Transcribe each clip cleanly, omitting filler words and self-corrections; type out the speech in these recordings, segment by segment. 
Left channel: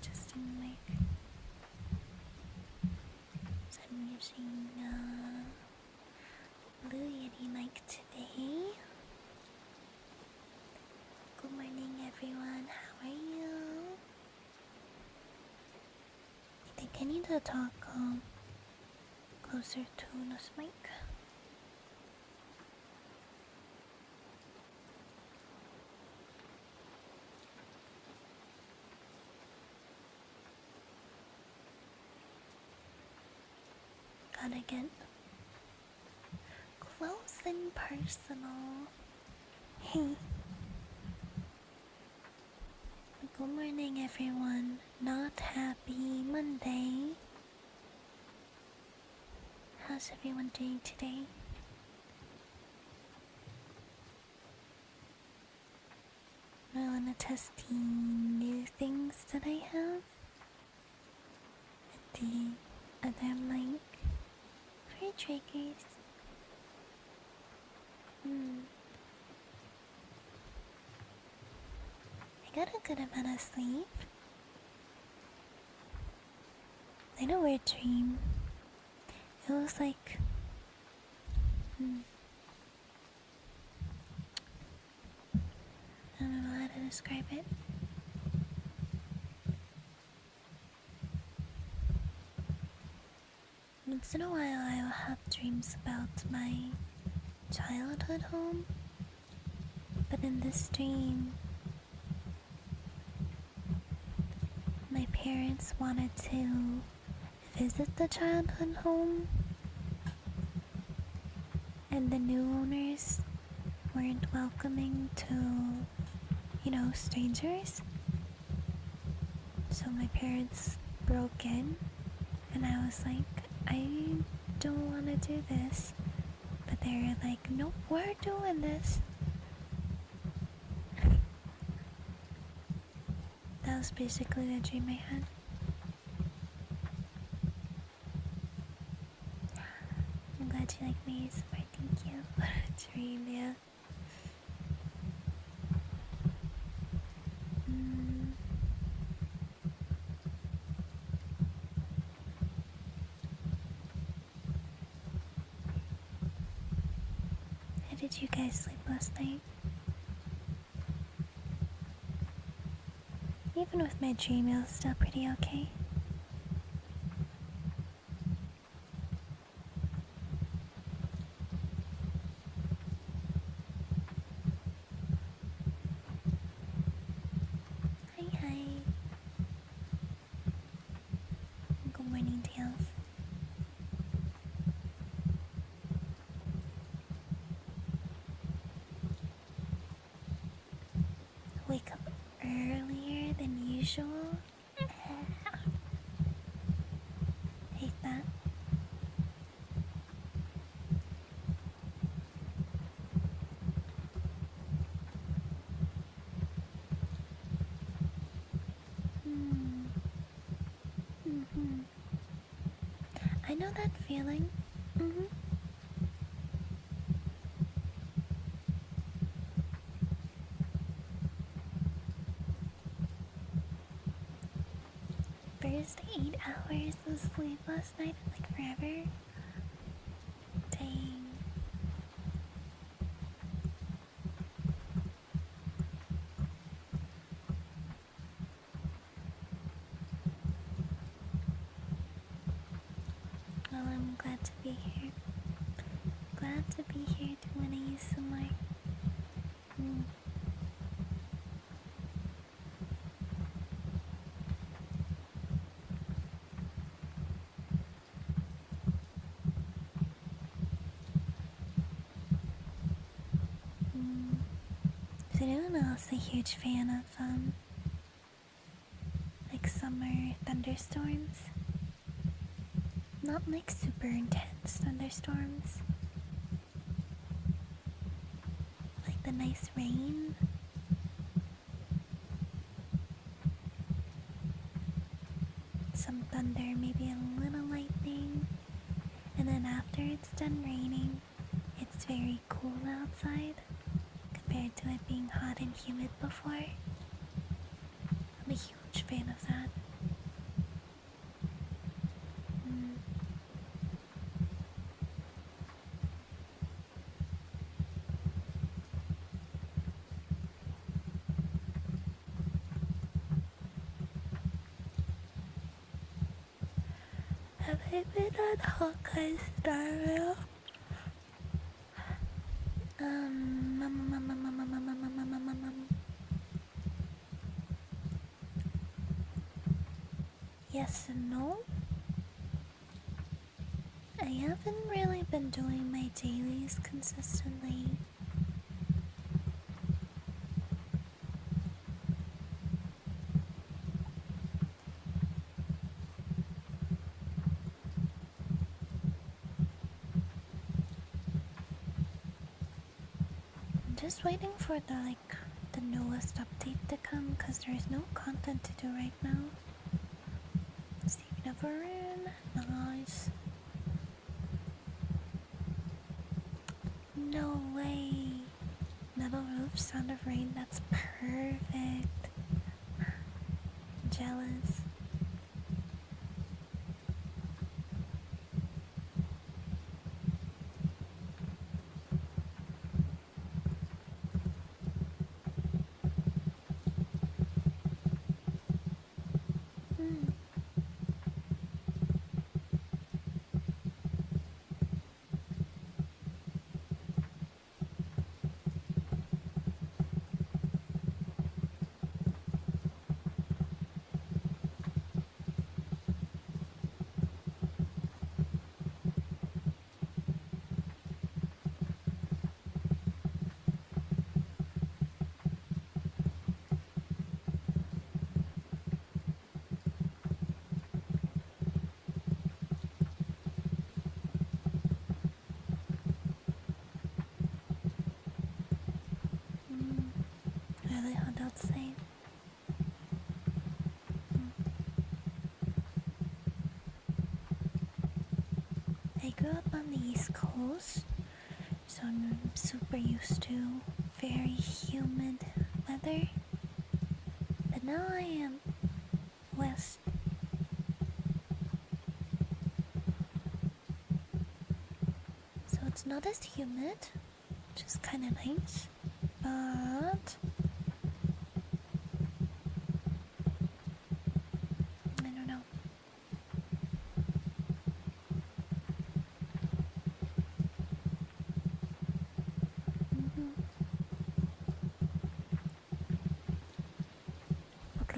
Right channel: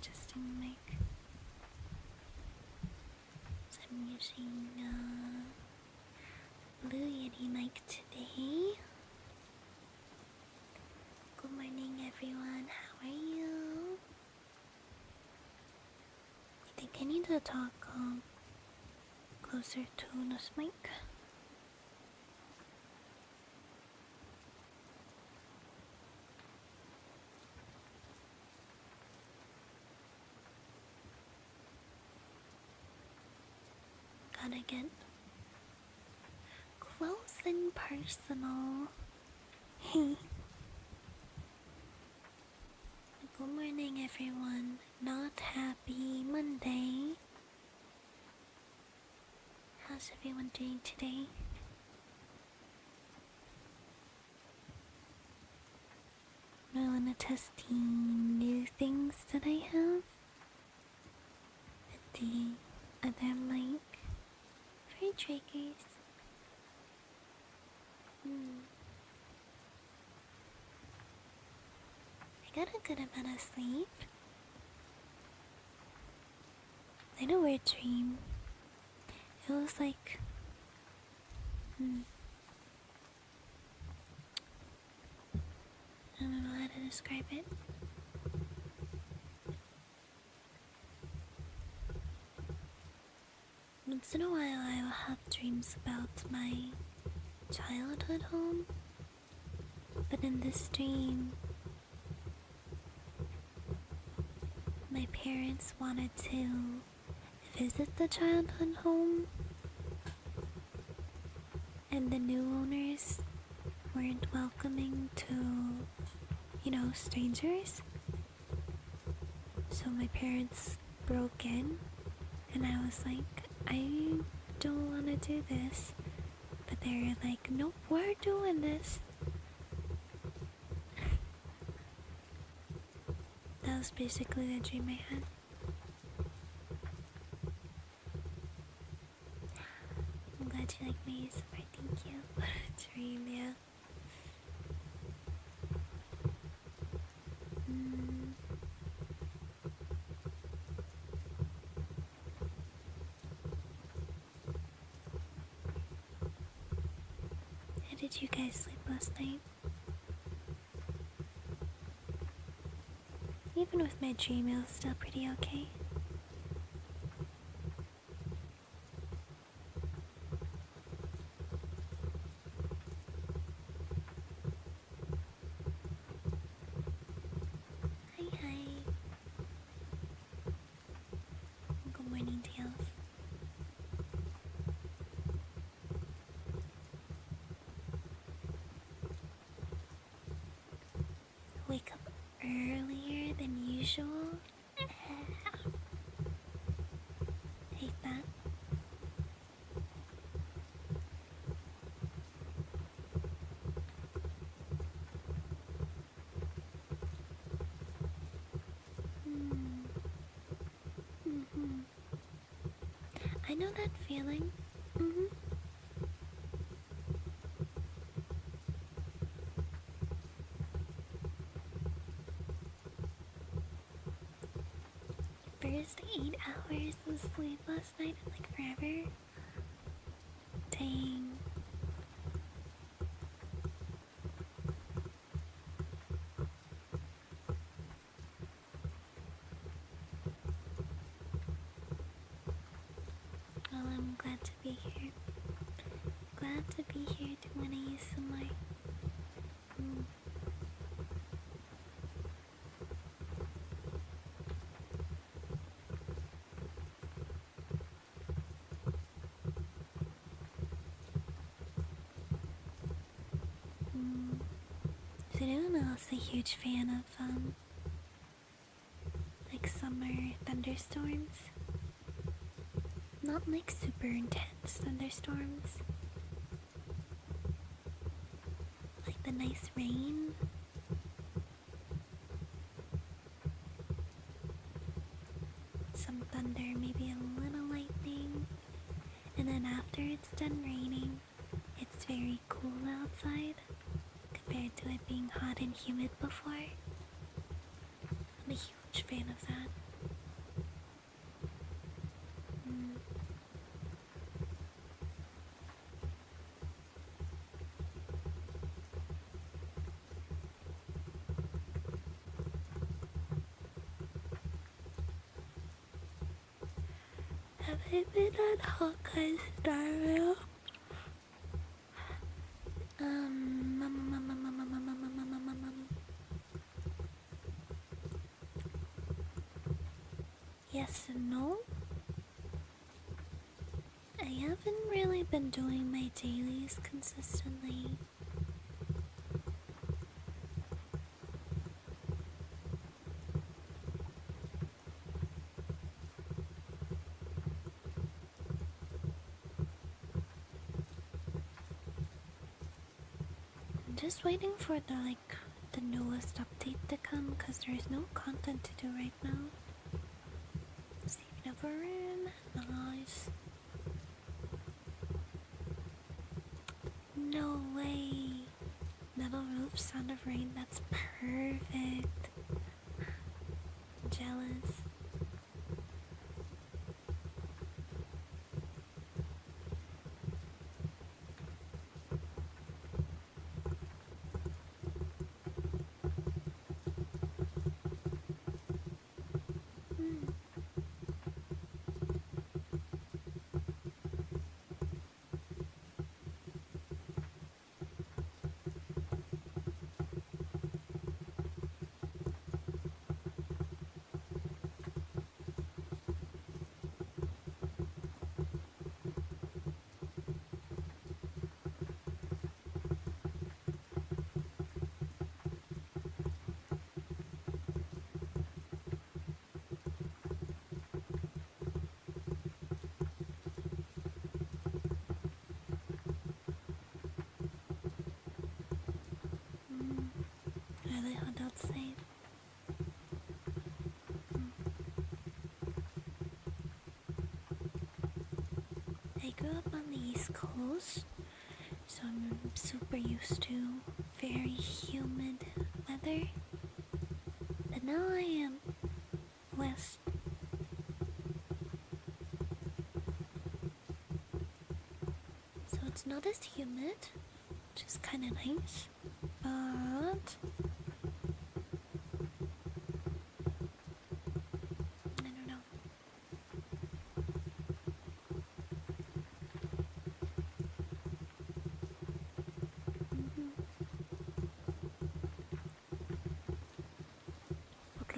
adjusting the mic. So I'm using Blue Yeti mic today. Good morning, everyone. How are you? I think I need to talk closer to this mic. Gotta get close and personal. Hey. Good morning, everyone. Not happy Monday. How's everyone doing today? I wanna test the new things that I have with the other mic for triggers. I got a good amount of sleep. I had a weird dream. It was like I don't know how to describe it. Once in a while I will have dreams about my childhood home, but in this dream my parents wanted to visit the childhood home, and the new owners weren't welcoming to, strangers. So my parents broke in, and I was like, I don't want to do this. But they were like, nope, we're doing this. That was basically the dream I had. I'm glad you like me, Summer. Thank you. What a dream, yeah. How did you guys sleep last night? Even with my dream, it was still pretty okay. Hi. Good morning, Tails. Wake up earlier than usual. Hate that. I know that feeling. First 8 hours of sleep last night, like forever. Dang. Well, I'm glad to be here. Glad to be here to want to use some more. Is anyone else a huge fan of like summer thunderstorms? Not like super intense thunderstorms. Like the nice rain. Some thunder, maybe a little lightning. And then after it's done raining, it's very cool outside compared to it being hot and humid before. I'm a huge fan of that. Have I been on Hawkeye Star Rail? Um, um, um, um, um, um, um, um, um, um, um, um. Yes and no. I haven't really been doing my dailies consistently. I'm just waiting for the newest update to come because there's no content to do right now. Saving over in. Nice. No way. Metal roof, sound of rain, that's perfect. Jealous. Hmm. Mm. Really hot outside. Mm. I grew up on the East Coast, so I'm super used to very humid weather. But now I am west, so it's not as humid, which is kind of nice. But I don't know. Mm-hmm.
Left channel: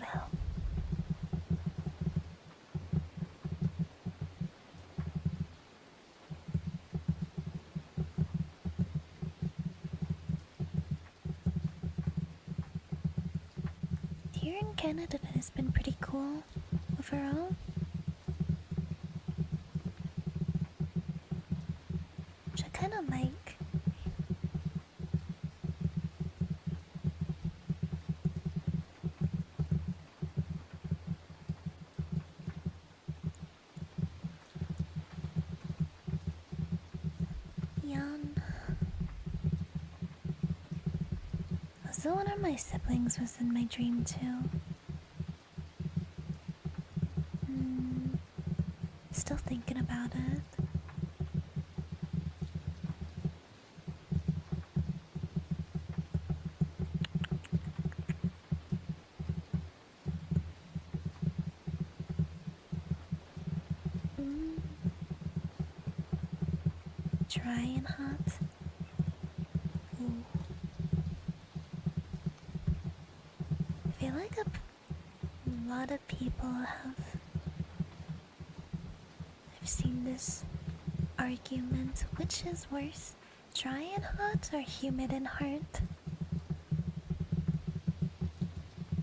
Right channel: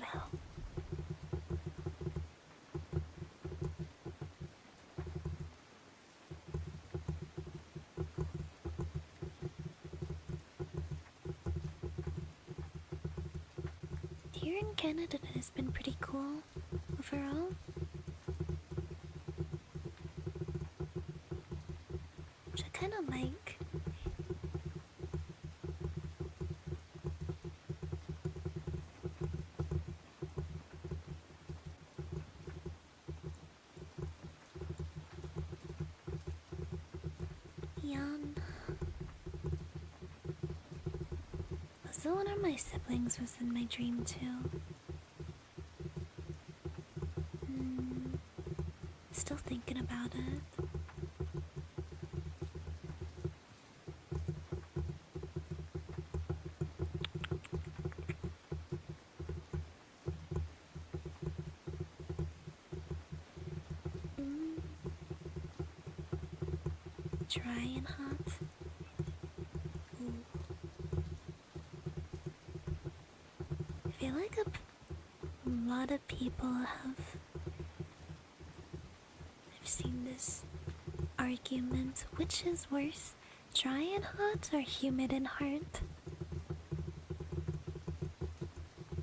Wow. Here in Canada, it has been pretty cool overall. Which I kind of like. Yawn. Also, one of my siblings was in my dream too. Still thinking about it. Mm. Dry and hot. Ooh. I feel like a lot of people have. I've seen this argument. Which is worse, dry and hot or humid and hot?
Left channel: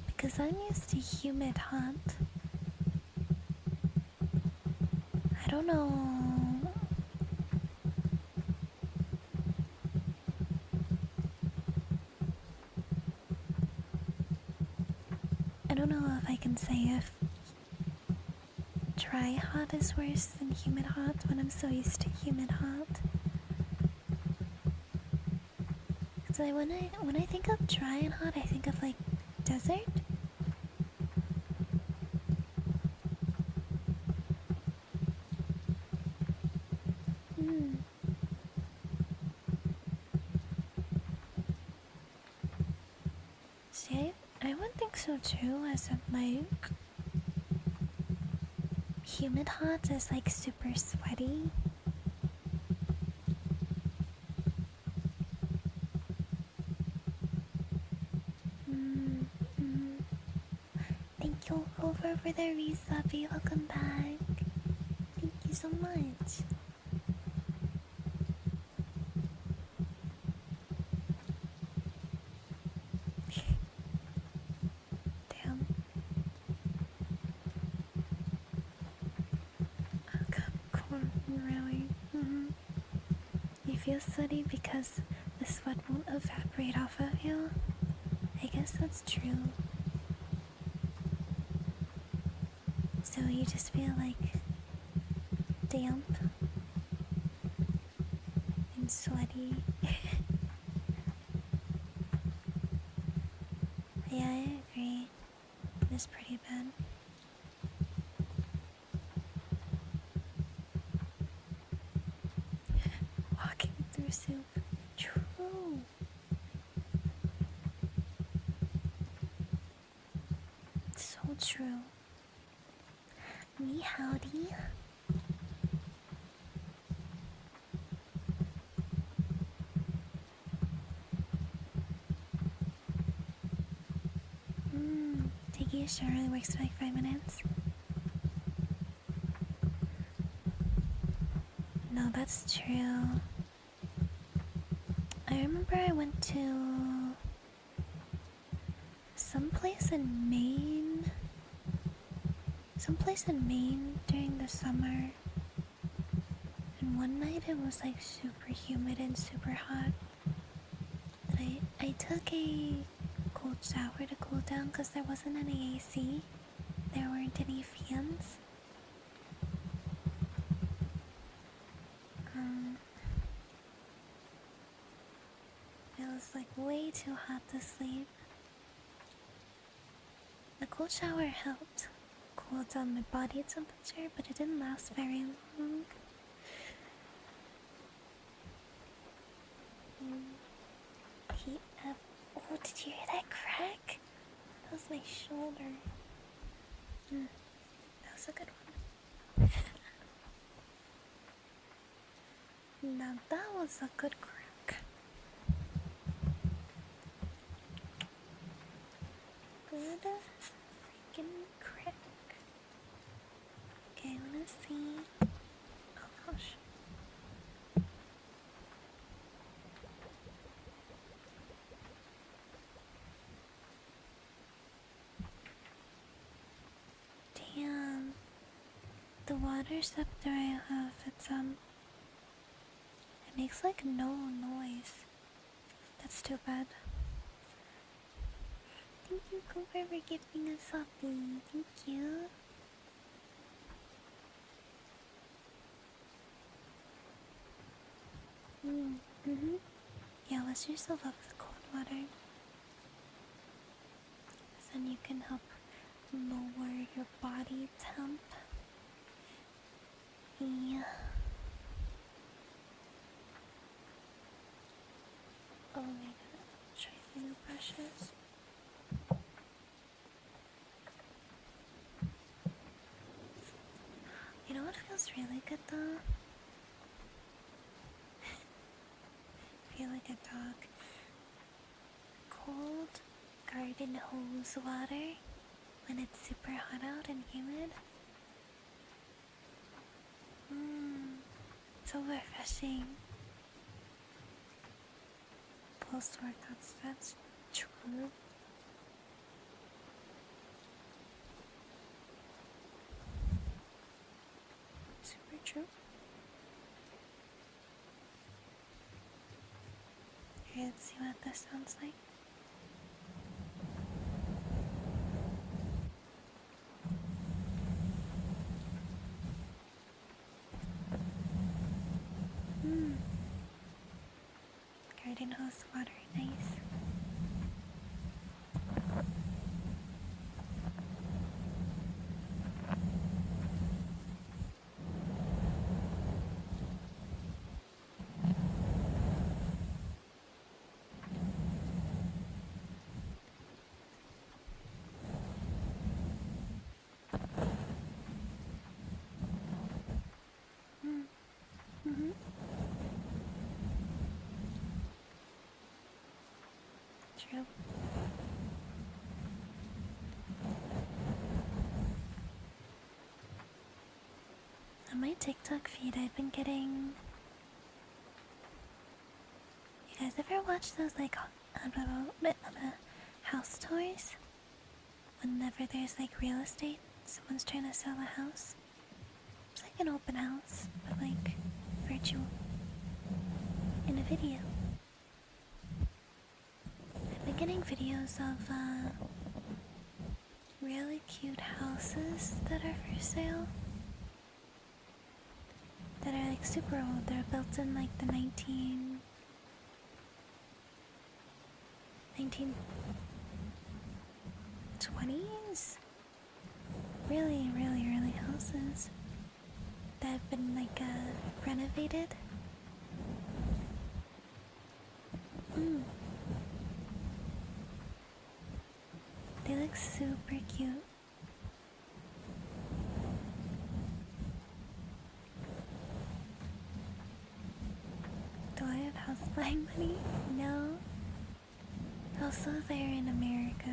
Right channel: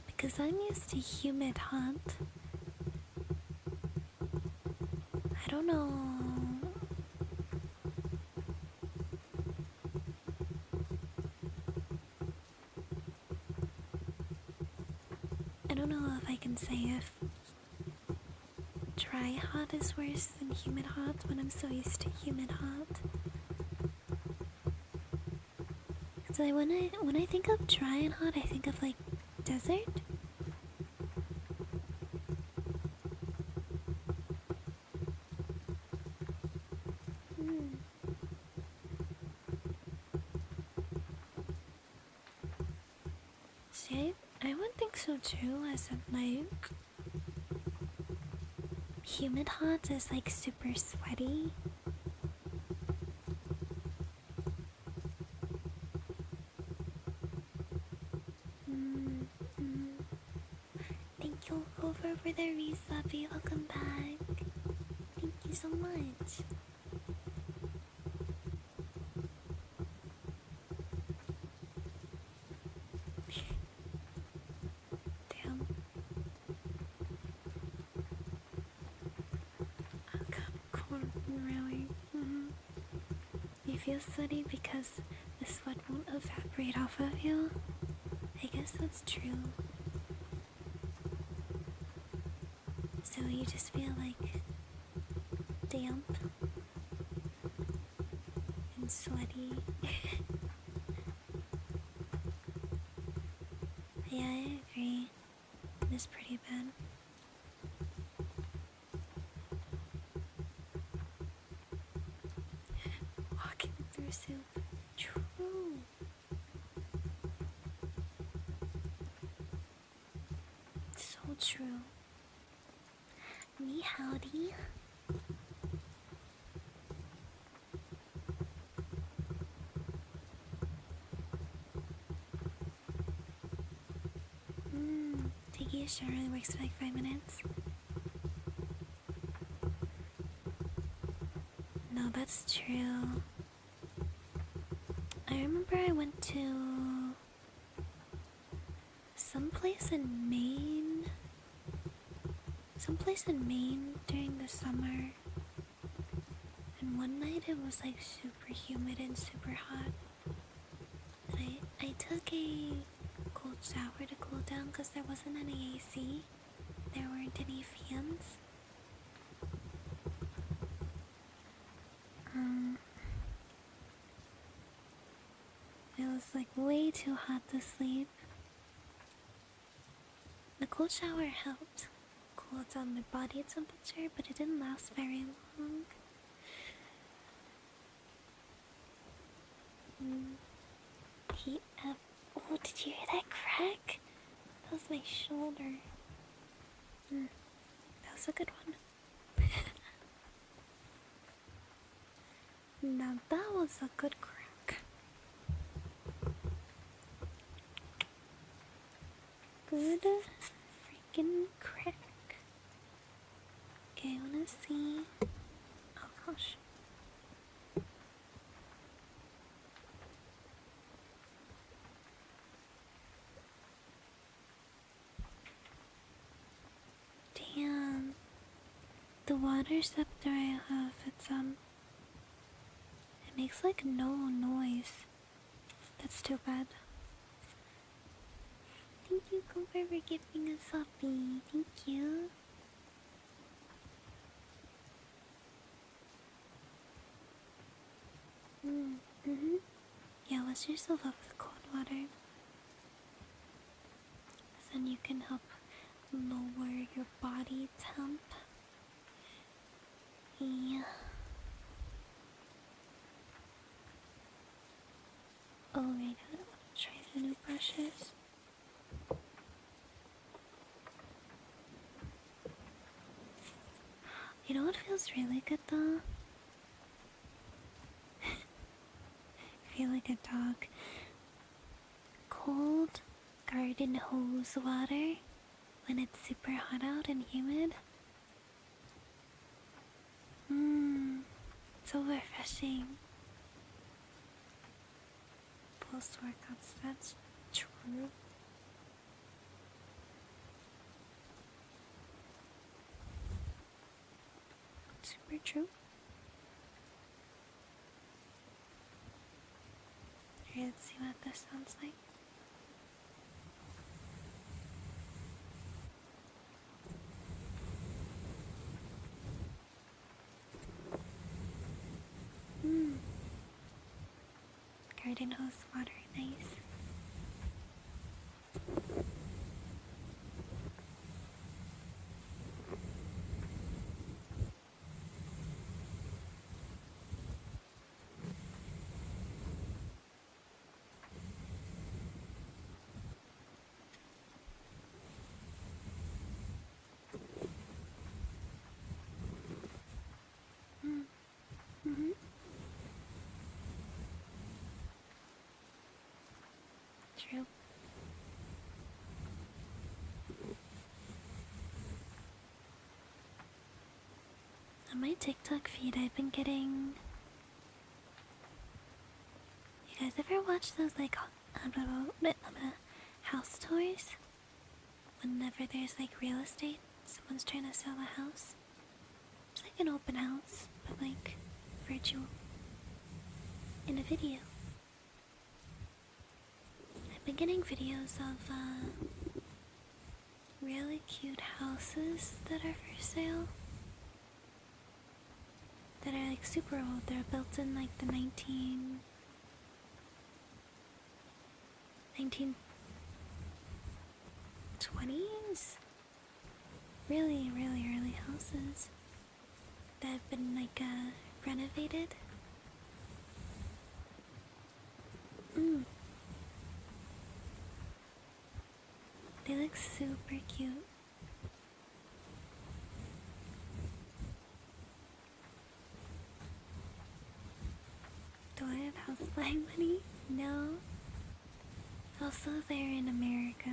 Because I'm used to humid hot. I don't know. I don't know if I can say if dry hot is worse than humid hot when I'm so used to humid hot. So when I think of dry and hot, I think of like desert. Hmm. See, I would think so too, as in like humid hot is like super sweaty. Thank you over for the resubby. Welcome back. Thank you so much. Damn. Oh god, corn, really? You feel sweaty because the sweat won't evaporate off of you? I guess that's true. So you just feel like damp and sweaty. Yeah, I agree. It's pretty bad. Walking through soup. True. So true. Me howdy. Taking a shower only works for like 5 minutes. No, that's true. I remember I went to someplace in Maine. During the summer. And one night it was like super humid and super hot. And I took a cold shower to cool down because there wasn't any AC. There weren't any fans. It was like way too hot to sleep. The cold shower helped cool down my body temperature, but it didn't last very long. TF. Oh, did you hear that crack? That was my shoulder. That was a good one. Now that was a good crack. Good freaking crack. Okay, I wanna see. Oh gosh. Damn. The water scepter I have, it makes like no noise. That's too bad. Thank you, Cooper, for giving us a puppy. Thank you. Yeah, wash yourself up with cold water. Then you can help lower your body temp. Yeah. Oh my god, try the new brushes. You know what feels really good though? I feel like a dog. Cold garden hose water when it's super hot out and humid. So refreshing. Post-workouts, that's true. Super true. Okay, let's see what this sounds like. Garden hose water, nice. true. On my TikTok feed, I've been getting. You guys ever watch those like house tours? Whenever there's like real estate, someone's trying to sell a house. It's like an open house, but like virtual. In a video. I've been getting videos of really cute houses that are for sale. That are like super old. They're built in like the 1920s. Really, really early houses that have been like renovated. They look super cute. Do I have house buying money? No. Also, they're in America.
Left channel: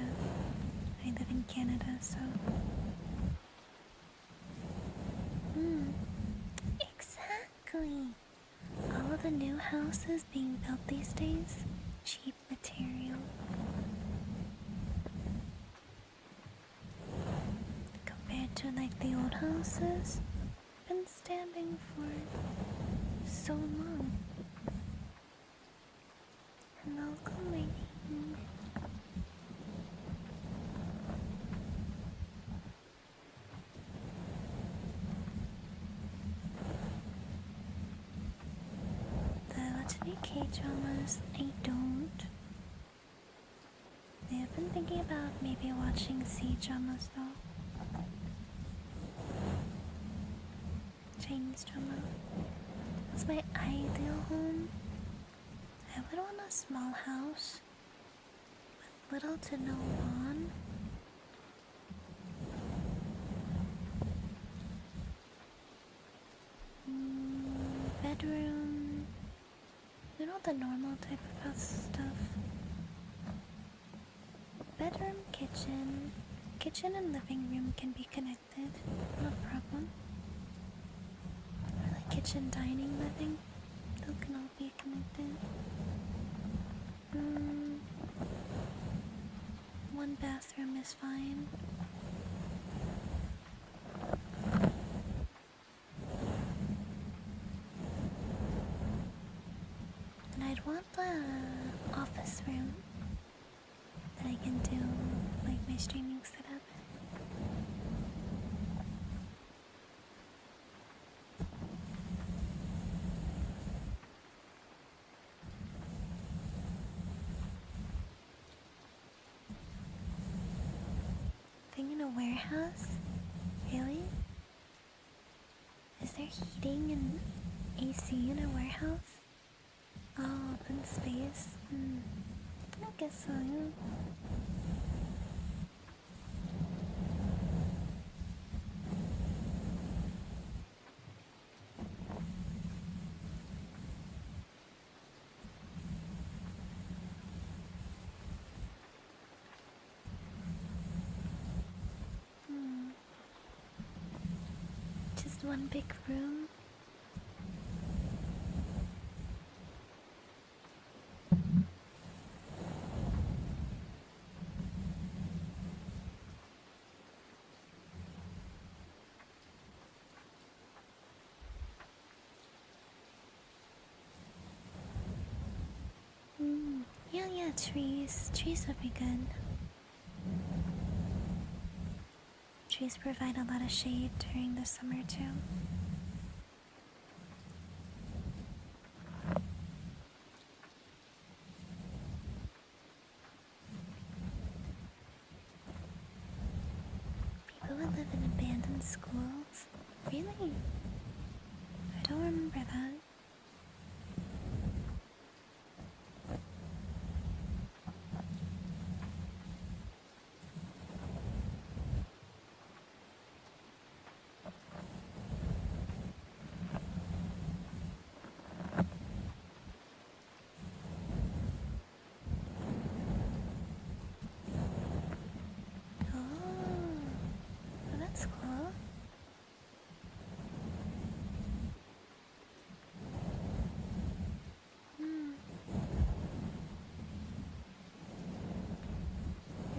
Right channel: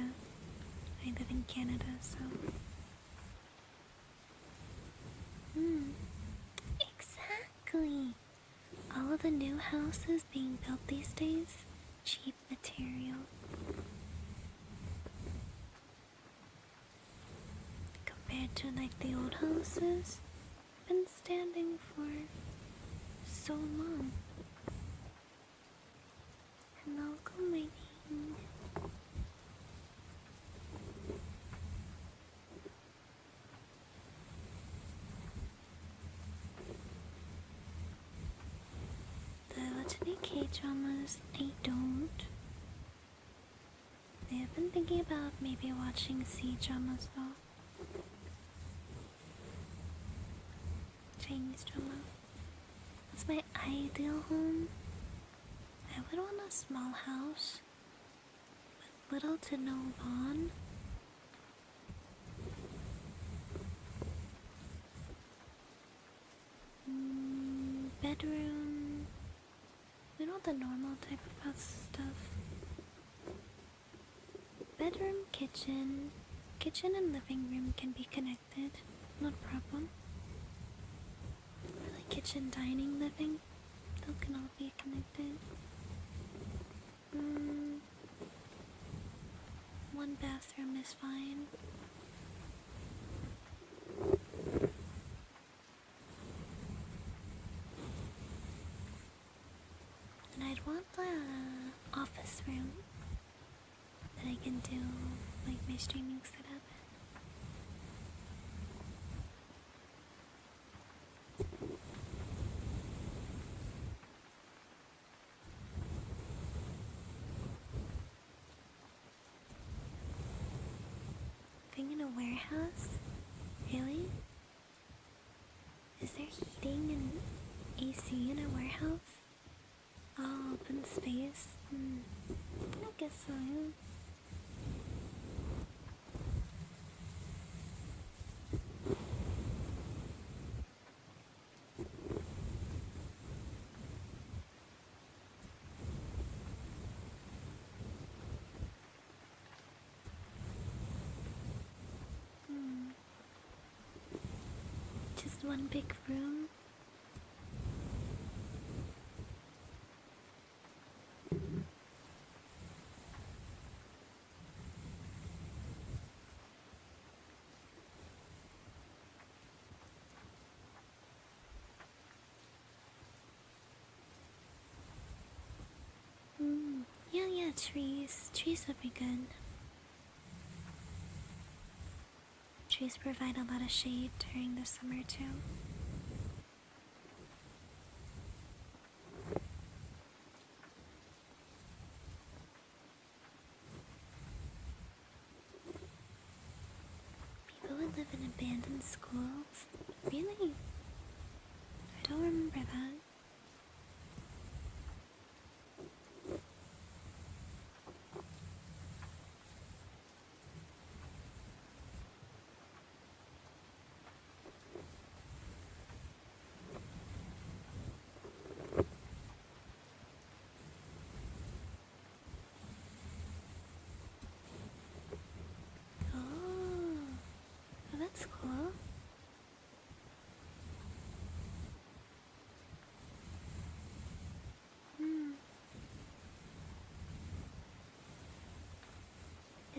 I live in Canada, so. Exactly. All of the new houses being built these days, cheap material. Compared to like the old houses, been standing for so long. Hello, good morning. The Let's Make K-dramas, I don't. I have been thinking about maybe watching C-dramas though. Chinese drama. That's my ideal home. I would want a small house with little to no lawn. Bedroom. You know, the normal type of house stuff. Bedroom, kitchen. Kitchen and living room can be connected. Not a problem. Or like kitchen, dining, living. Those can all be connected. One bathroom is fine. And I'd want the office room that I can do like my streaming setup. Thing in a warehouse? Really? Is there heating and AC in a warehouse? Oh, open space? I guess so, yeah. Just one big room. Yeah, trees. Trees would be good. Trees provide a lot of shade during the summer too. People would live in abandoned schools? Really? I don't remember that. That's cool. Hmm.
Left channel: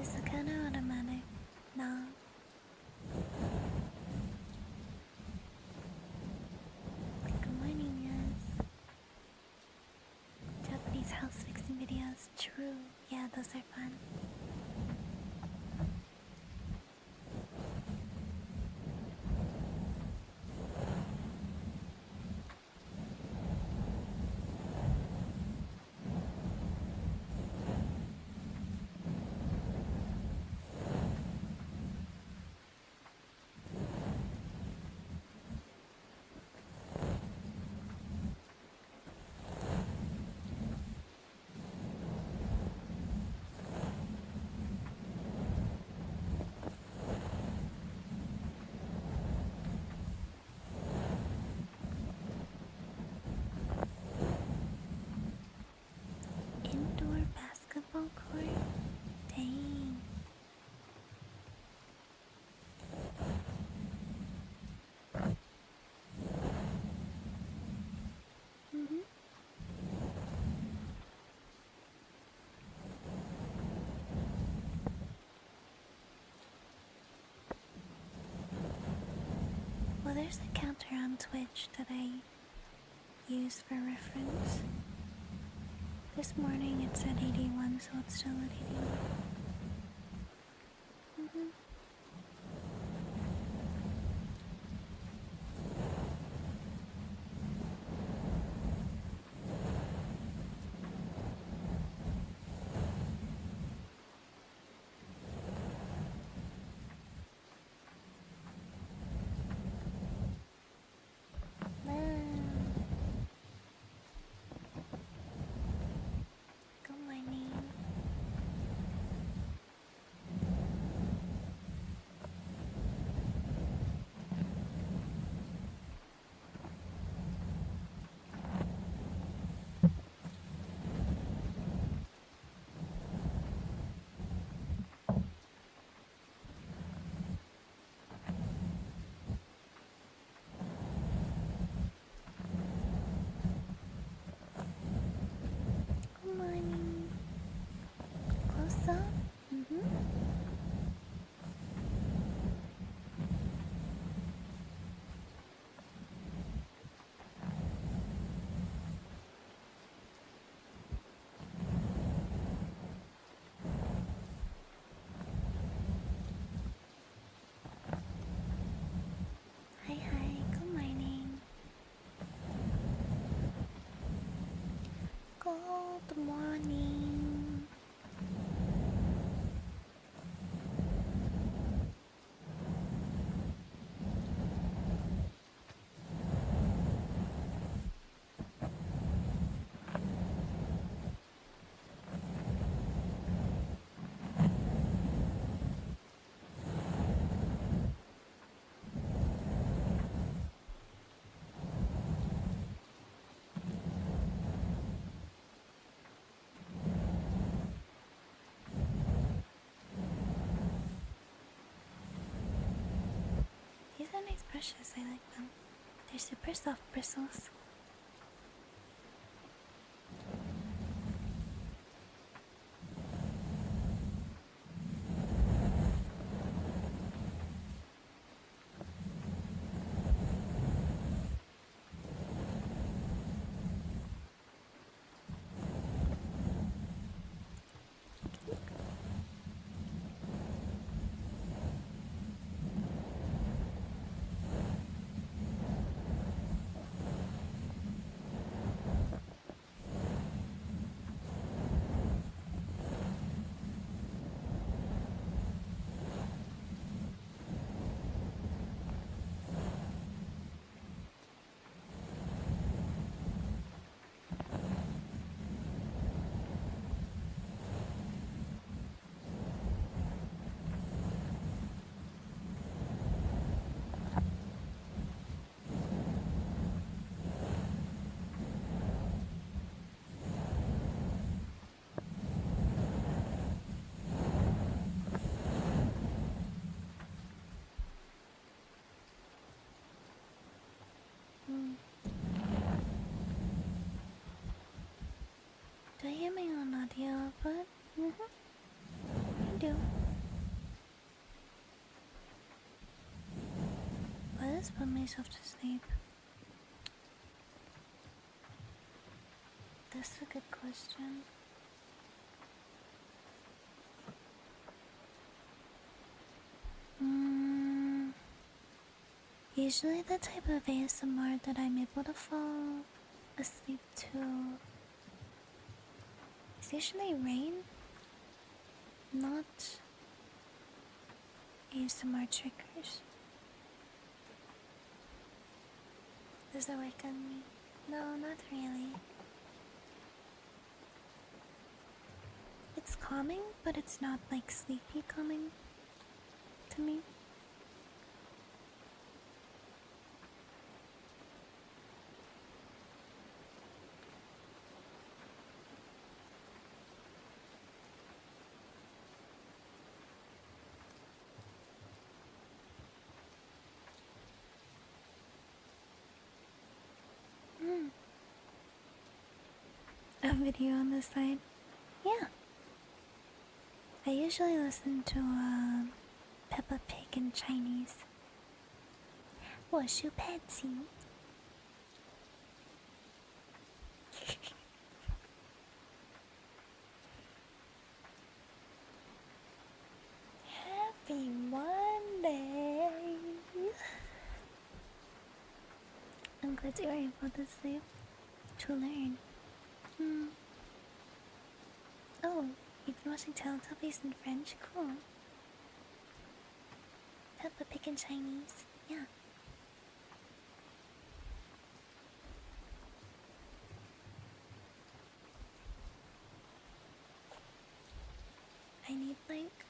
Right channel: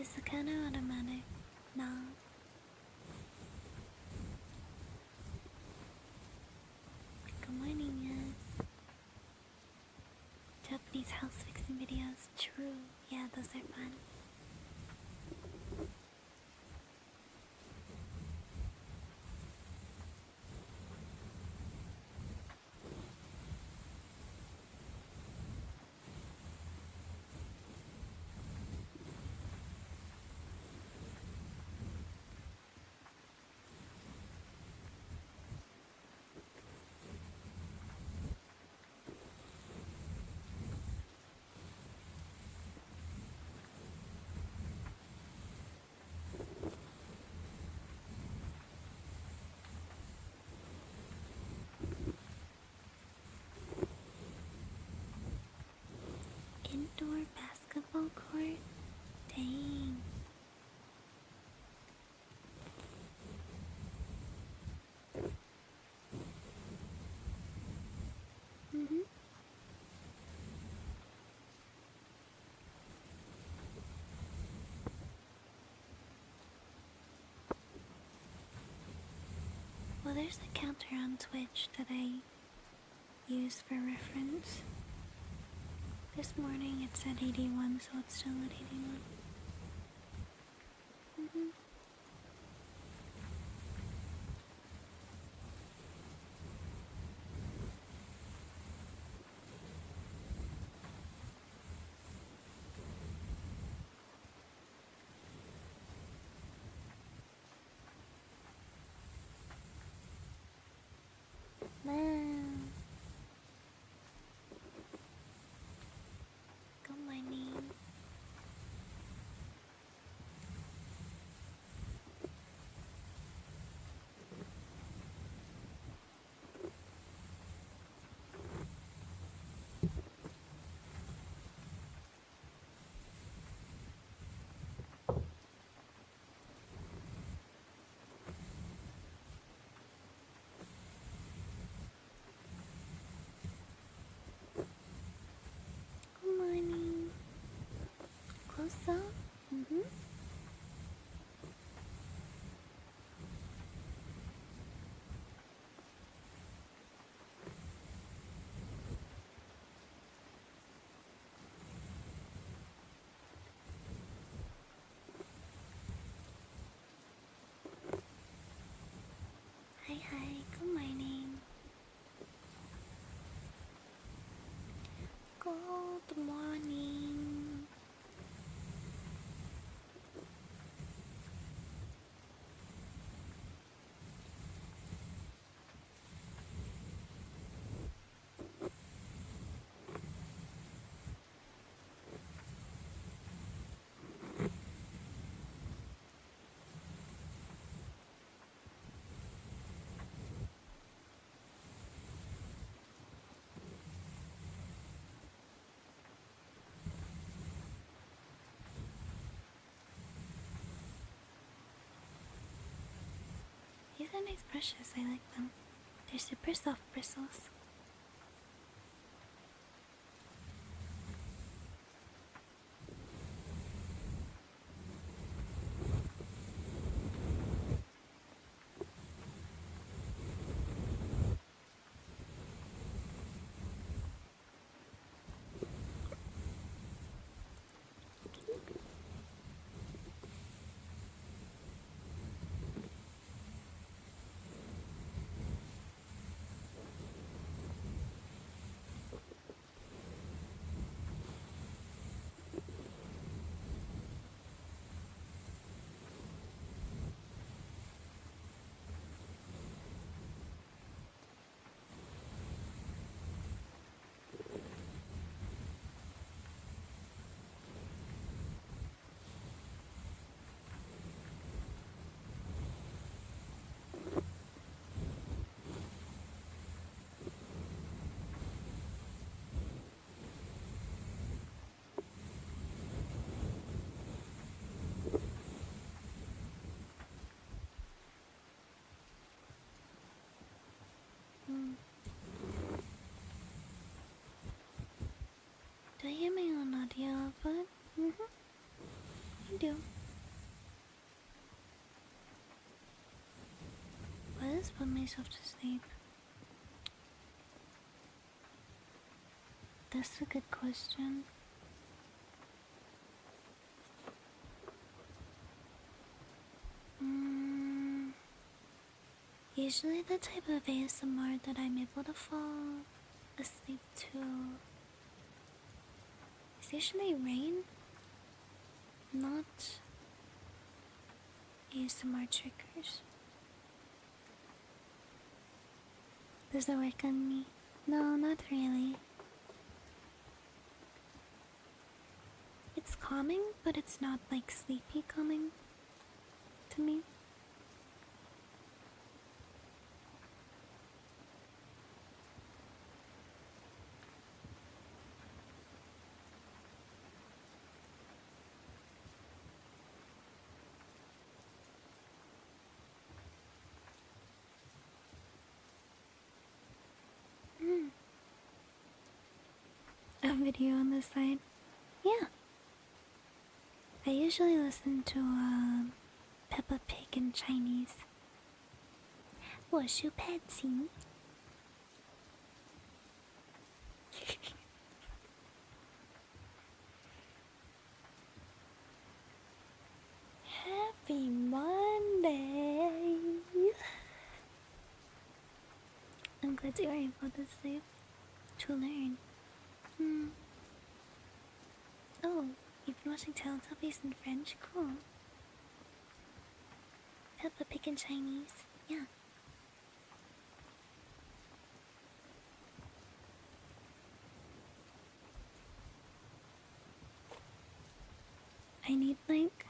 Is the kind of automatic? No. Good morning, yes. Japanese house fixing videos. True. Yeah, those are fun. Indoor basketball court? Dang. Mm-hmm. Well, there's a counter on Twitch that I use for reference. This morning it's at 81, so it's still at 81. Mm-hmm. Wow. Good morning. Good morning. Close up? Mm-hmm. Hi, hi. Good morning. Good morning. These are nice brushes. I like them. They're super soft bristles. myself to sleep? That's a good question. Usually the type of ASMR that I'm able to fall asleep to is usually rain, not ASMR triggers. Does it work on me? No, not really. It's calming, but it's not like sleepy calming to me. A video on the side? Yeah. I usually listen to Peppa Pig in Chinese. 我是 Patsy. Happy Monday! I'm glad you were able to sleep to learn. Oh, you've been watching Teletubbies in French? Cool. Peppa Pig in Chinese? Yeah. I need like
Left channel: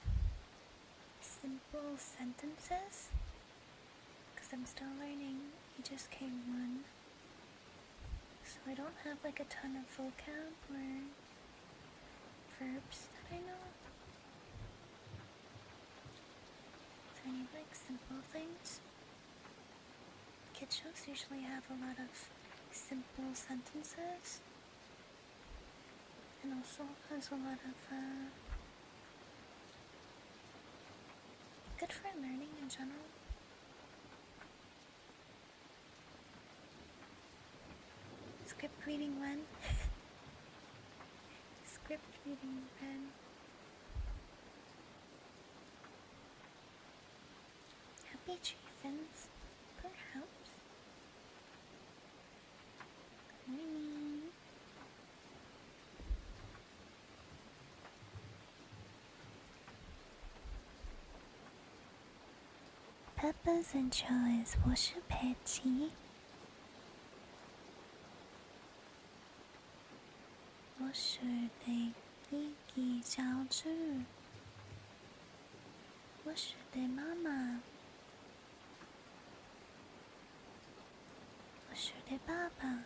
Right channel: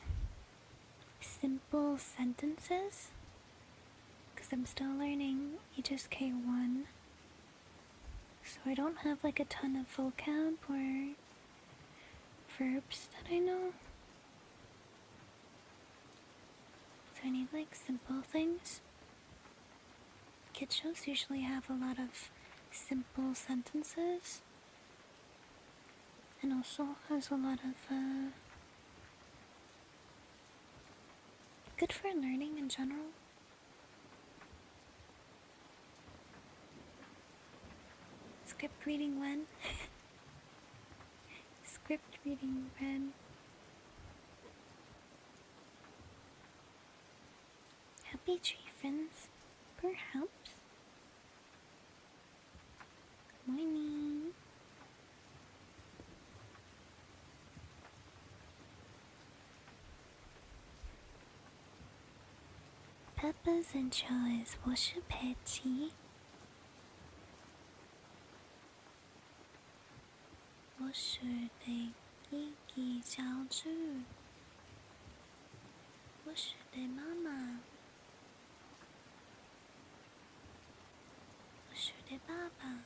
simple sentences because I'm still learning HSK1, so I don't have like a ton of vocab or verbs that I know. So I need like simple things. Kid shows usually have a lot of simple sentences and also has a lot of good for learning in general. Script reading when? Script reading when? Happy tree friends, perhaps. Morning. Peppa's intro is 我是 Patsy. 我是的一个小猪，我是的妈妈，我是的爸爸，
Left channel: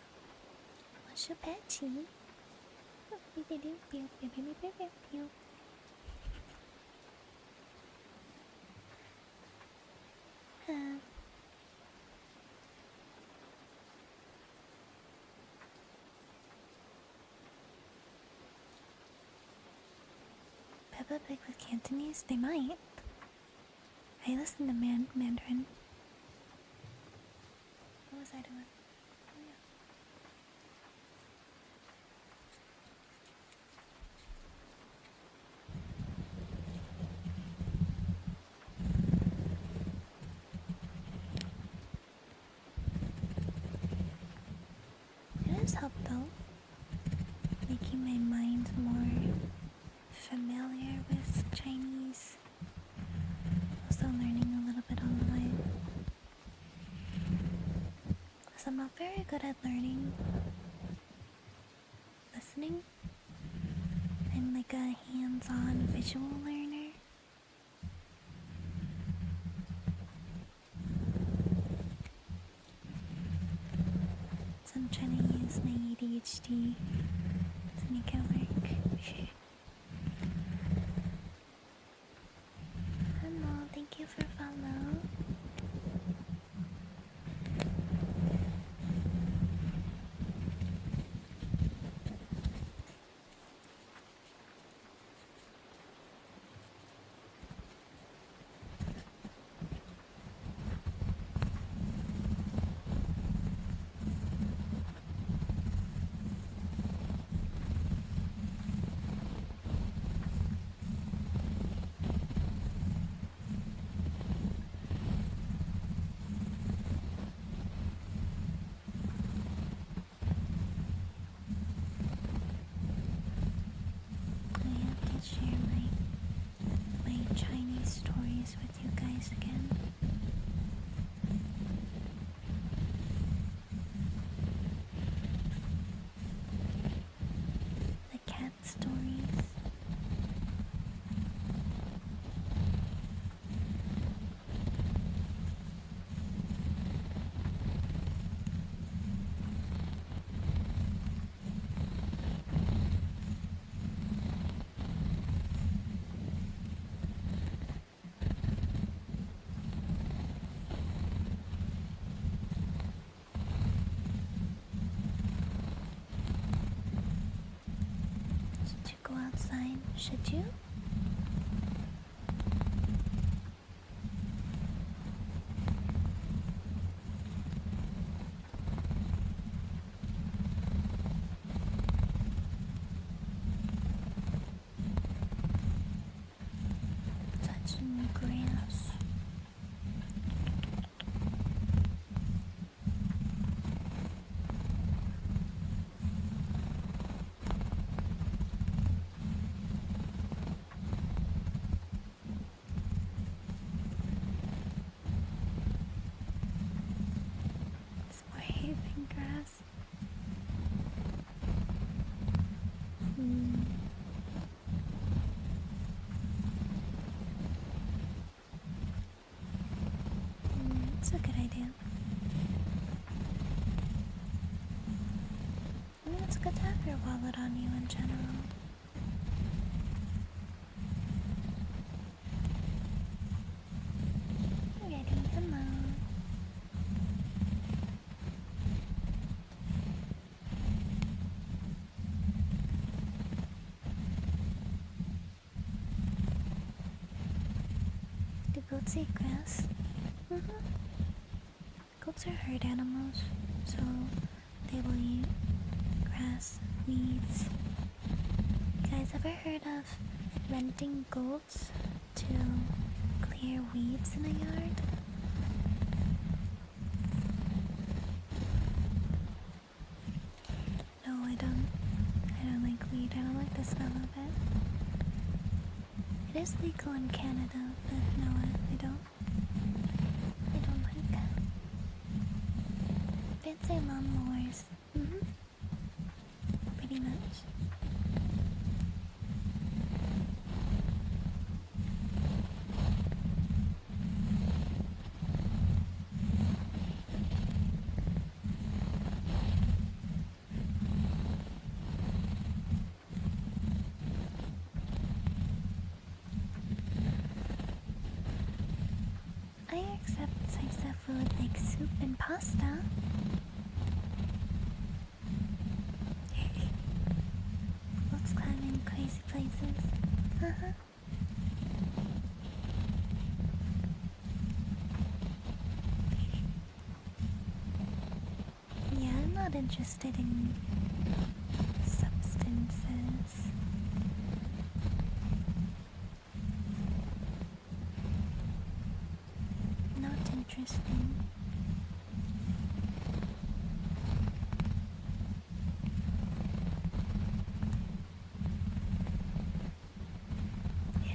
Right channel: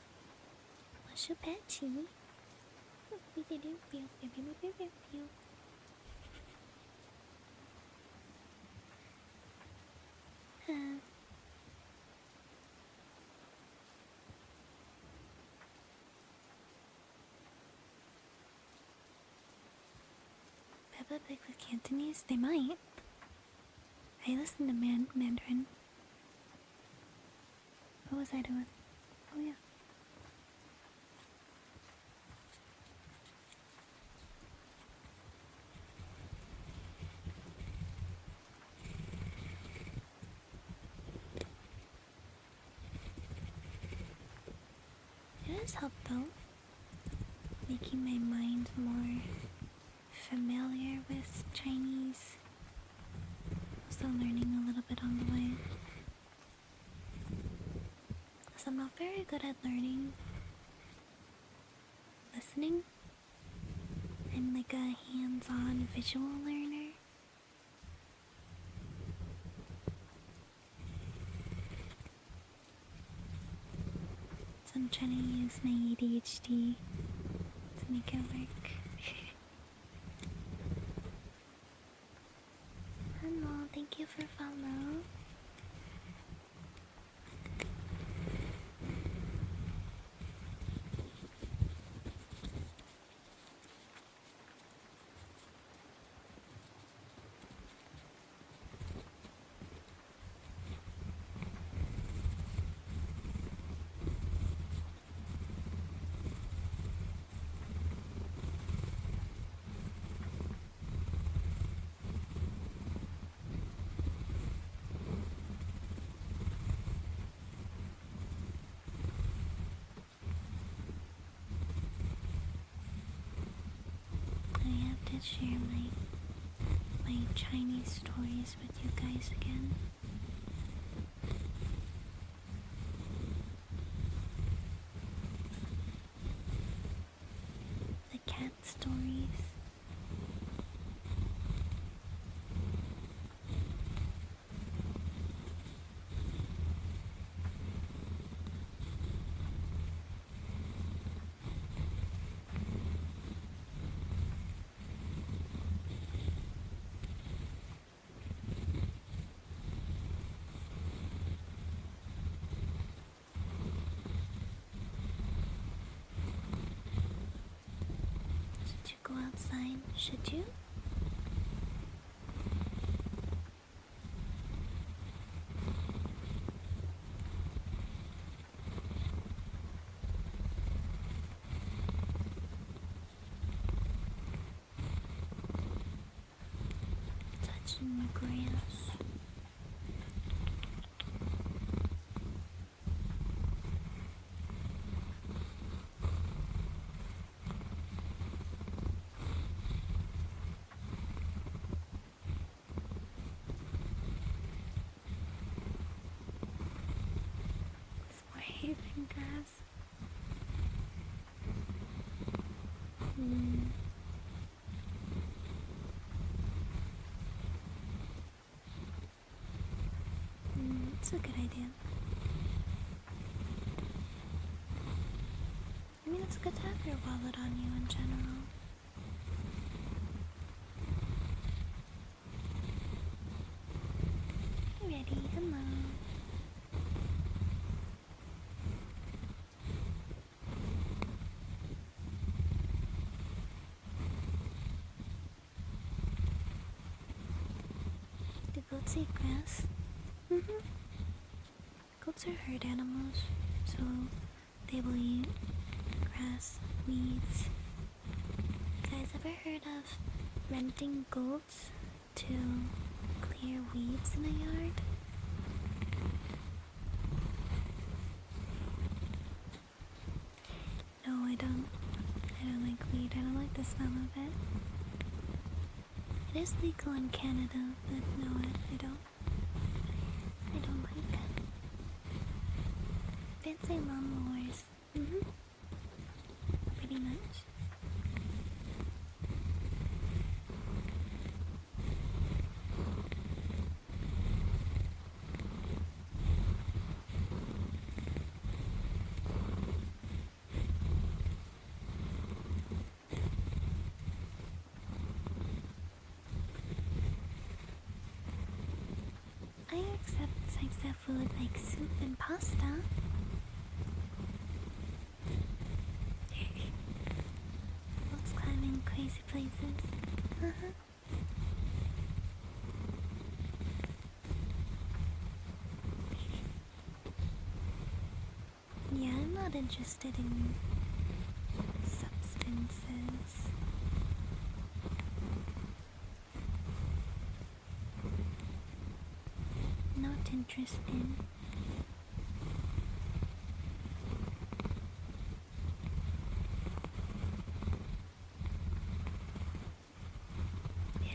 我是 Patsy。Peppa Pig with Cantonese? They might. I listen to Mandarin. What was I doing? Oh yeah. It has helped though, making my mind more familiar with Chinese. Also learning a little bit on the way. Because I'm not very good at learning listening. I'm like a hands-on visual learner. So I'm trying to use my ADHD to make it work. Hello, thank you for follow. share my Chinese stories with you guys again. The cat stories. Should you go outside? Should you? Touching the grass. It's more hay than grass. It's a good idea. I mean, it's good to have your wallet on you in general. Hey, ready? Hello. Do goats eat grass? Goats are herd animals, so they will eat grass, weeds. You guys ever heard of renting goats to clear weeds in a yard? No, I don't. I don't like weed. I don't like the smell of it. It is legal in Canada, but no, I don't. I don't like fancy lawnmowers. Pretty much. I accept types of food like soup and pasta. Let's climb in crazy places. Yeah, I'm not interested in substances. Not interested.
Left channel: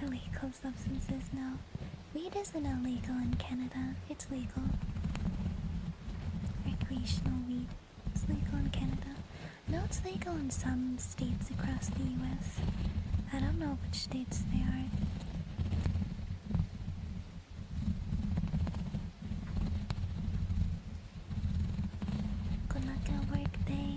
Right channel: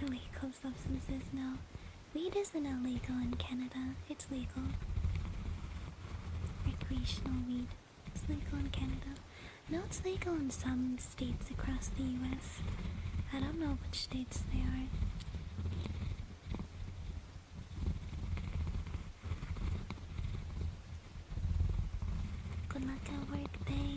Illegal substances, no. Weed isn't illegal in Canada. It's legal. Recreational weed. It's legal in Canada. No, it's legal in some states across the US. I don't know which states they are. Good luck at work day.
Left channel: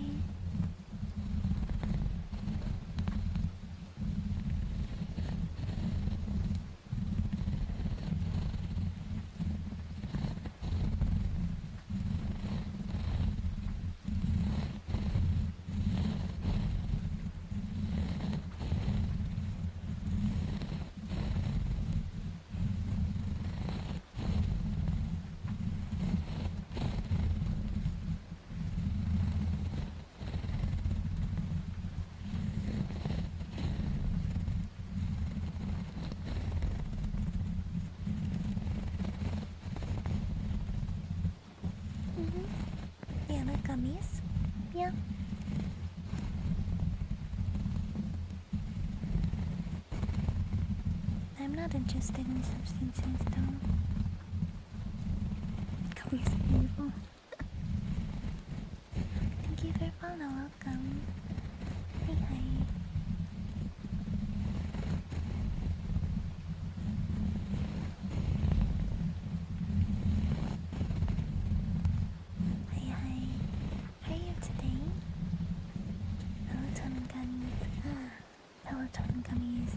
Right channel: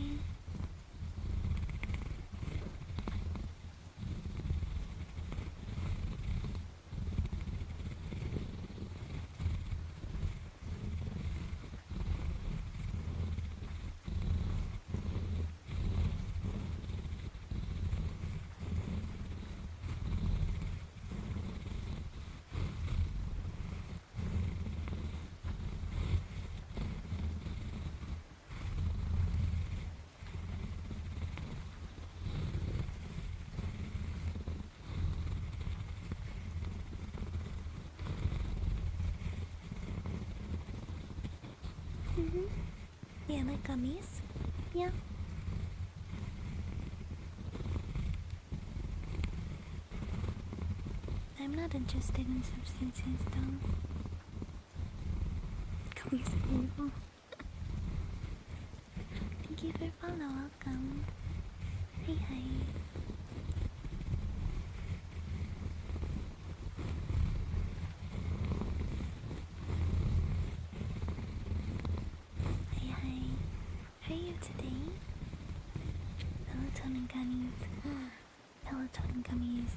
Yeah, like gummies. Yeah. I'm not interested in substances though. Gummies are evil. Thank you for follow, welcome. Hey, hi. Hi, hi. How are you today? Melatonin gummies. Melatonin gummies.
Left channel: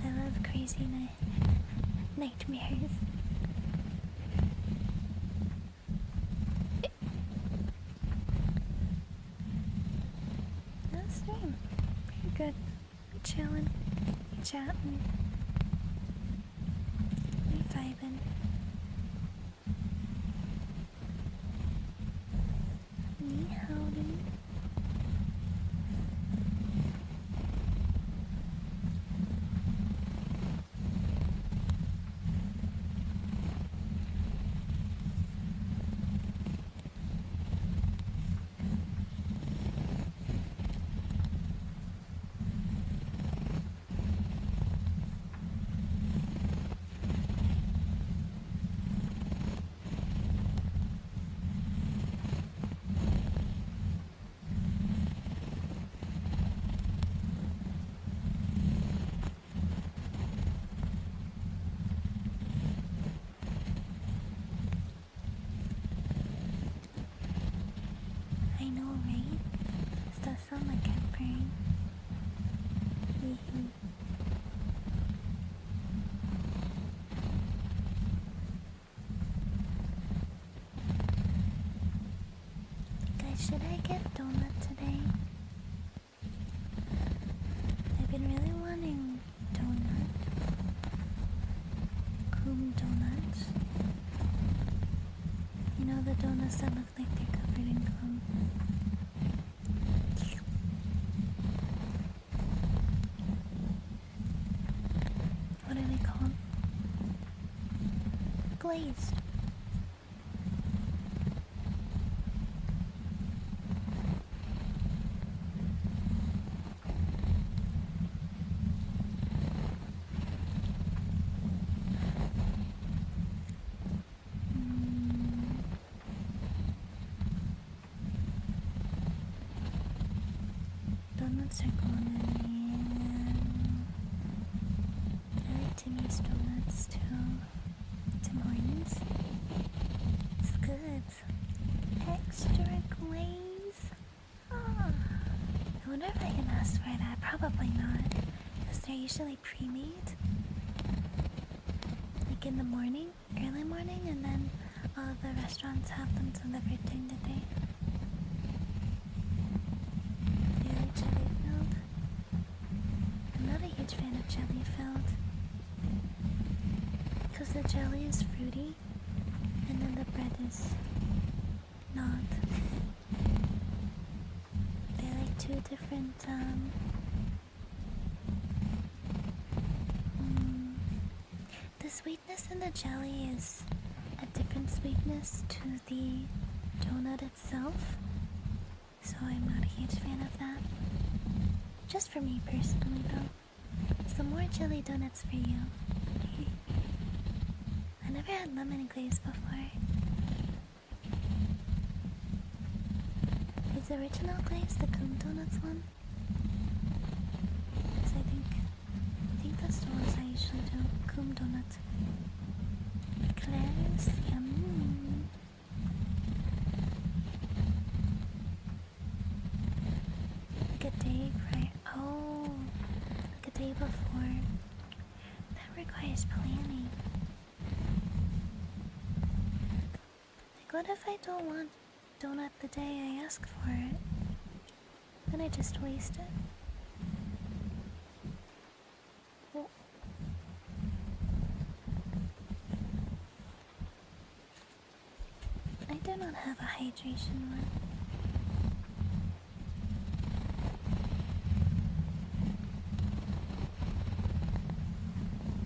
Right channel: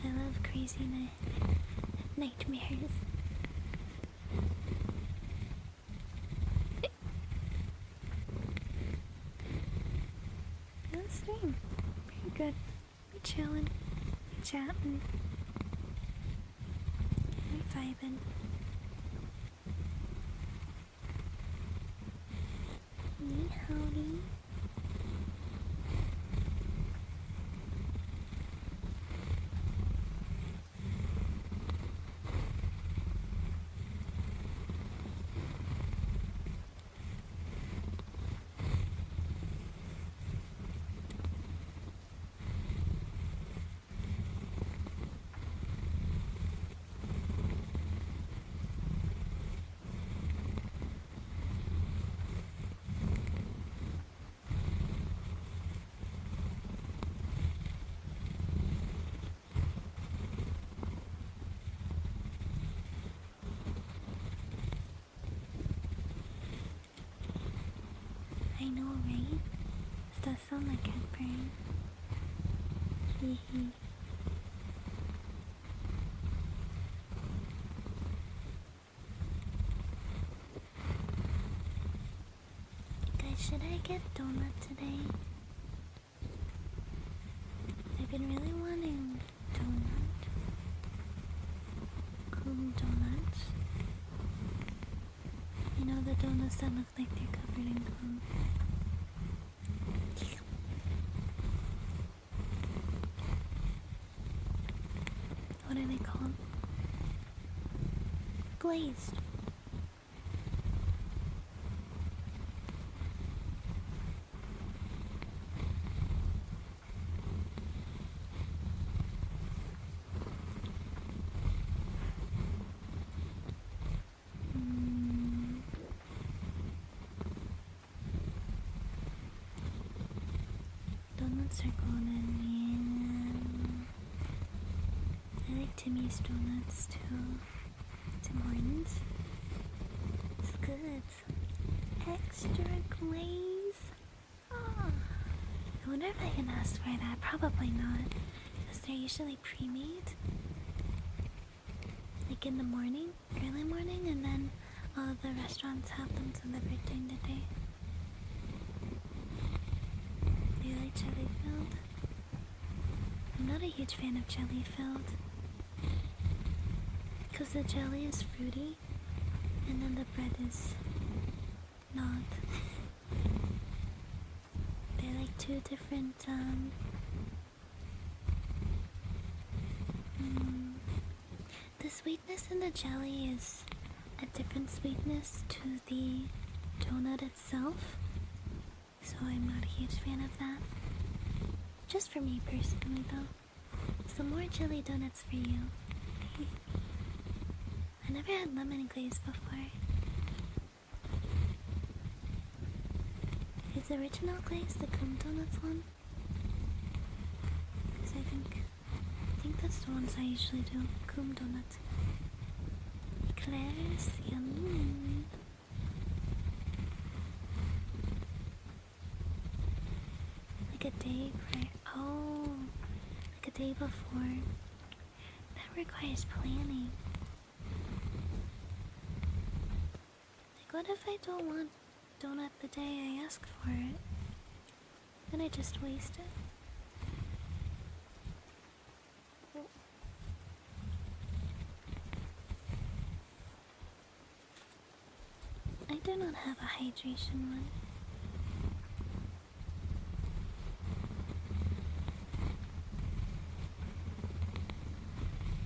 I love crazy nightmares. That's stream. Pretty good. We chillin'. We chatting. We vibing. Ni howdy. I know, right? This does sound like cat purring. Hee hee. Guys, should I get donut today? I've been really wanting donut. Cool donuts. You know the donuts that look like they're covered in gum. What are they called? Glazed. Donuts are golden, and I like Timmy's donuts too. Tim Hortons. It's good. Extra glaze. Ah. I wonder if I can ask for that. Probably not, because they're usually pre-made. Like in the morning, early morning, and then all of the restaurants have them delivered during the day. Do you like jelly filled? I'm not a huge fan of jelly filled, because the jelly is fruity and then the bread is not. They're like two different the sweetness in the jelly is a different sweetness to the donut itself, so I'm not a huge fan of that. Just for me personally though. So more jelly donuts for you. I never had lemon glaze before. Is the original glaze the Coom Donuts one? Because I think that's the ones I usually do. Coom Donuts. Claire's yum. Like a day prior. Oh, like a day before. That requires planning. Like, what if I don't want donut the day I ask for it? Then I just waste it. I do not have a hydration one.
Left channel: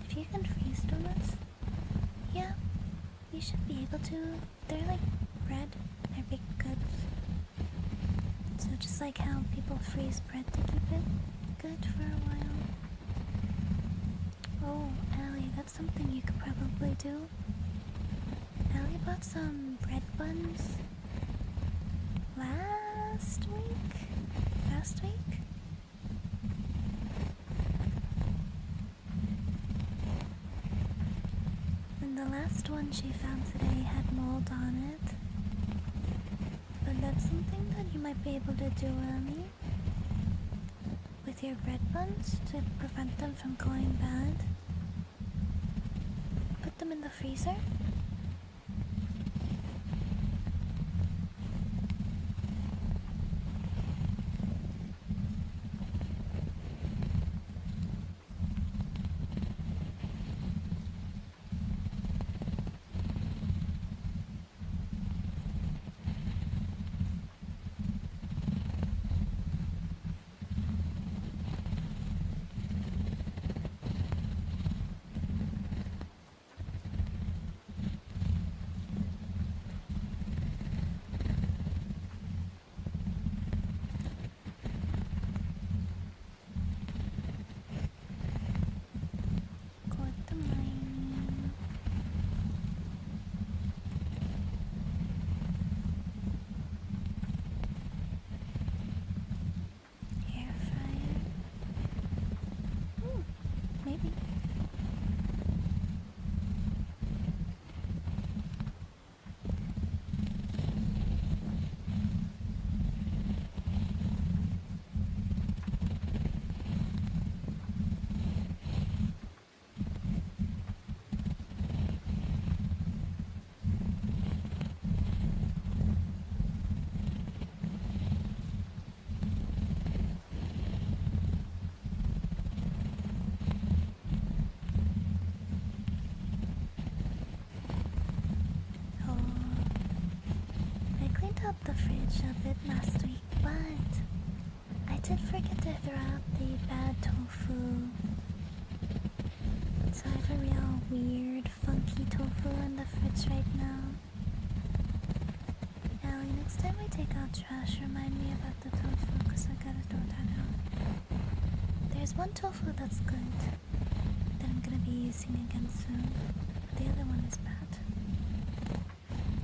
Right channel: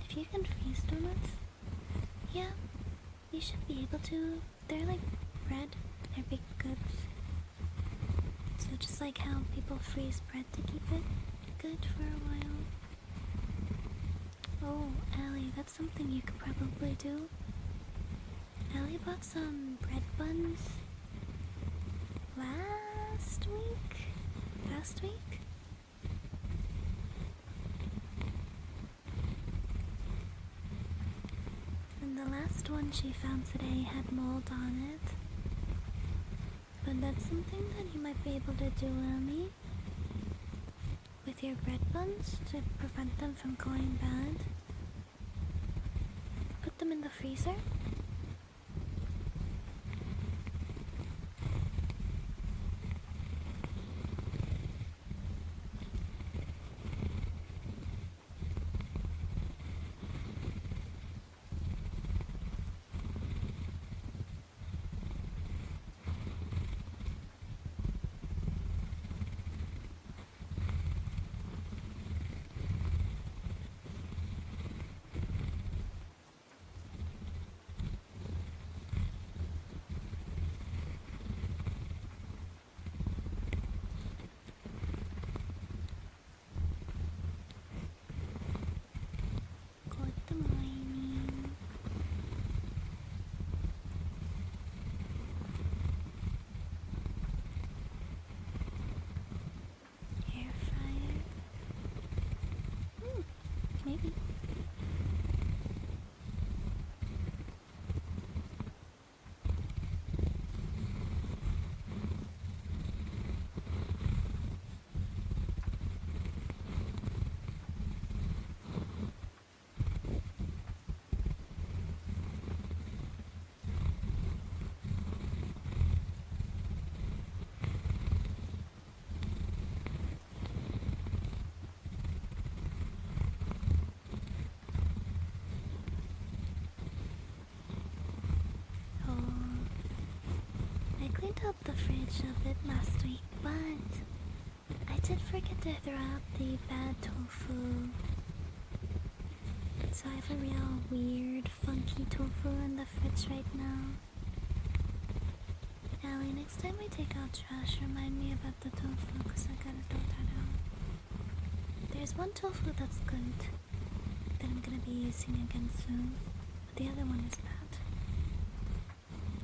If you can freeze donuts, yeah, you should be able to. They're like bread, they're baked goods. So just like how people freeze bread to keep it good for a while. Oh, Allie, that's something you could probably do. Allie bought some bread buns last week? And the last one she found today had mold on it. But that's something that you might be able to do, Allie. With your bread buns to prevent them from going bad. Put them in the freezer. Good morning. Air fryer. Maybe. Oh, I cleaned up the fridge a bit last week, but I did forget to throw out the bad tofu. So I have a real weird, funky tofu in the fridge right now. Allie, next time we take out trash, remind me about the tofu, because I gotta throw that out. There's one tofu that's good, that I'm gonna be using again soon, but the other one is bad.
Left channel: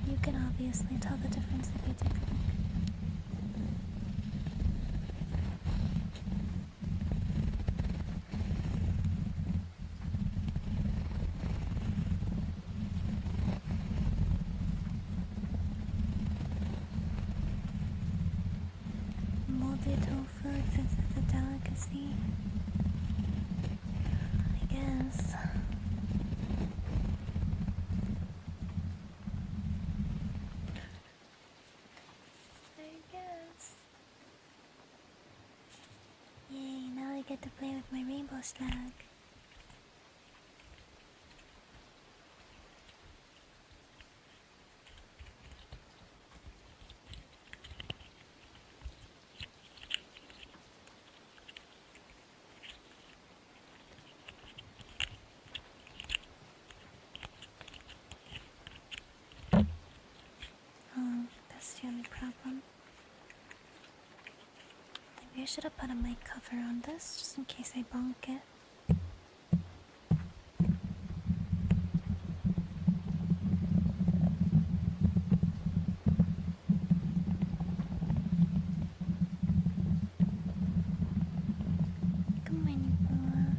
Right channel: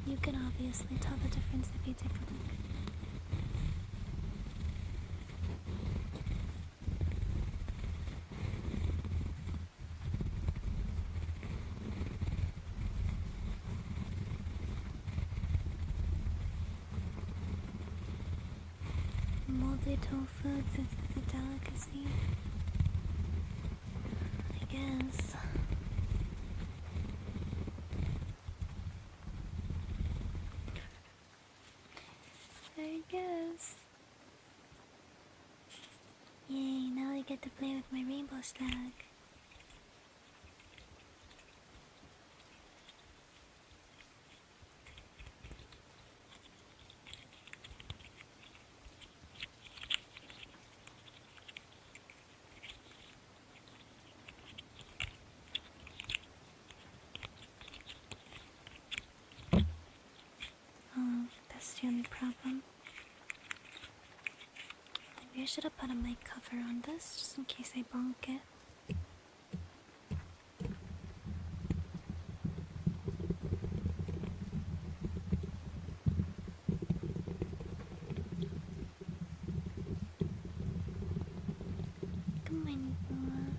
You can obviously tell the difference if you take a look. Moldy tofu, since it's a delicacy. I guess. Yay, now I get to play with my rainbow slug. Oh, that's the only problem. Maybe I should have put a mic cover on this, just in case I bonk it. Good morning, Bella.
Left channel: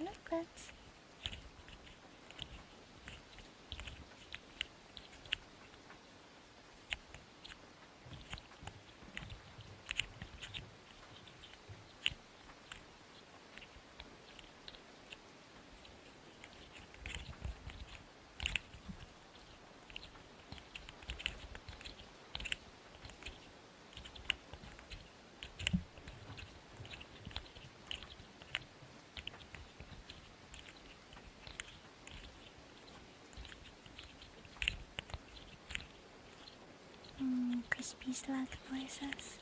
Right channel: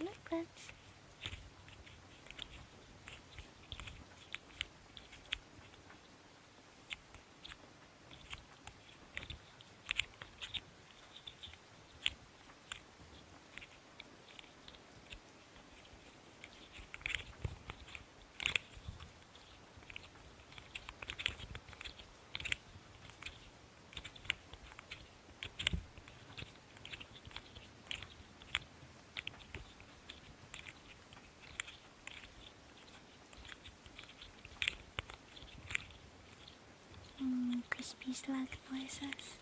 Look, let's. Crispy slug noises.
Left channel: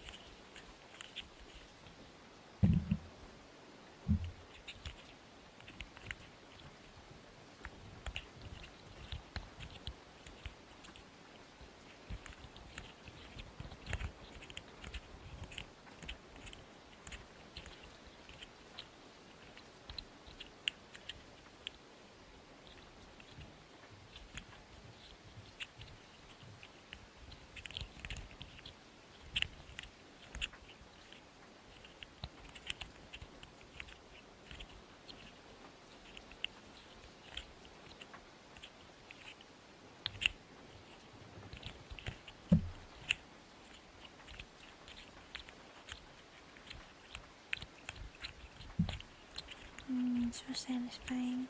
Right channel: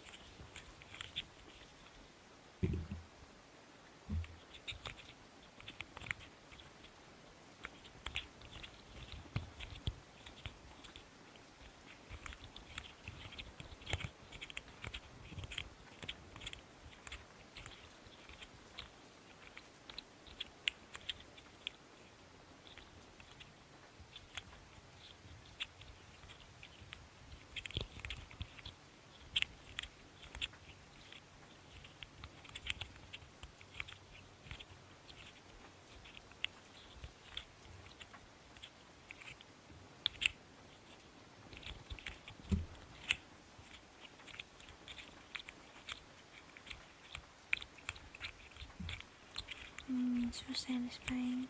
so satisfying.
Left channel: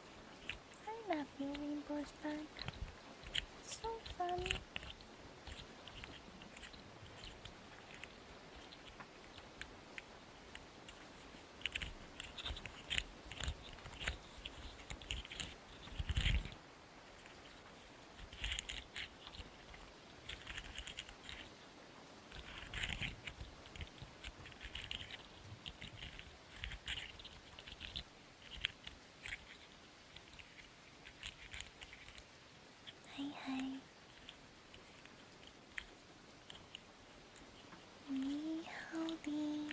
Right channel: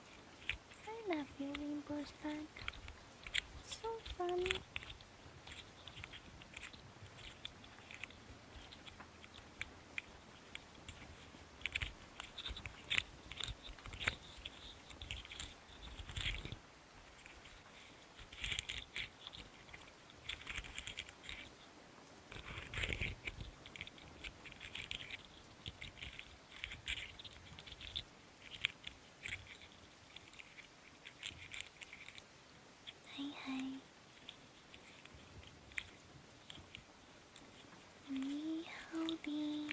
I love you, Rainbow Spark. So fun. Hi, hi. Me howdy.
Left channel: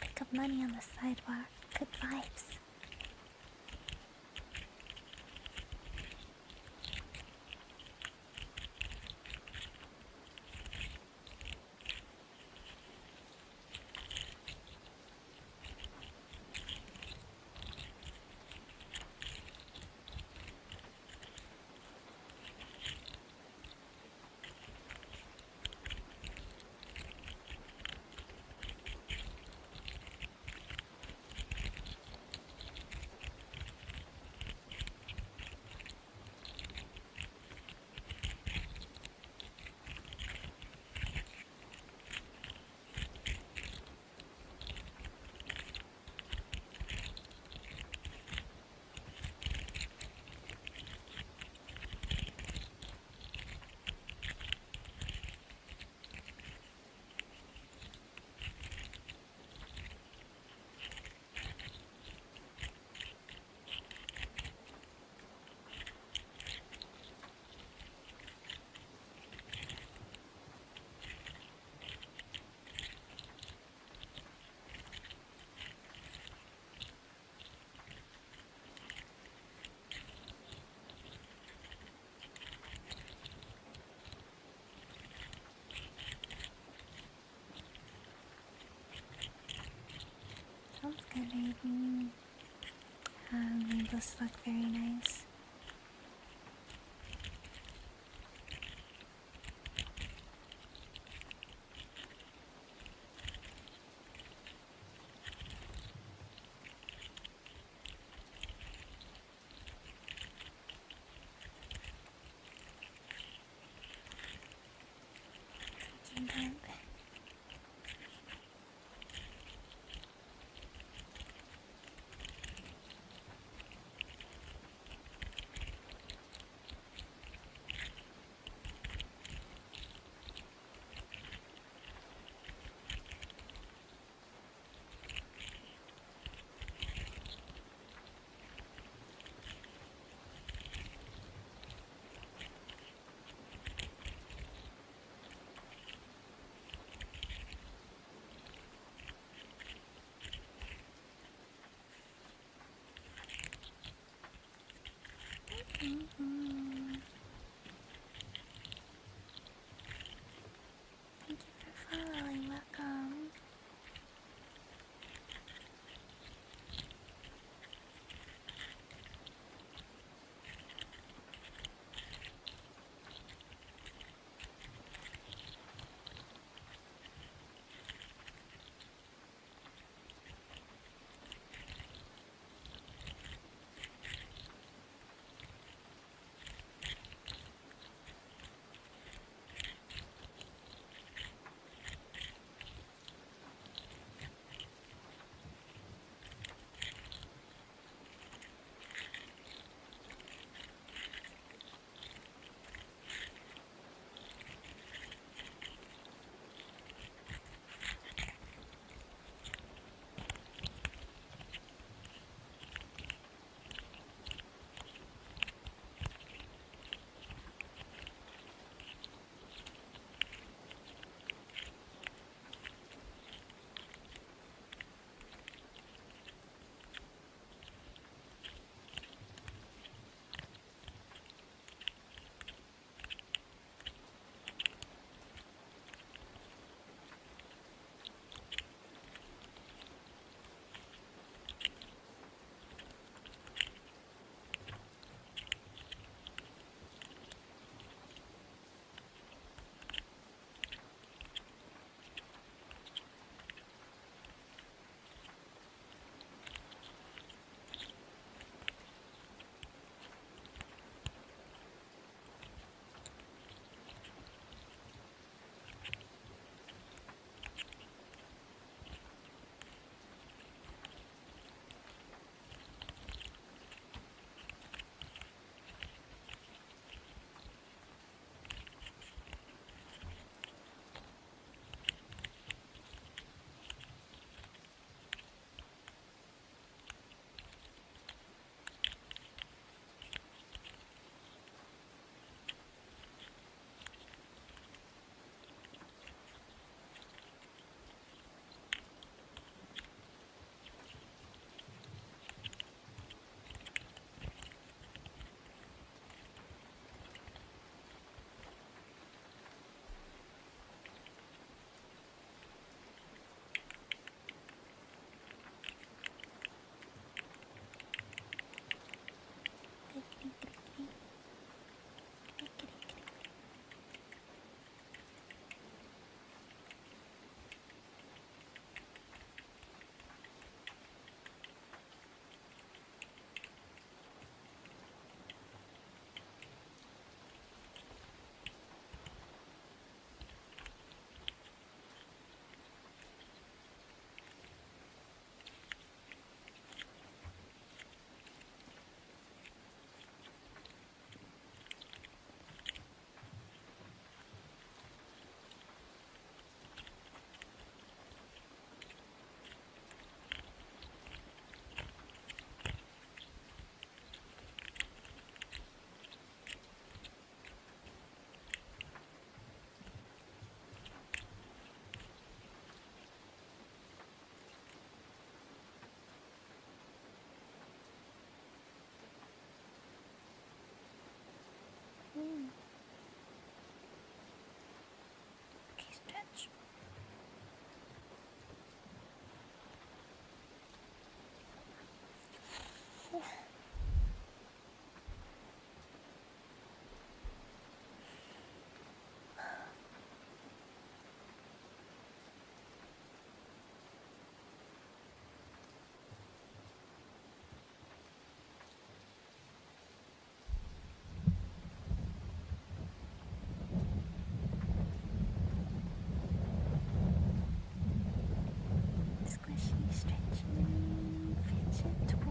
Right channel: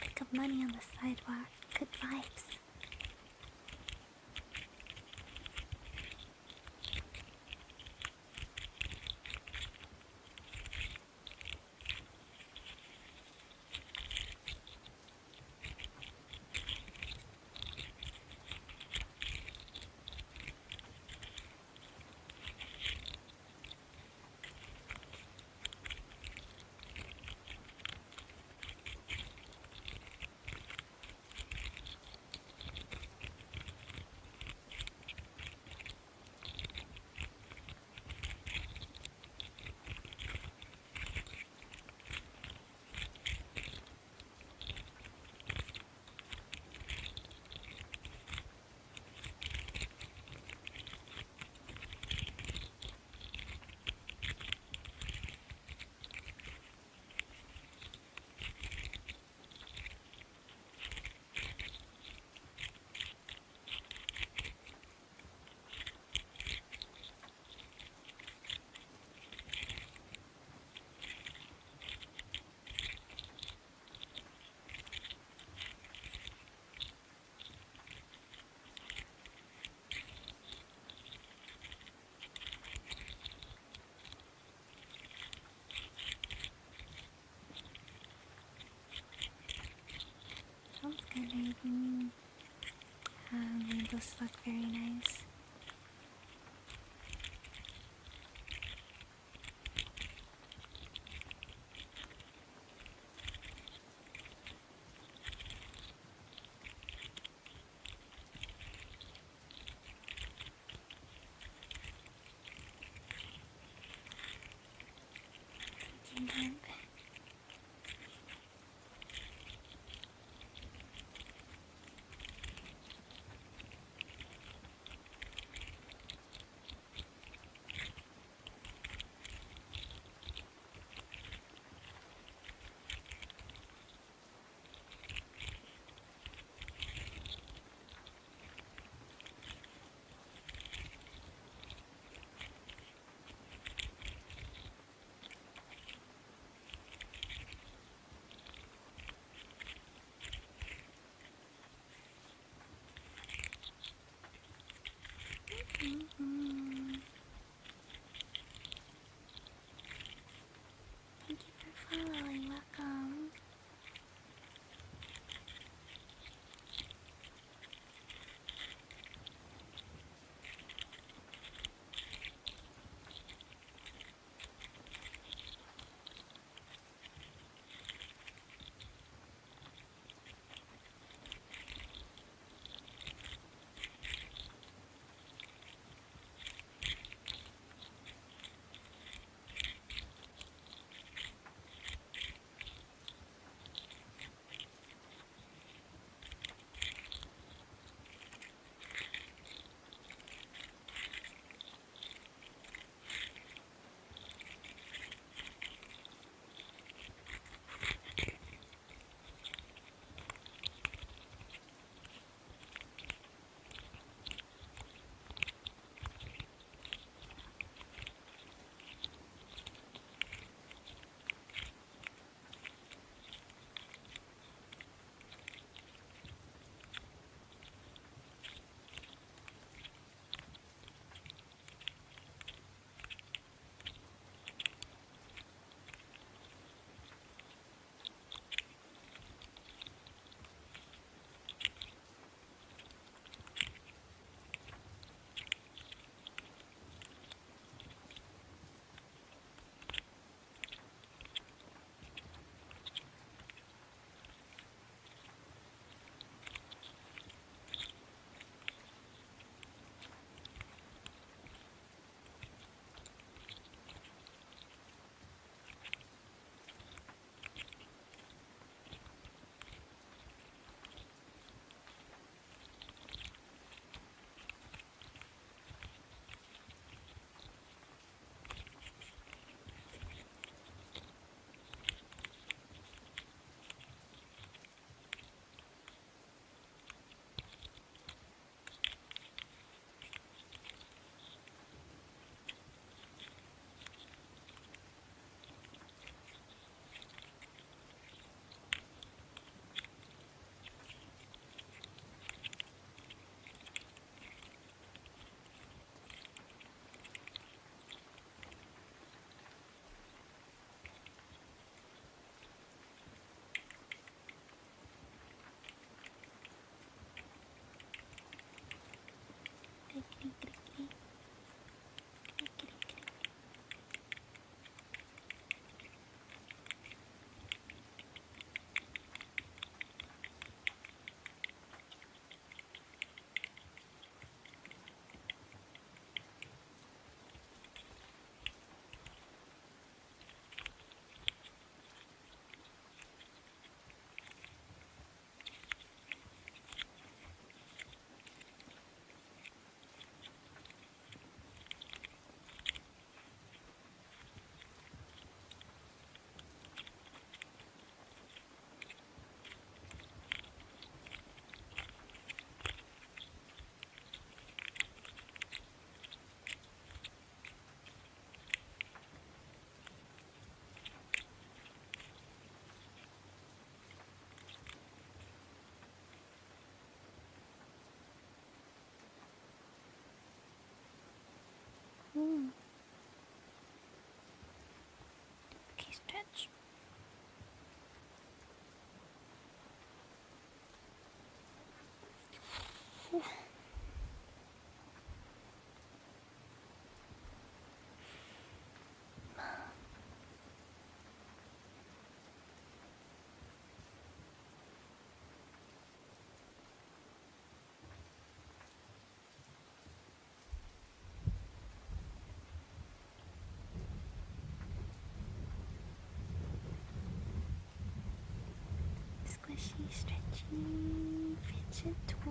Pick up money on the sidewalk. Good vibes. Sounds good, Aiden. Those look very nice. Freaking good. stretchy fidget toys.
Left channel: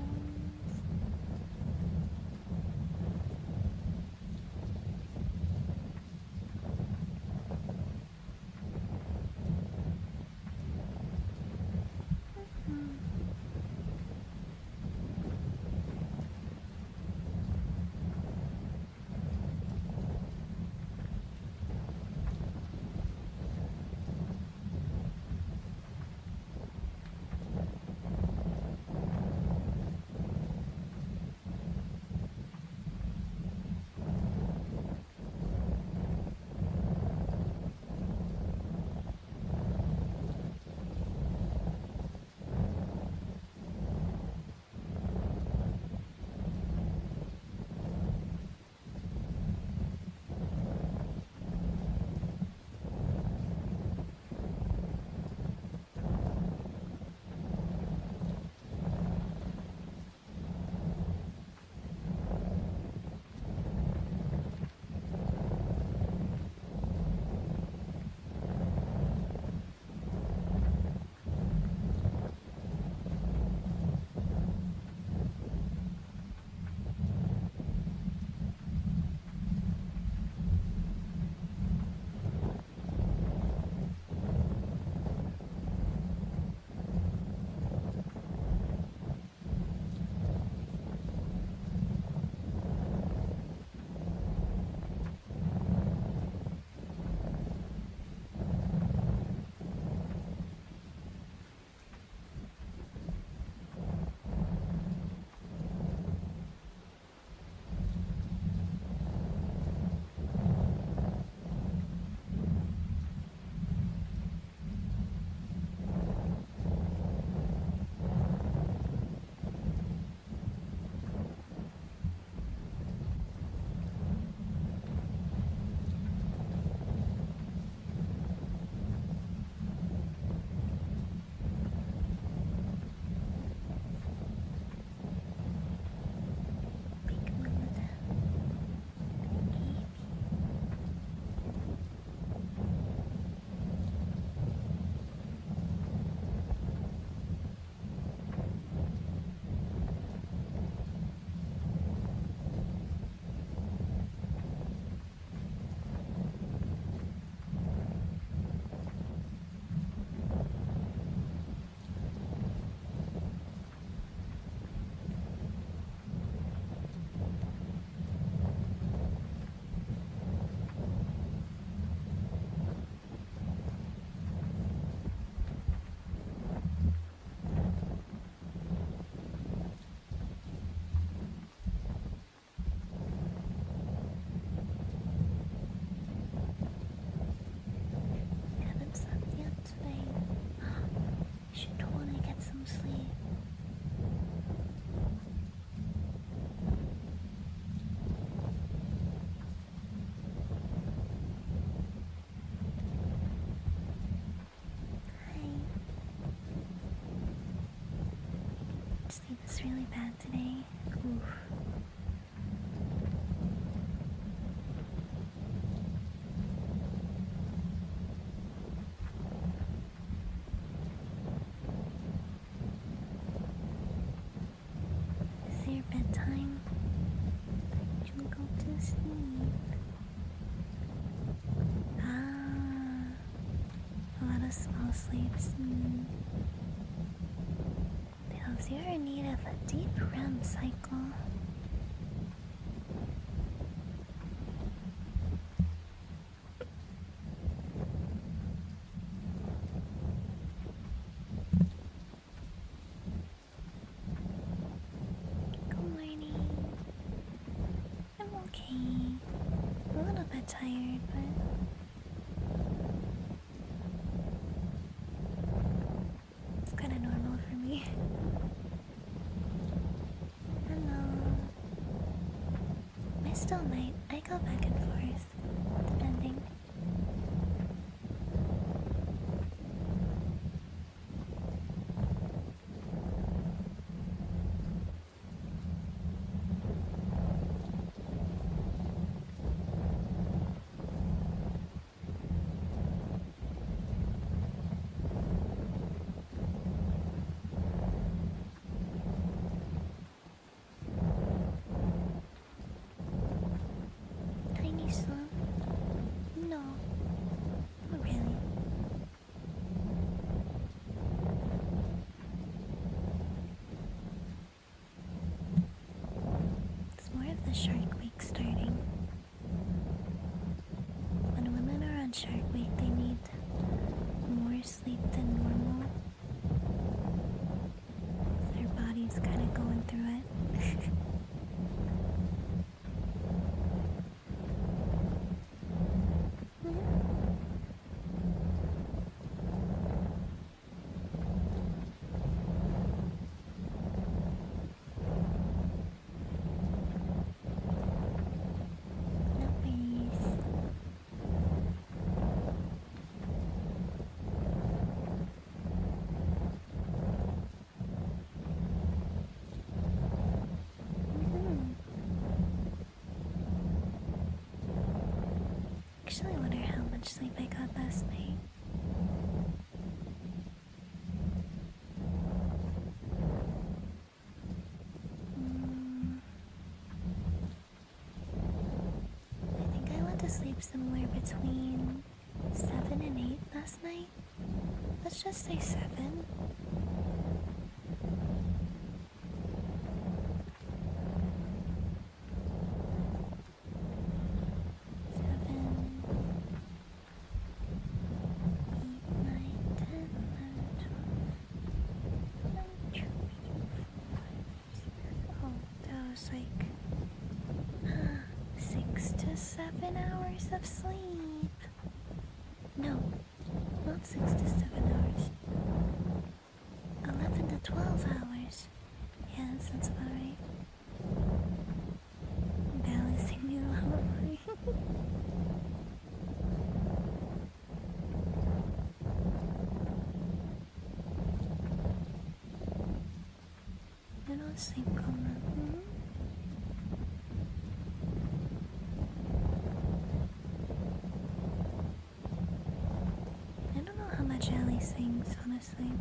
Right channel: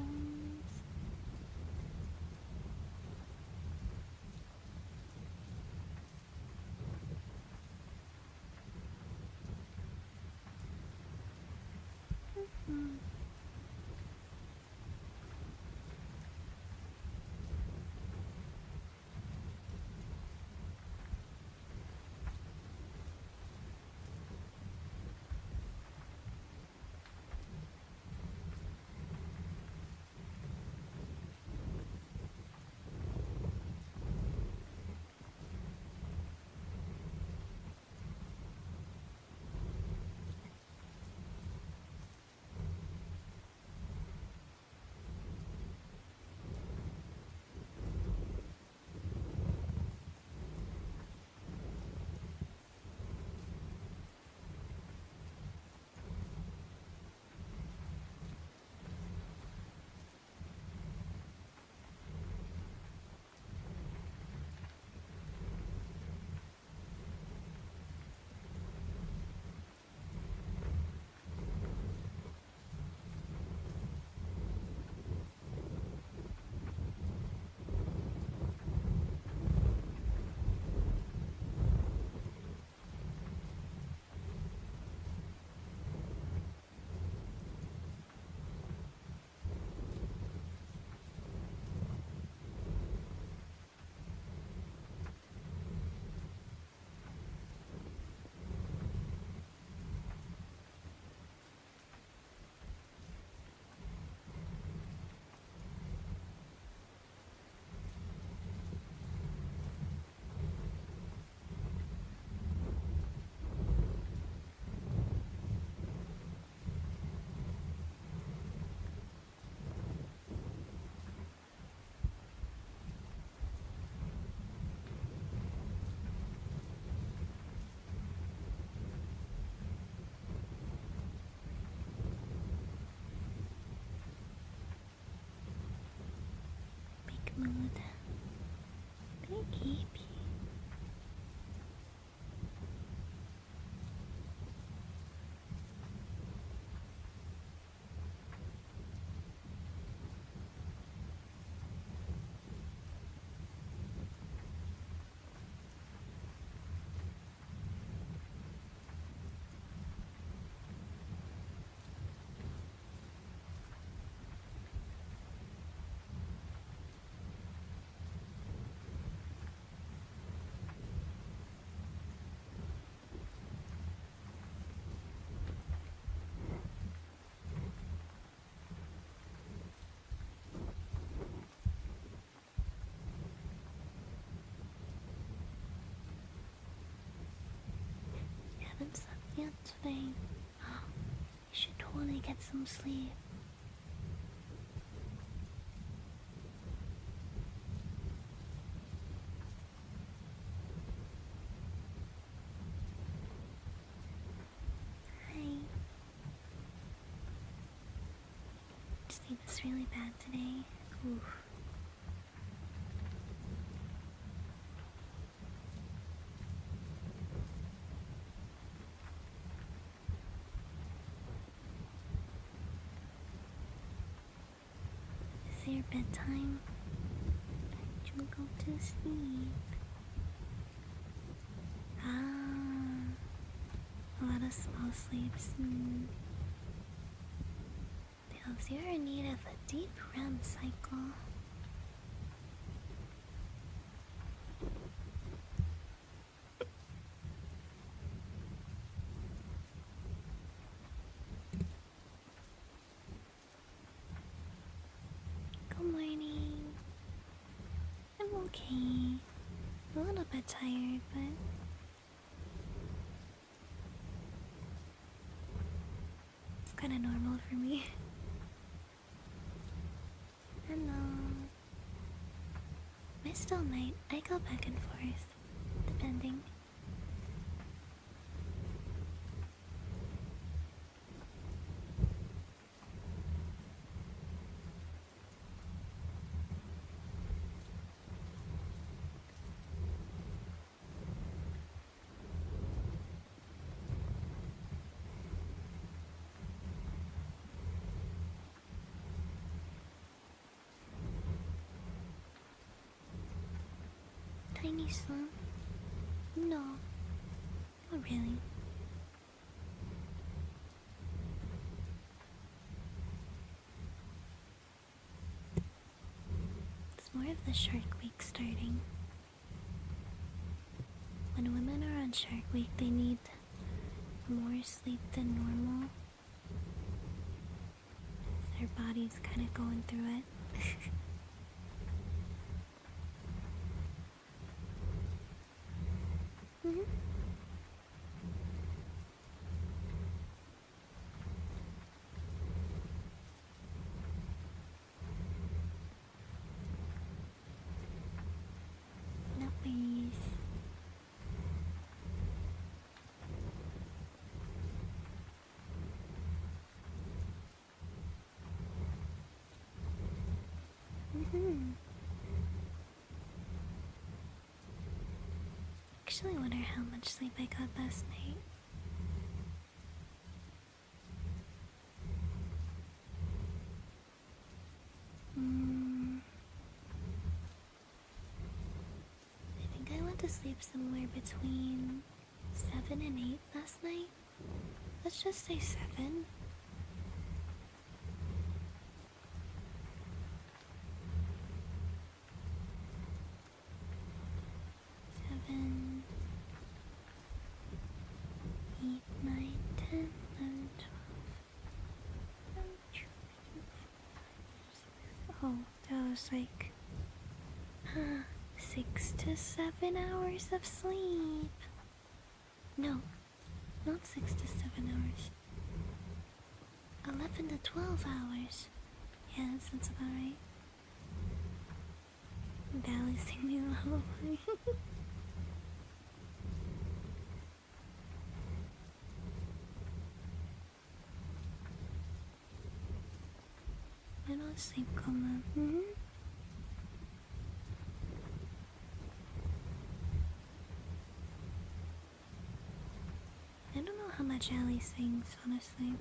Yet today, you should totally get some sleep. Hi. Sleep is really bad today. Oof. Your bedtime, time to go to sleep. A lot of small sleeps. Because you're in need of a deep REM cycle. Okay, a little bit tired, but it's kind of normal for me. Hello. I still might. I go back and forth, depending. Nisa. No, not really. It's more of the Shark Week starting. When women are on Shark Week, they need more sleep than normal. Their body's kind of going through it. Mhm. No worries. Mhm. Actually, I wonder how much sleep I got last night. I think I went to sleep somewhere between 7 and 8 last night. Let's just say 7. Seven, 8, 9, 10, 11, 12. Oh, that was like 6 to 7 hours of sleep. No, not 6 to 7 hours. 11 to 12 hours. Yeah, that sounds about right. Valley sing me a lullaby. I don't sleep coma. I don't know how much Ali sings, honestly.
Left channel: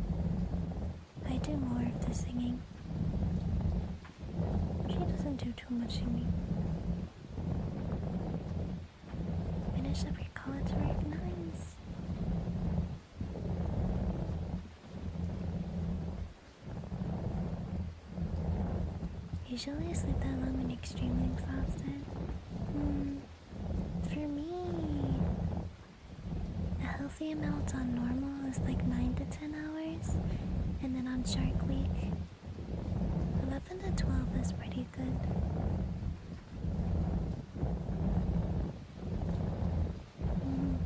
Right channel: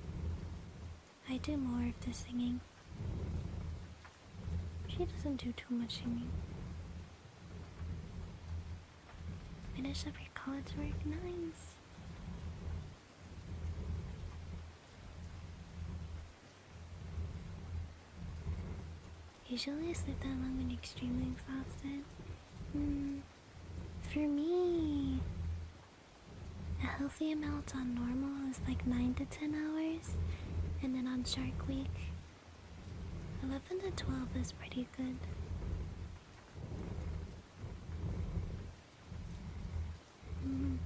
I do more of the singing. She doesn't do too much singing. Finish up your college work, nice. Usually I sleep that long when you're extremely exhausted. For me, a healthy amount on normal is like 9 to 10 hours. And then on Shark Week, 11 to 12 is pretty good. Mm.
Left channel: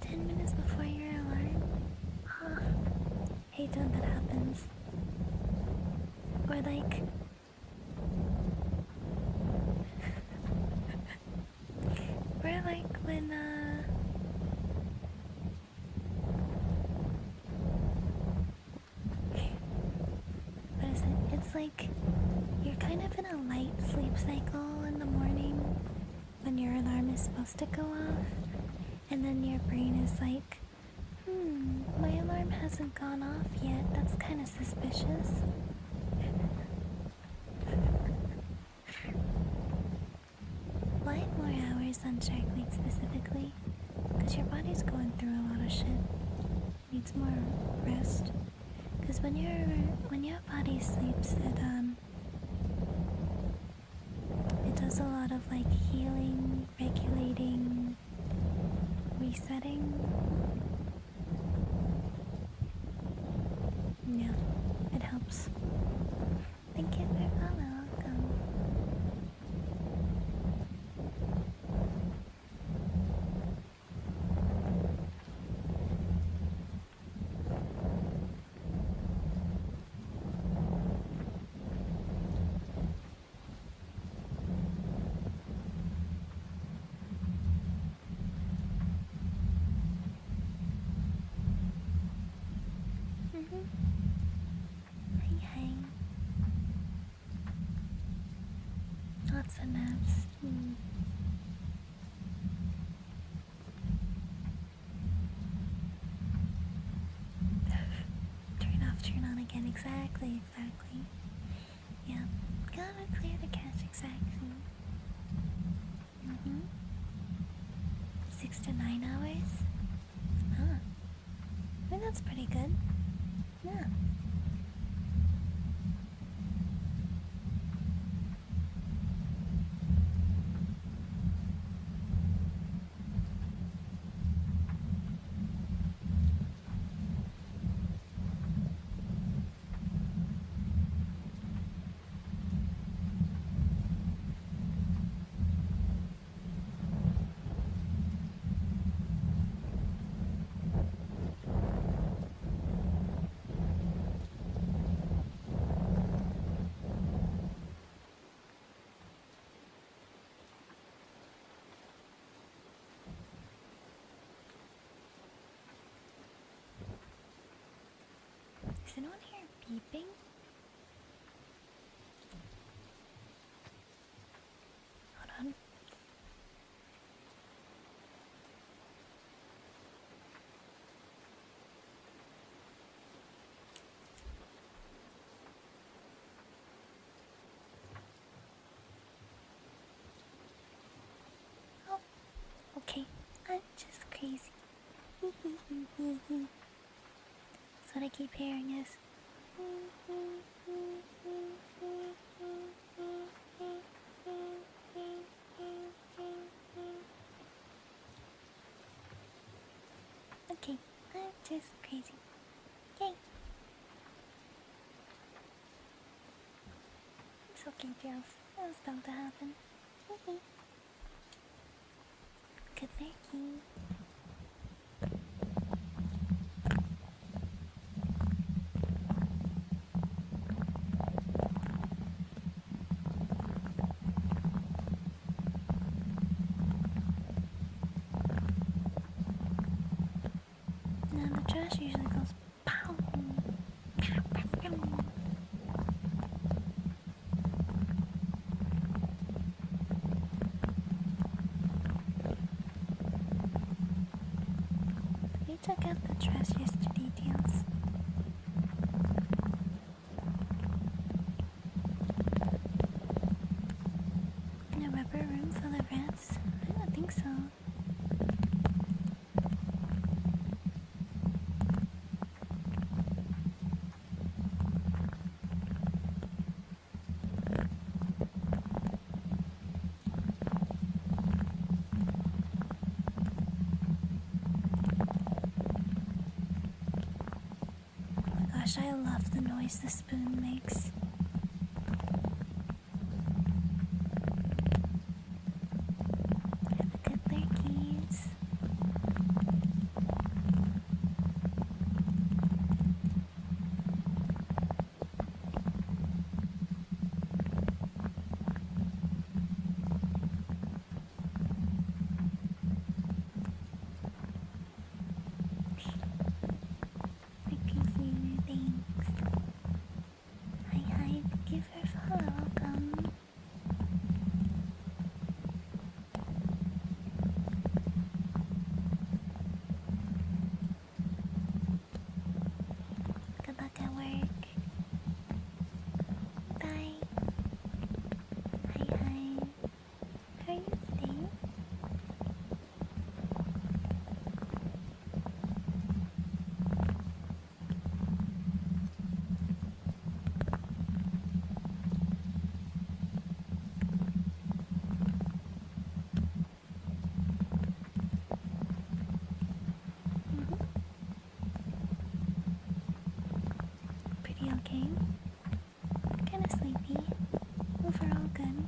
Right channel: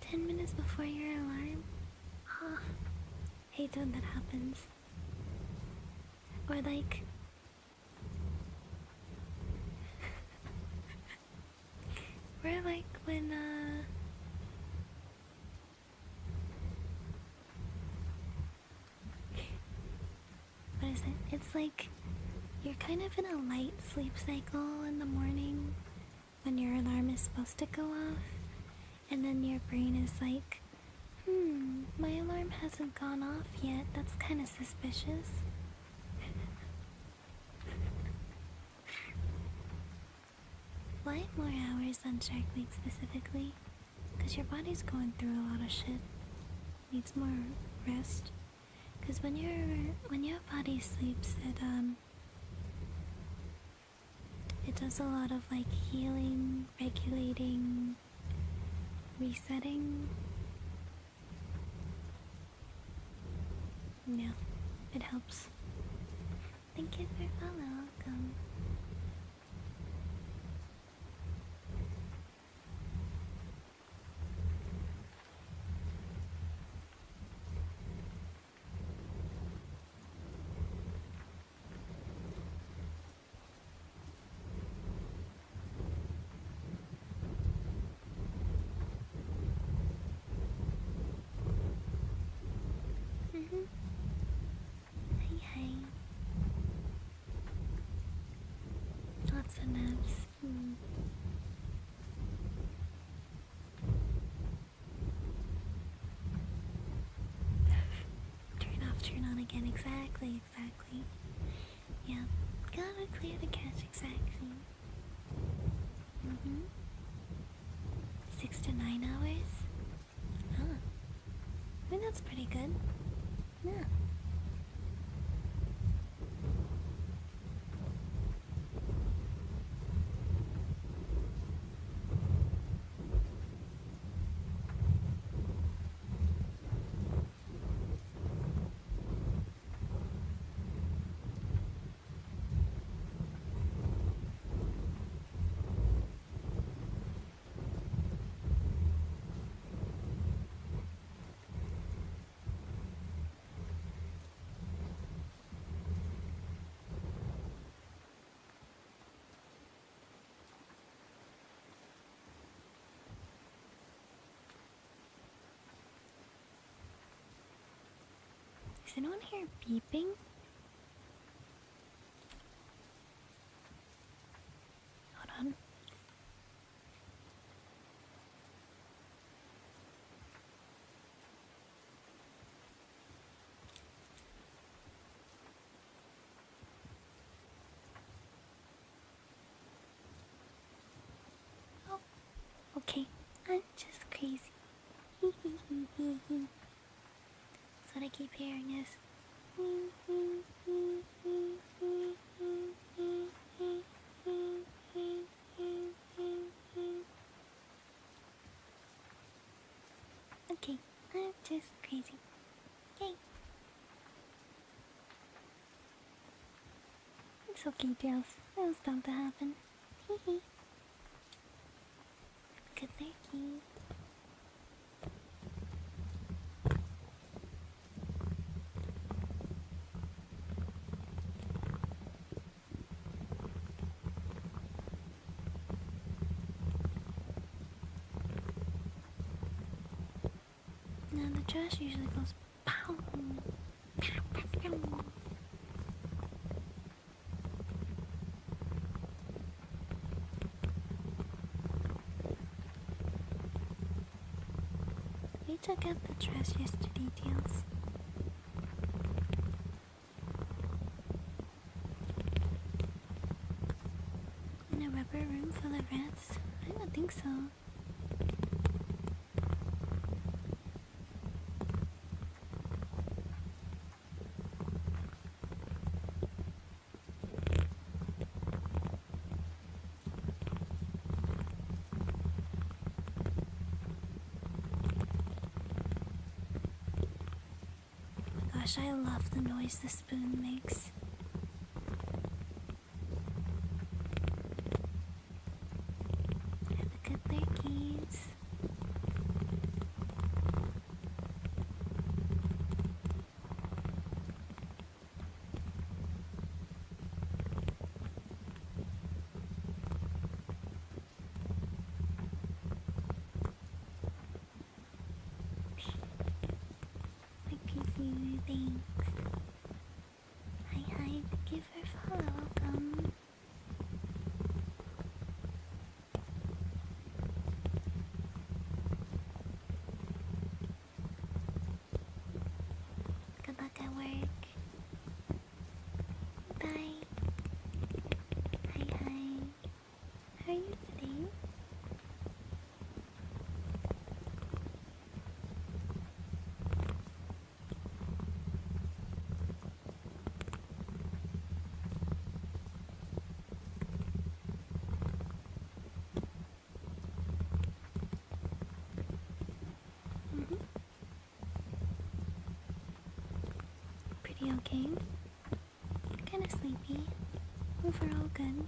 10 minutes before your alarm? Huh. Hate when that happens. Or like... or like when, what is it? It's like you're kind of in a light sleep cycle in the morning when your alarm is supposed to go off, and then your brain is like, my alarm hasn't gone off yet. That's kind of suspicious. Why more hours on Shark Week specifically? Because your body's going through a lot of shit. Needs more rest. Because when your body sleeps, it does a lot of like healing, regulating, resetting. Yeah, it helps. Thank you for follow. Welcome. Hi. Lots of naps. Turn off, turn on again. Exactly. Yeah, gotta clear the cache exactly. 6 to 9 hours? Huh. I mean, that's pretty good. Yeah. Is anyone here beeping? Hold on. Oh, okay. I'm just crazy. That's what I keep hearing is. Okay, I'm just crazy. Yay! It's okay, Tails. It was bound to happen. Hee. Good lurking. Now the trash usually goes pow. Pow, pow, pow. We took out the trash yesterday, Tails. In a rubber room full of rats? I don't think so. Gosh, I love the noise the spoon makes. Have a good lurkies. Thanks. Hi, give her follow, welcome. Good luck at work. Bye. Hi. How are you today? Pretty okay. Kinda sleepy. Overall good.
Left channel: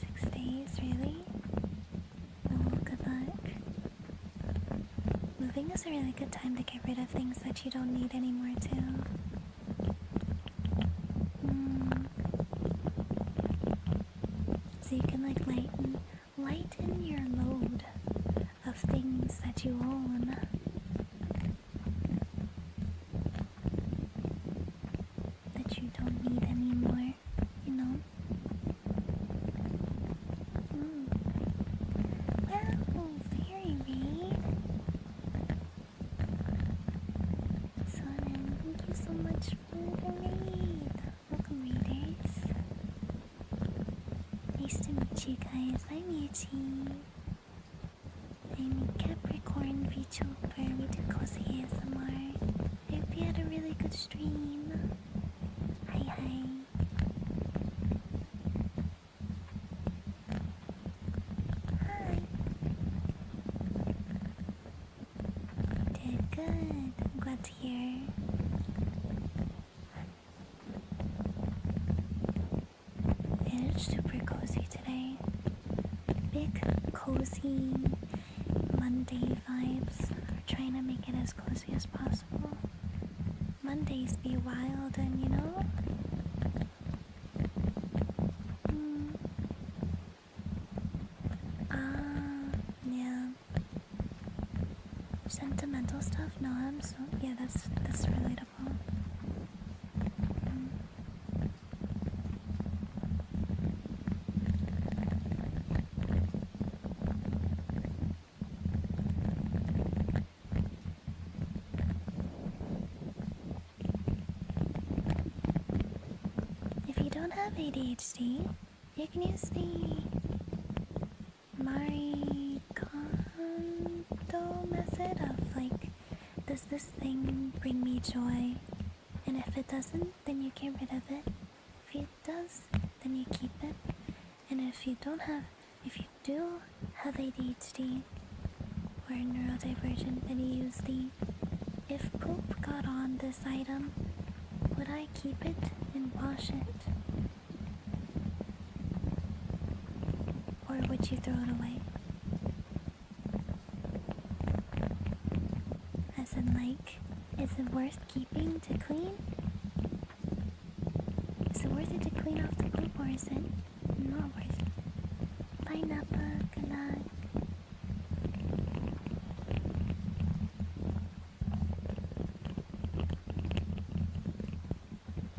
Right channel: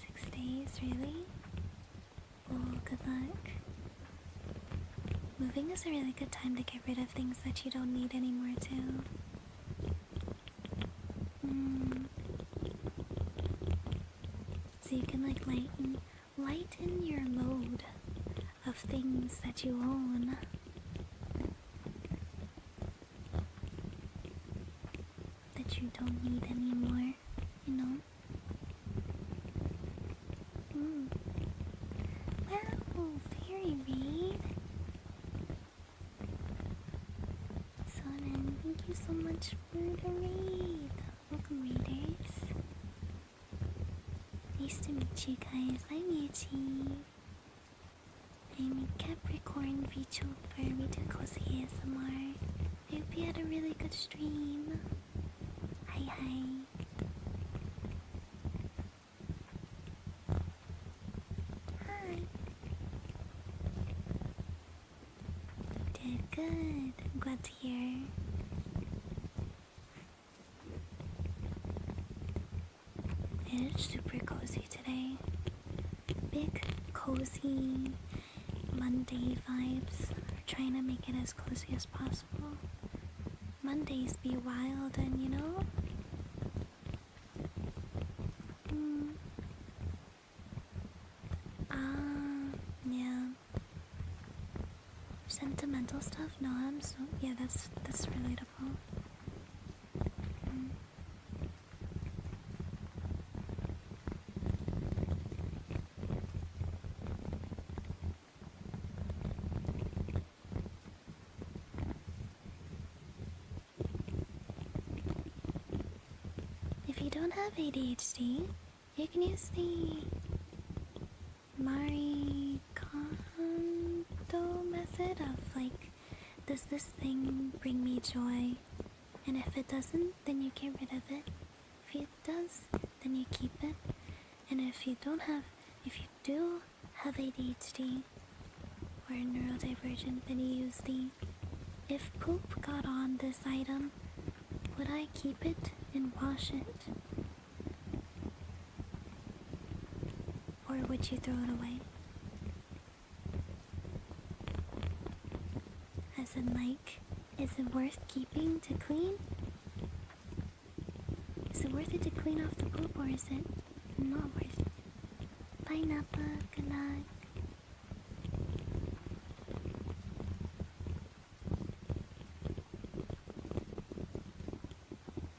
6 days, really? Oh, good luck. Moving is a really good time to get rid of things that you don't need anymore, too. So you can like lighten your load of things that you own. That you don't need anymore, you know? Wow, very raid. Sonnen, thank you so much for the raid. Welcome, raiders. Nice to meet you guys. I'm Yuchi. I'm a Capricorn Vtuber. We do cozy ASMR. I hope you had a really good stream. Hi, hi. Hi. Did good. I'm glad to hear. It's super cozy today. Big, cozy Monday vibes. We're trying to make it as cozy as possible. Mondays be wild and you know? Yeah. Sentimental stuff? No, I'm so... Yeah, that's relatable. If you don't have ADHD, you can use the Marie Kondo method of like, does this thing bring me joy? And if it doesn't, then you get rid of it. If it does, then you keep it. And if you do have ADHD or neurodivergent, then you use the, if poop got on this item, would I keep it and wash it? Or would you throw it away? As in like, is it worth keeping to clean? Is it worth it to clean off the poop or is it not worth it? Bye Nappa, good luck.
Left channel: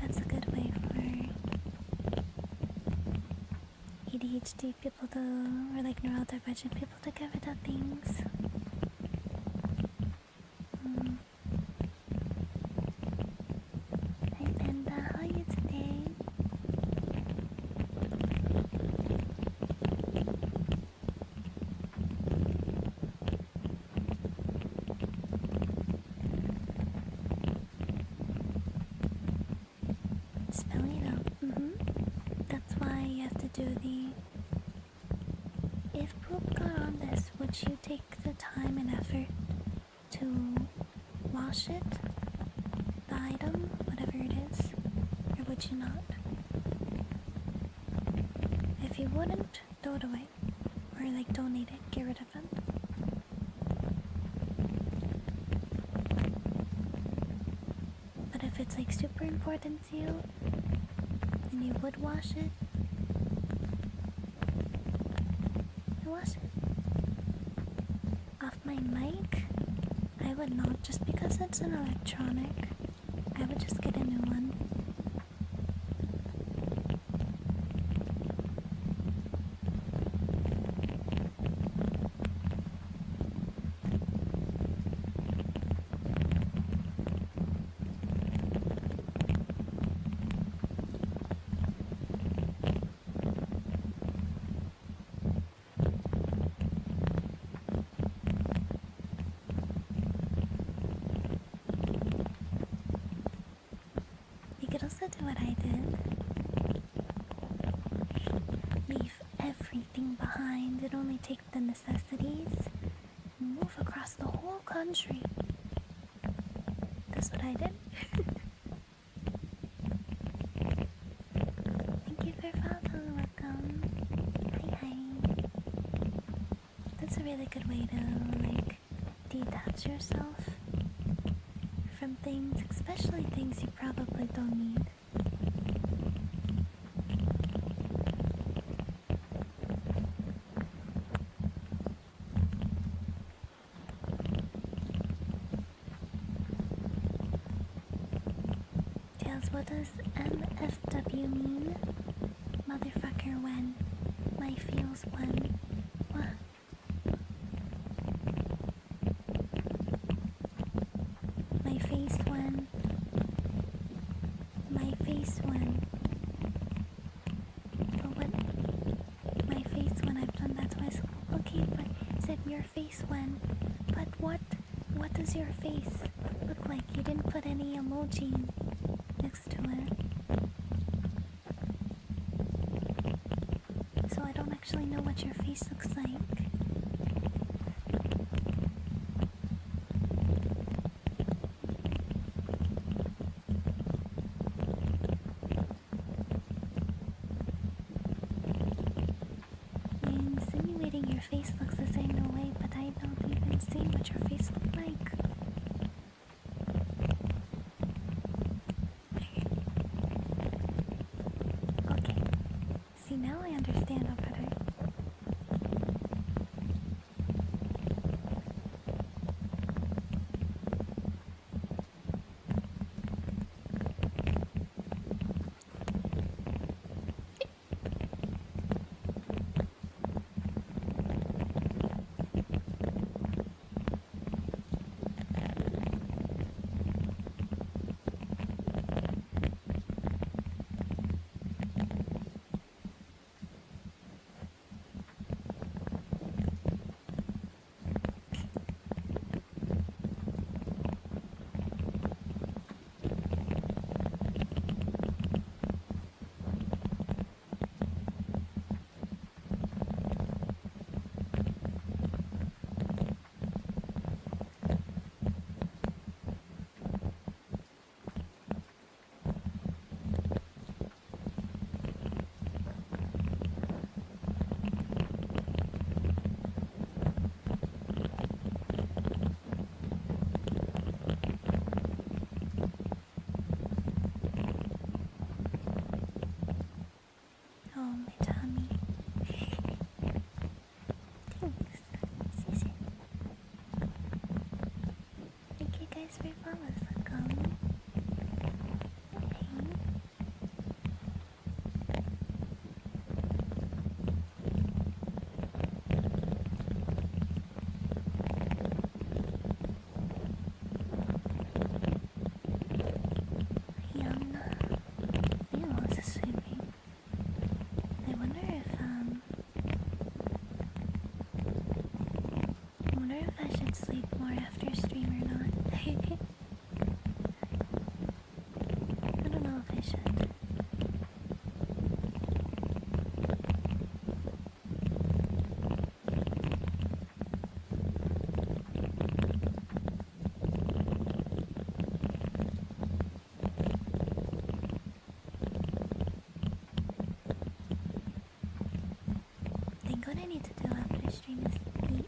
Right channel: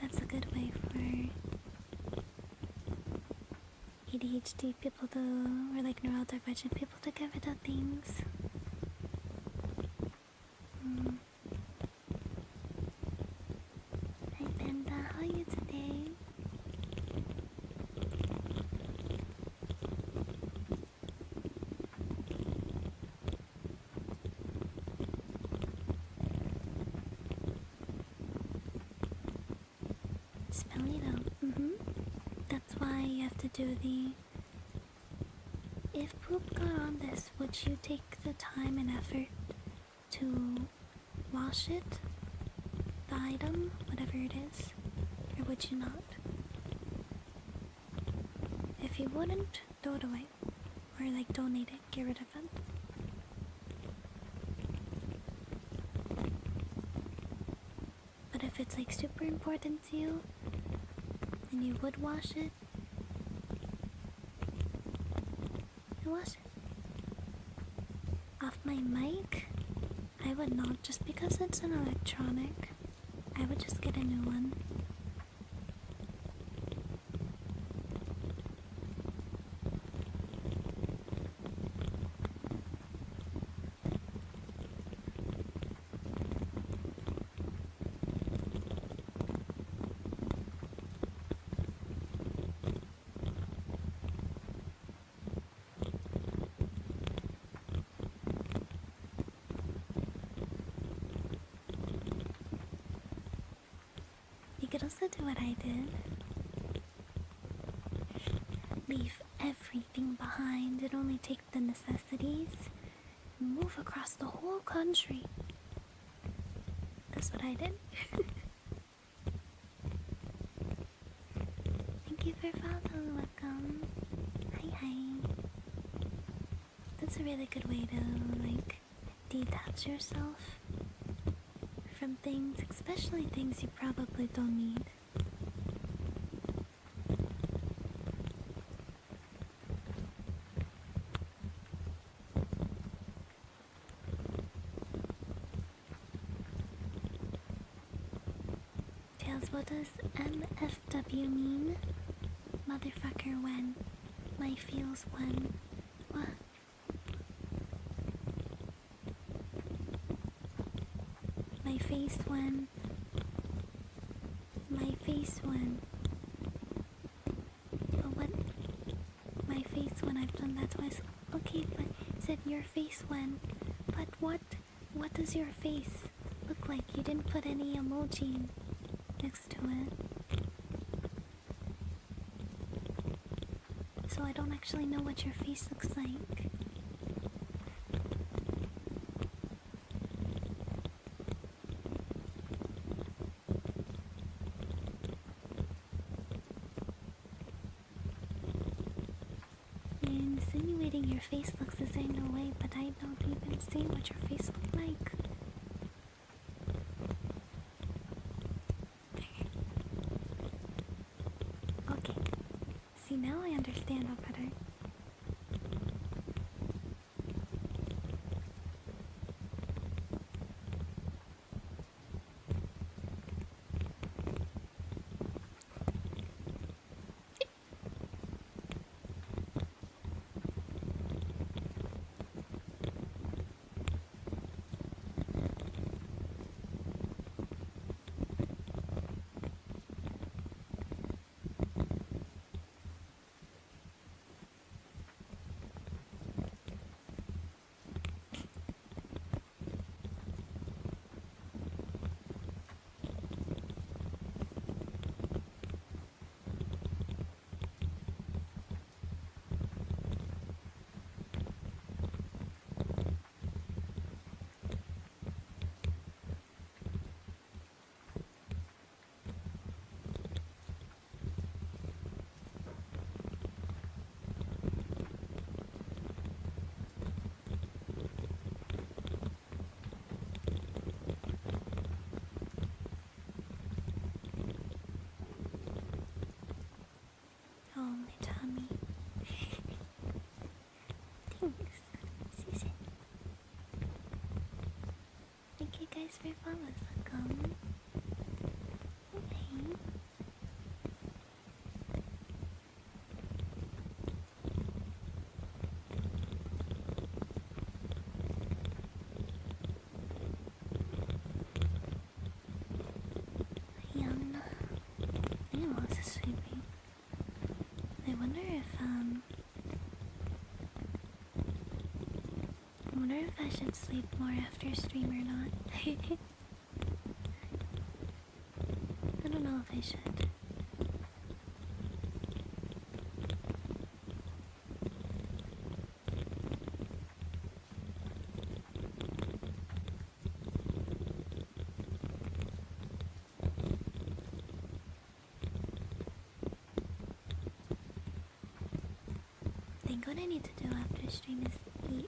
That's a good way for ADHD people to, or like neurodivergent people to get rid of things. Hi Panda, how are you today? Spelling it out. That's why you have to do the... If poop got on this, would you take the time and effort to wash it? The item, whatever it is? Or would you not? If you wouldn't, throw it away. Or like donate it, get rid of it. But if it's like super important to you, then you would wash it. You wash it. Off my mic, I would not, just because it's an electronic. I would just get a new one. You could also do what I did. Leave everything behind and only take the necessities. Move across the whole country. That's what I did. Thank you for following. Welcome. It's a really good way to, like, detach yourself from things, especially things you probably don't need. Tails, what does MFW mean? Motherfucker when? My feels when? What? My face when? My face when? But what? My face when I've done that to myself. Okay, but you said your face when? But what? What does your face look like? You didn't put any emoji next to it. So I don't actually know what your face looks like. You're insinuating your face looks the same, no way, but I don't even see what your face looks like. Okay. See, now I understand a better. Oh, my tummy. Thanks. Susan. Thank you guys for follows. Welcome. Okay. I am also sleeping. I wonder if I should sleep more after stream or not. I don't know if I should. I think what I need to do after stream is eat.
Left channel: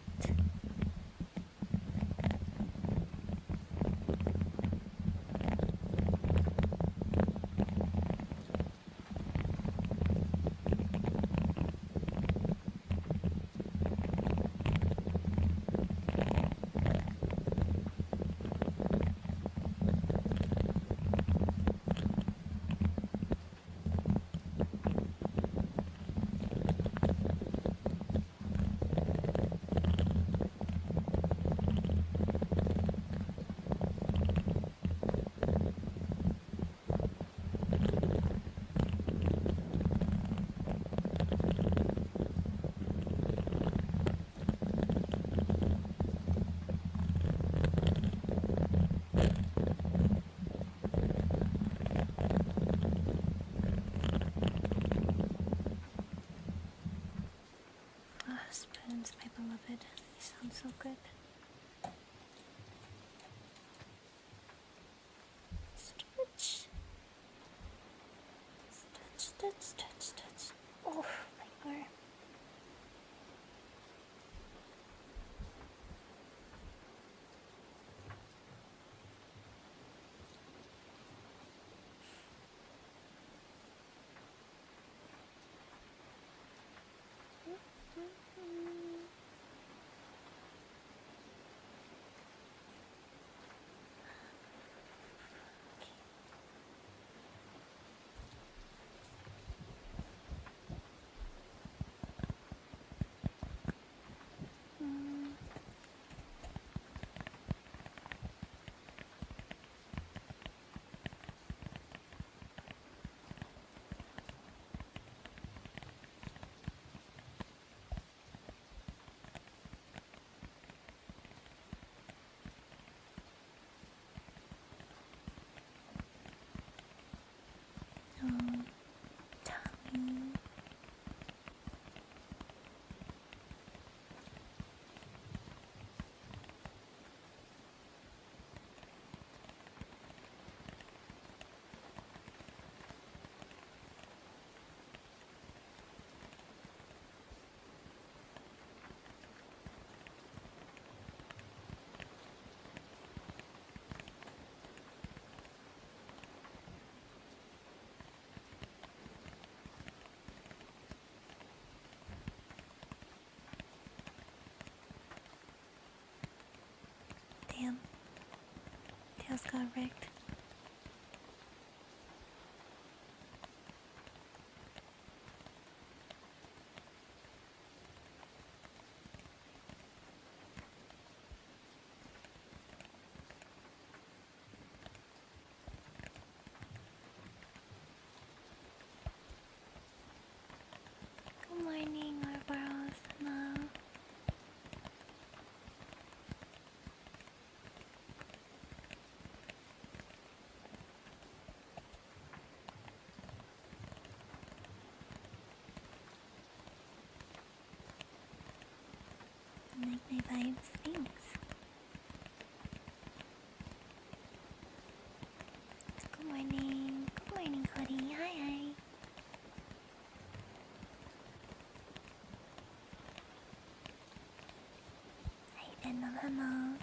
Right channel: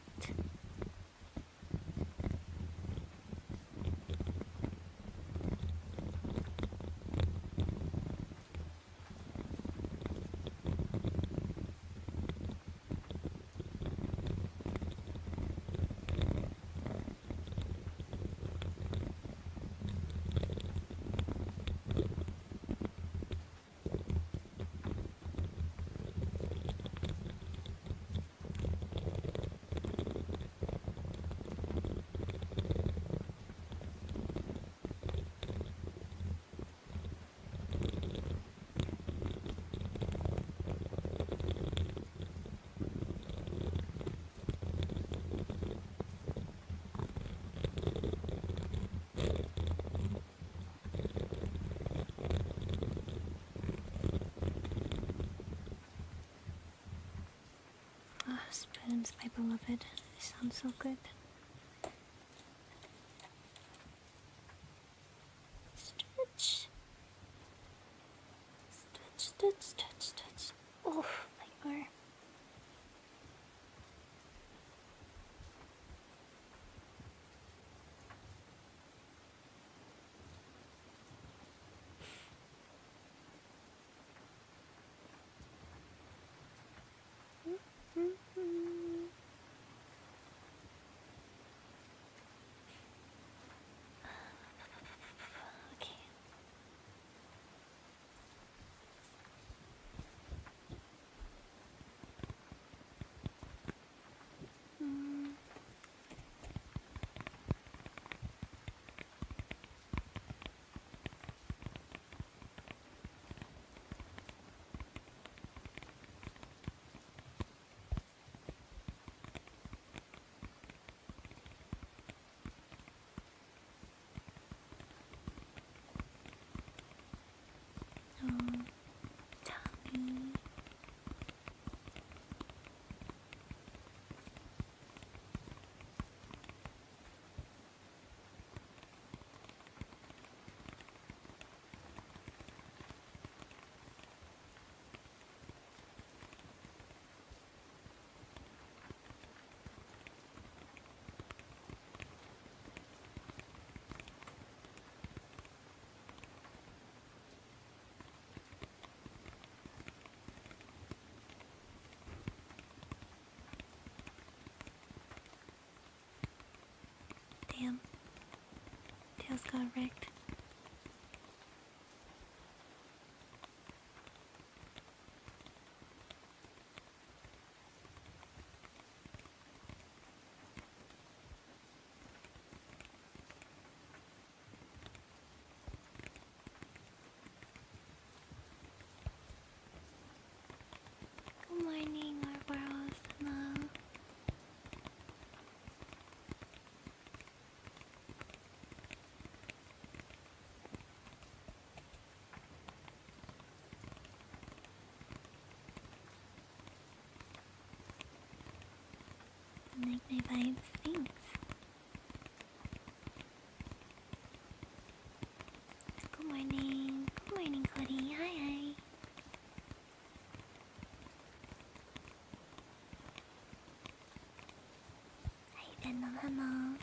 Spoons, my beloved. They sound so good. Stretch. Stretch, stretch, stretch, stretch. Oh, my arm. got wrecked. Good morning, Ouroboros. Hello. Like my vibes, thanks. Good morning. Good morning, Cody. Hi, hi. Hi, Venom. Hello.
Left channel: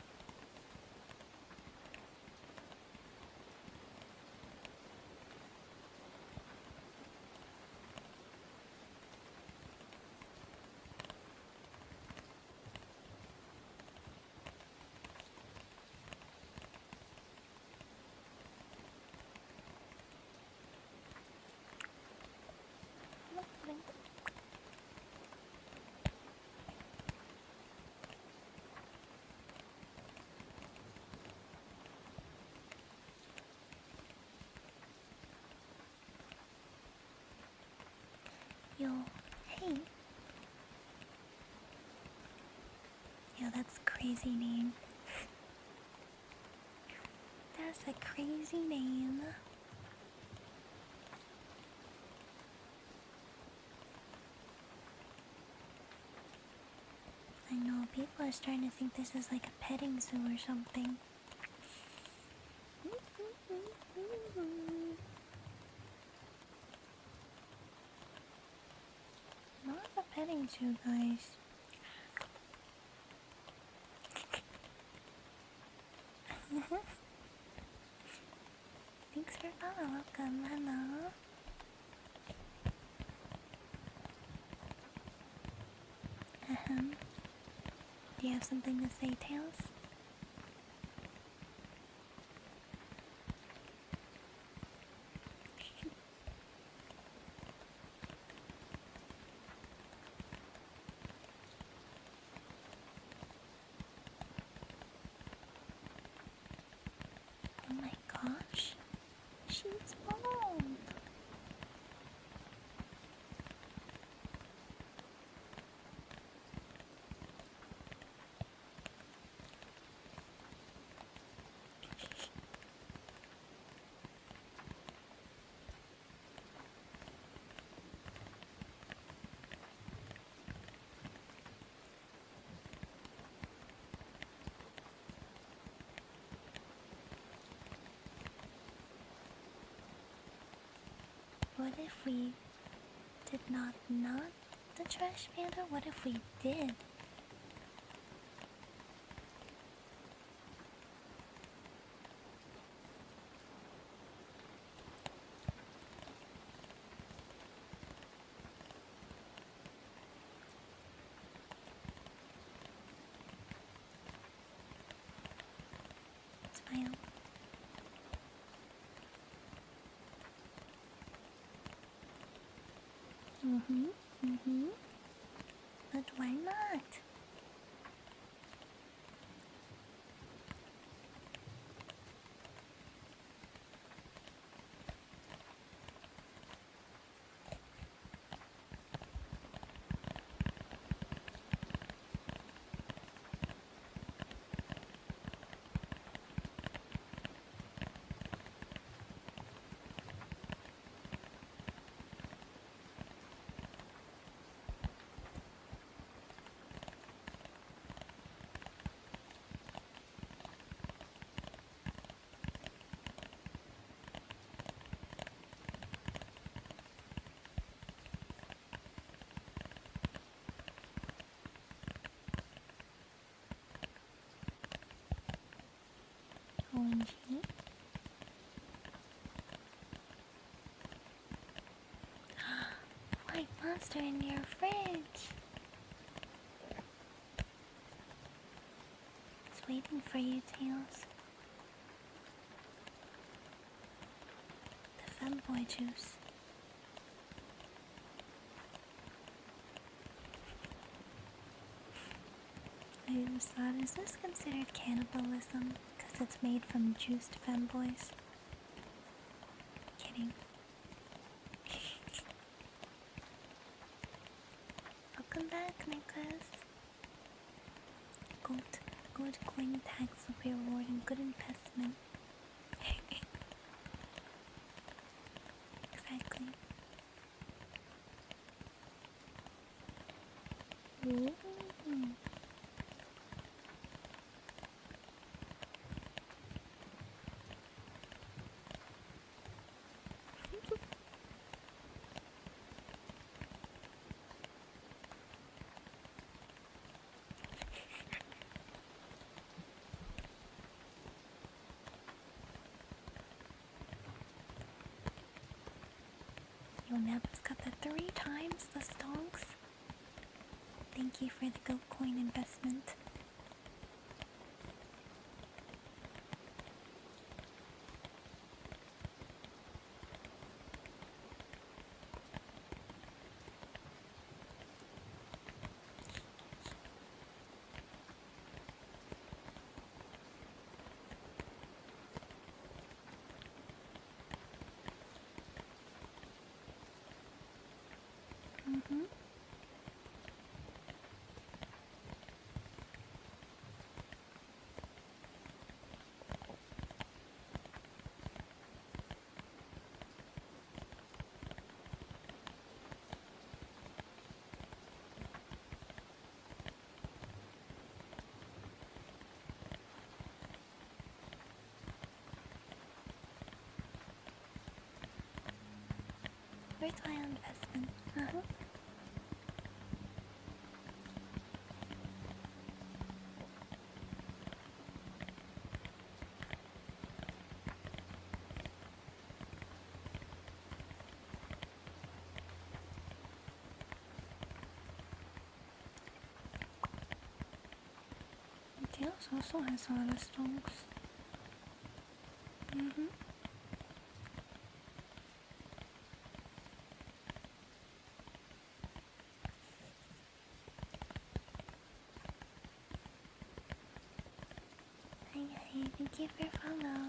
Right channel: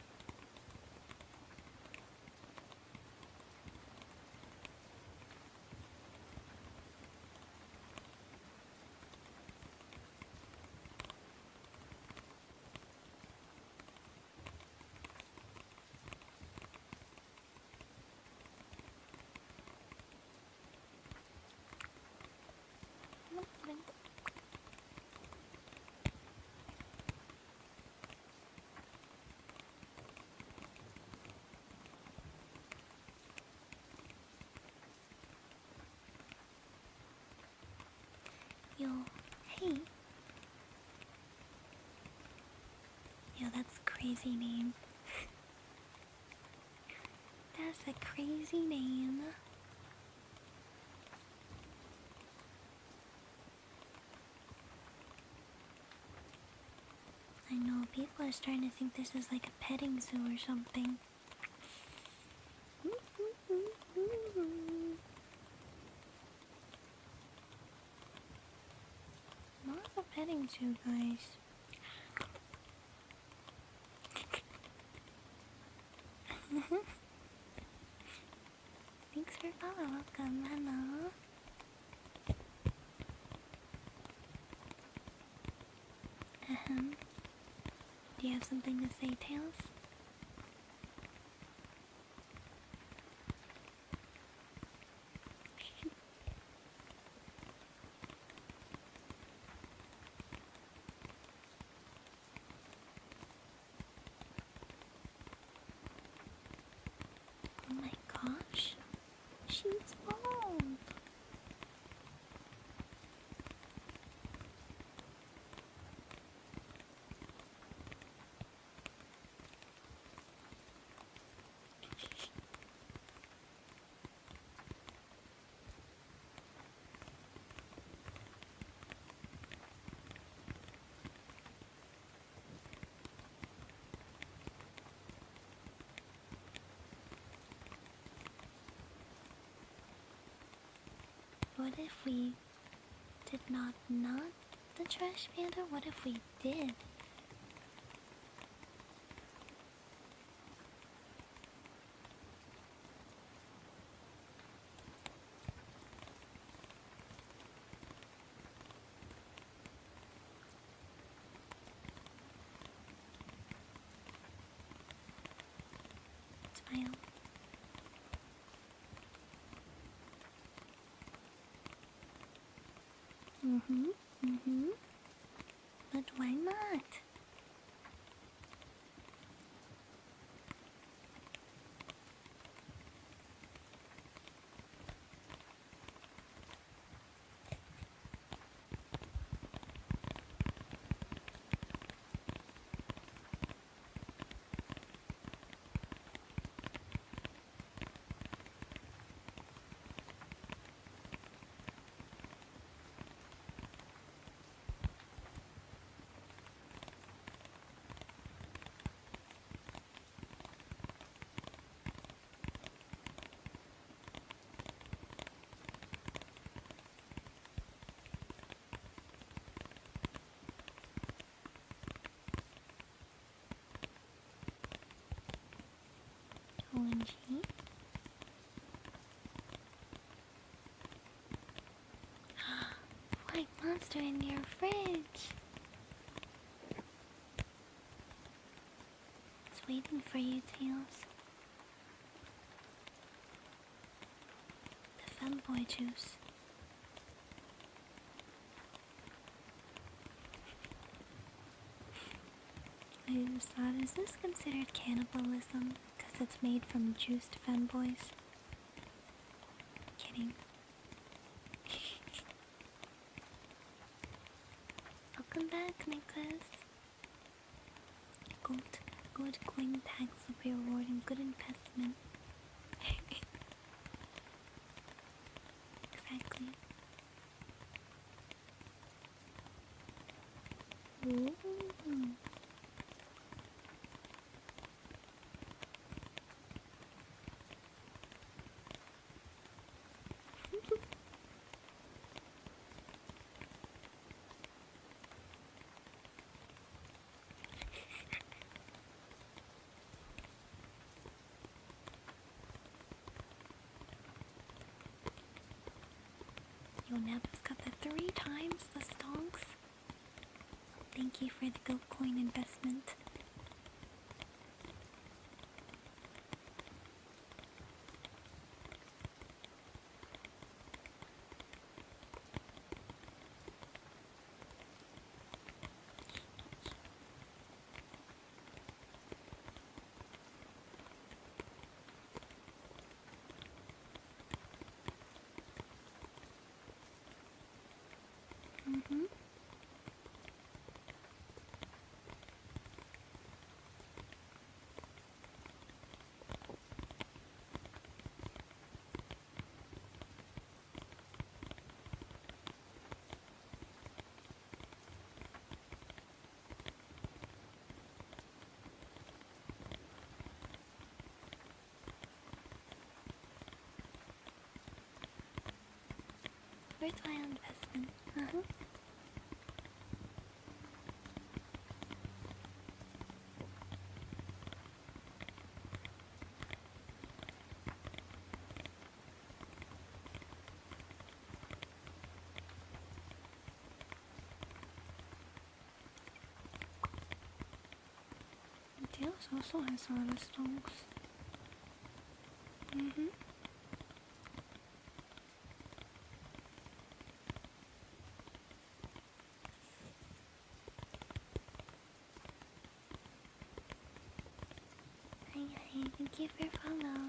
Yo, hey. Yo, that's a crazy name. That's a crazy name. I know, people are starting to think this is like a petting zoo or something. Not a petting zoo, guys. Thanks for follow. Welcome. Hello. Do you have something to say, Tails? Oh my gosh. She's bald. What if we did not the trash panda? What if we did? Smile. But why not? OMG. White monster in your fridge. It's waiting for you, Tails. fanboy juice. I just thought, is this considered cannibalism? Because it's made from juiced femboys? Kidding. Welcome back, Nicholas. Good coin tax will be rewarding good investment. Exactly. Ooh. Yo, Neb's got the 3 times the stonks. Thank you for the goat coin investment. Mm-hmm. Worthwhile investment. Uh-huh. Tails also has a lot of stonks. Mm-hmm. Hi, thank you for follow.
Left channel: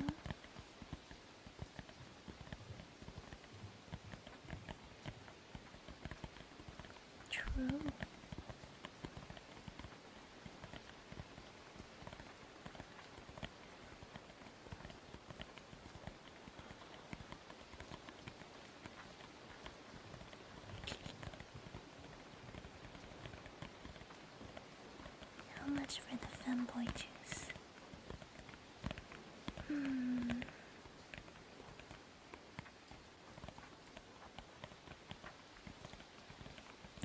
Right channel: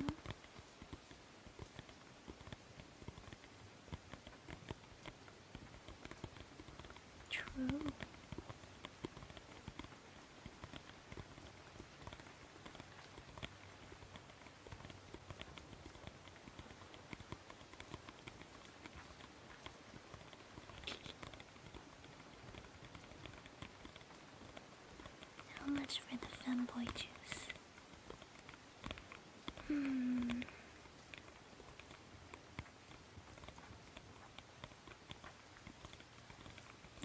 True. How much for the femboy juice?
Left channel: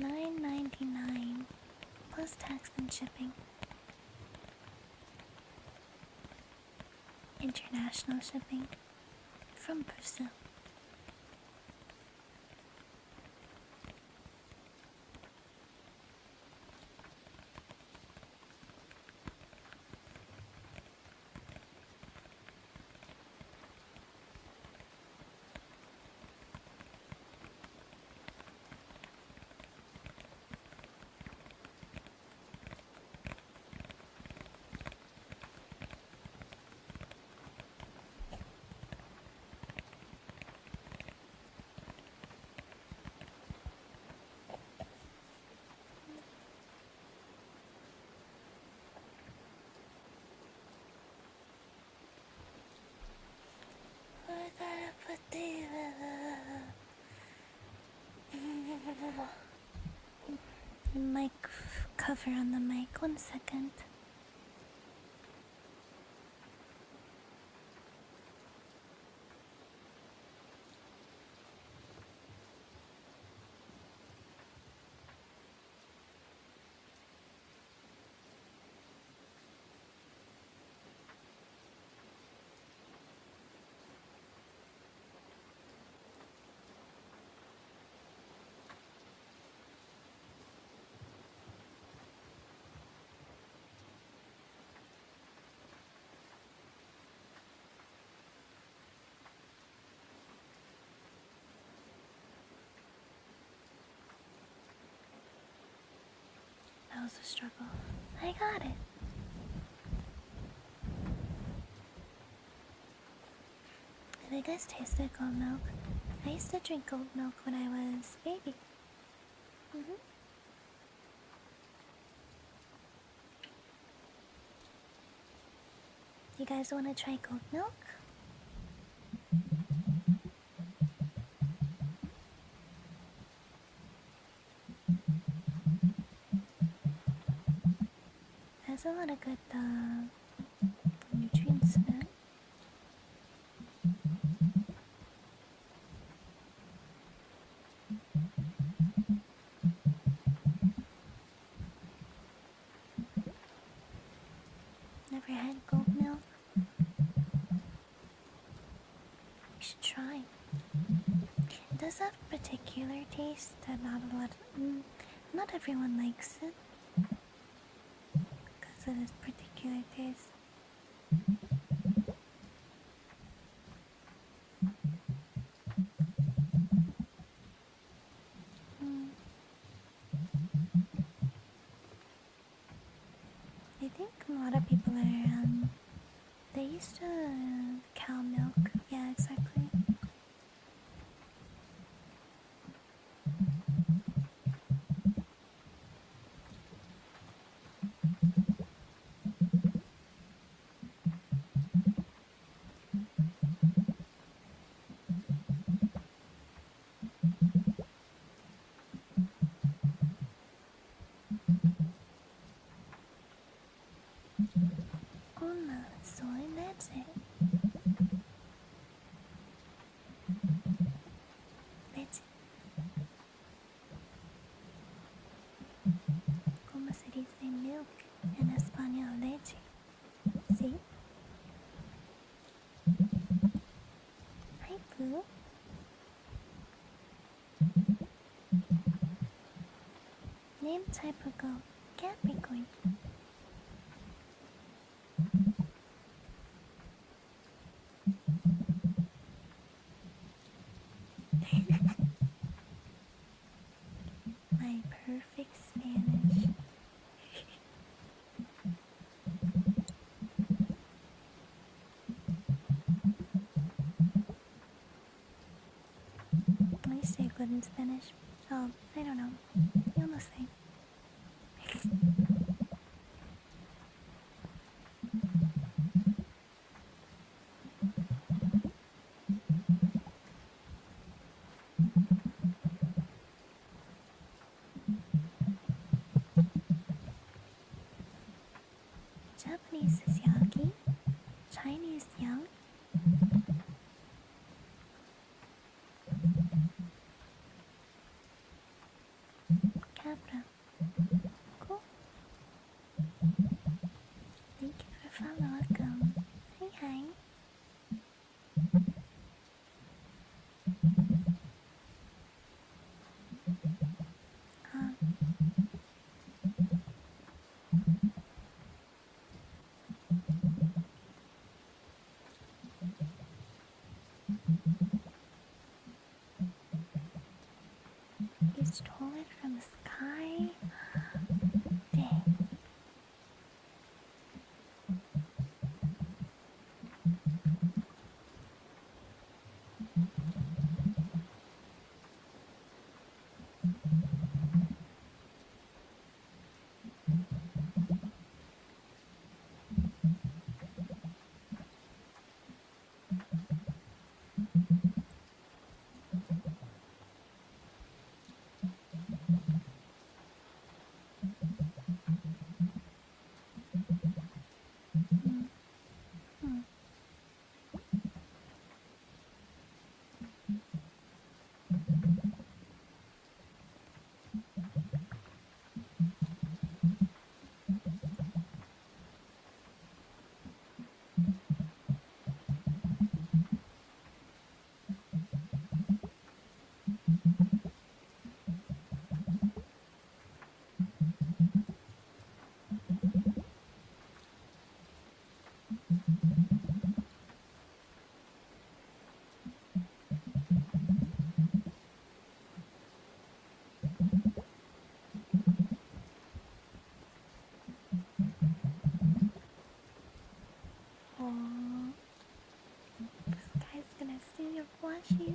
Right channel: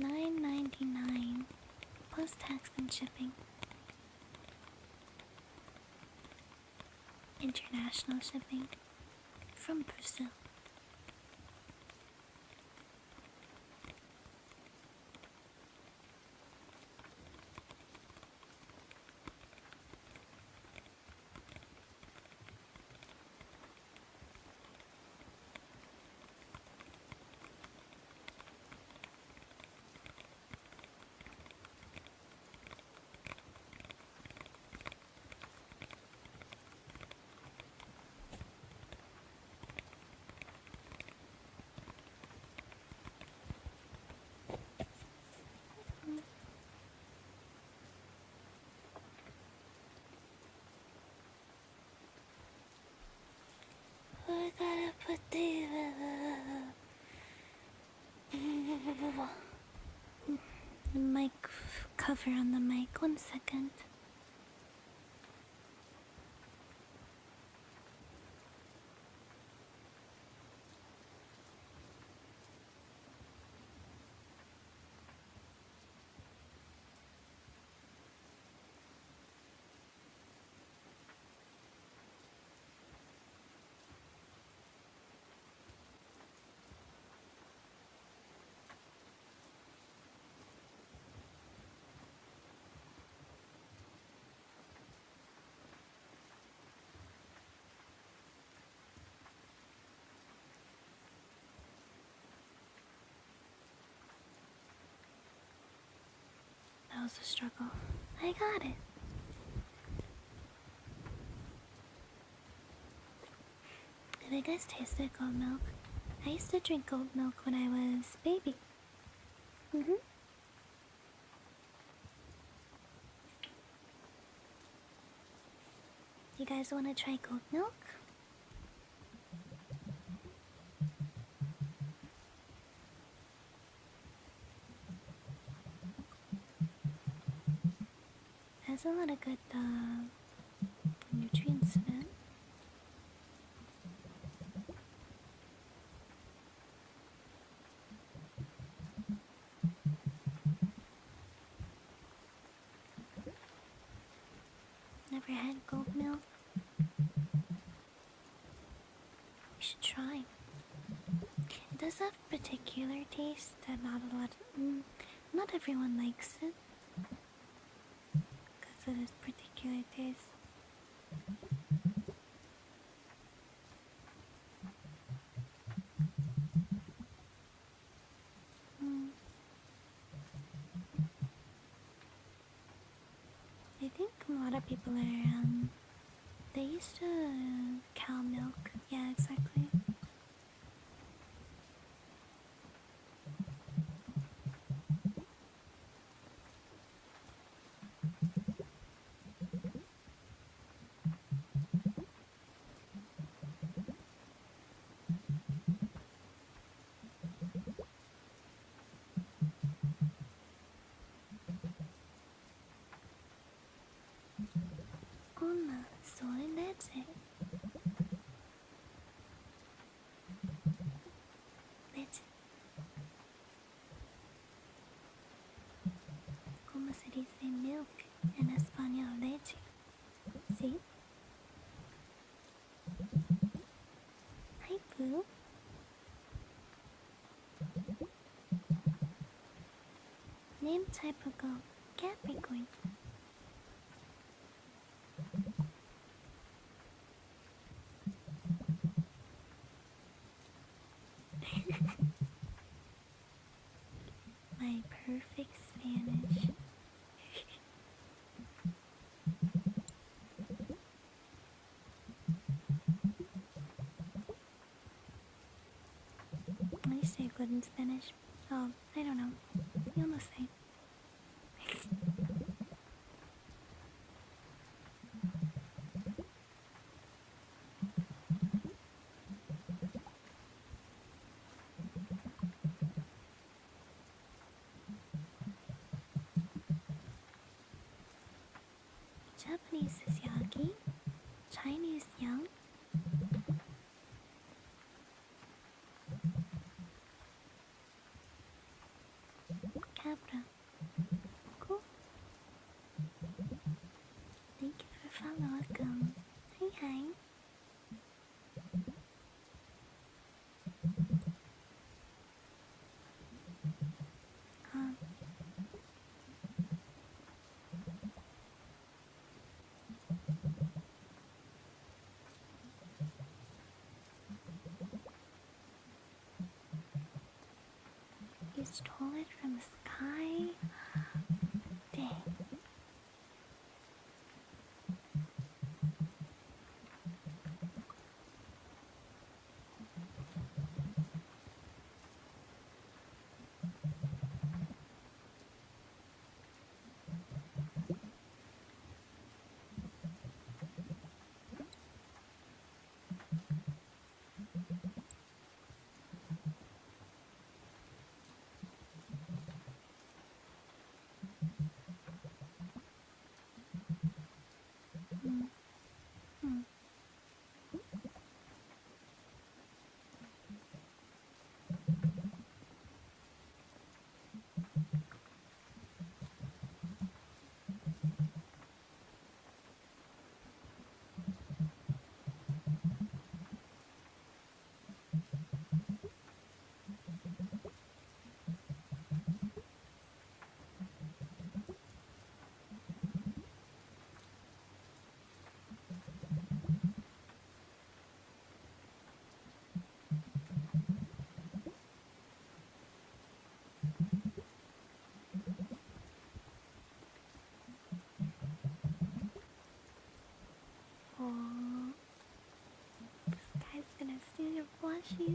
$9.99 plus tax and shipping. International shipping from Brazil. I gotta put the mic cover on the mic. 1 second. also struggle. I got it. Have you guys tasted goat milk? I used to drink goat milk when I was a baby. You guys want to try goat milk? Has a lot of good nutrients in it. Never had goat milk? You should try. It does have particular taste that not everyone likes it. Because of its particular taste. I think a lot of people are, they used to cow milk. Yeah, exactly. So that's it. That's it. ¿Cómo se dice milk en español? Leche. ¿Sí? Hi, Pooh. Name type of goat. Capricorn. My perfect Spanish. I say good in Spanish. Oh, I don't know. You'll know say. Japanese is yaki. Chinese yang. Cabra. Cool. Thank you for following. Welcome. Hi, hi. You stole it from the sky? Dang.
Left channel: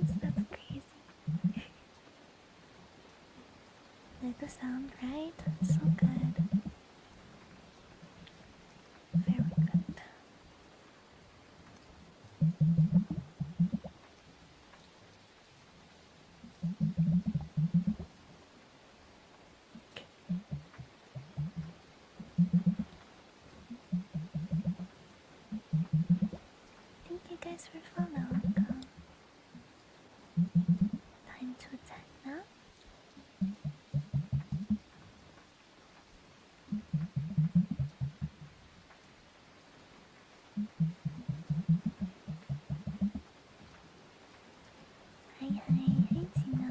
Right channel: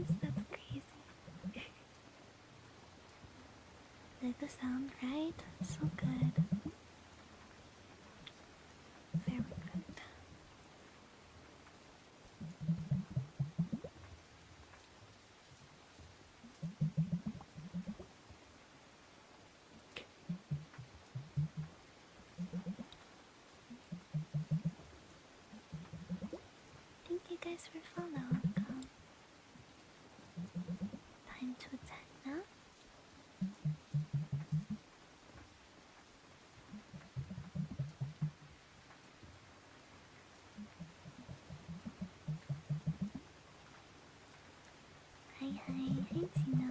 nice. That's crazy. Like the sound, right? So good. Very good. Thank you guys for following. Time to attack now. Hi, Tina.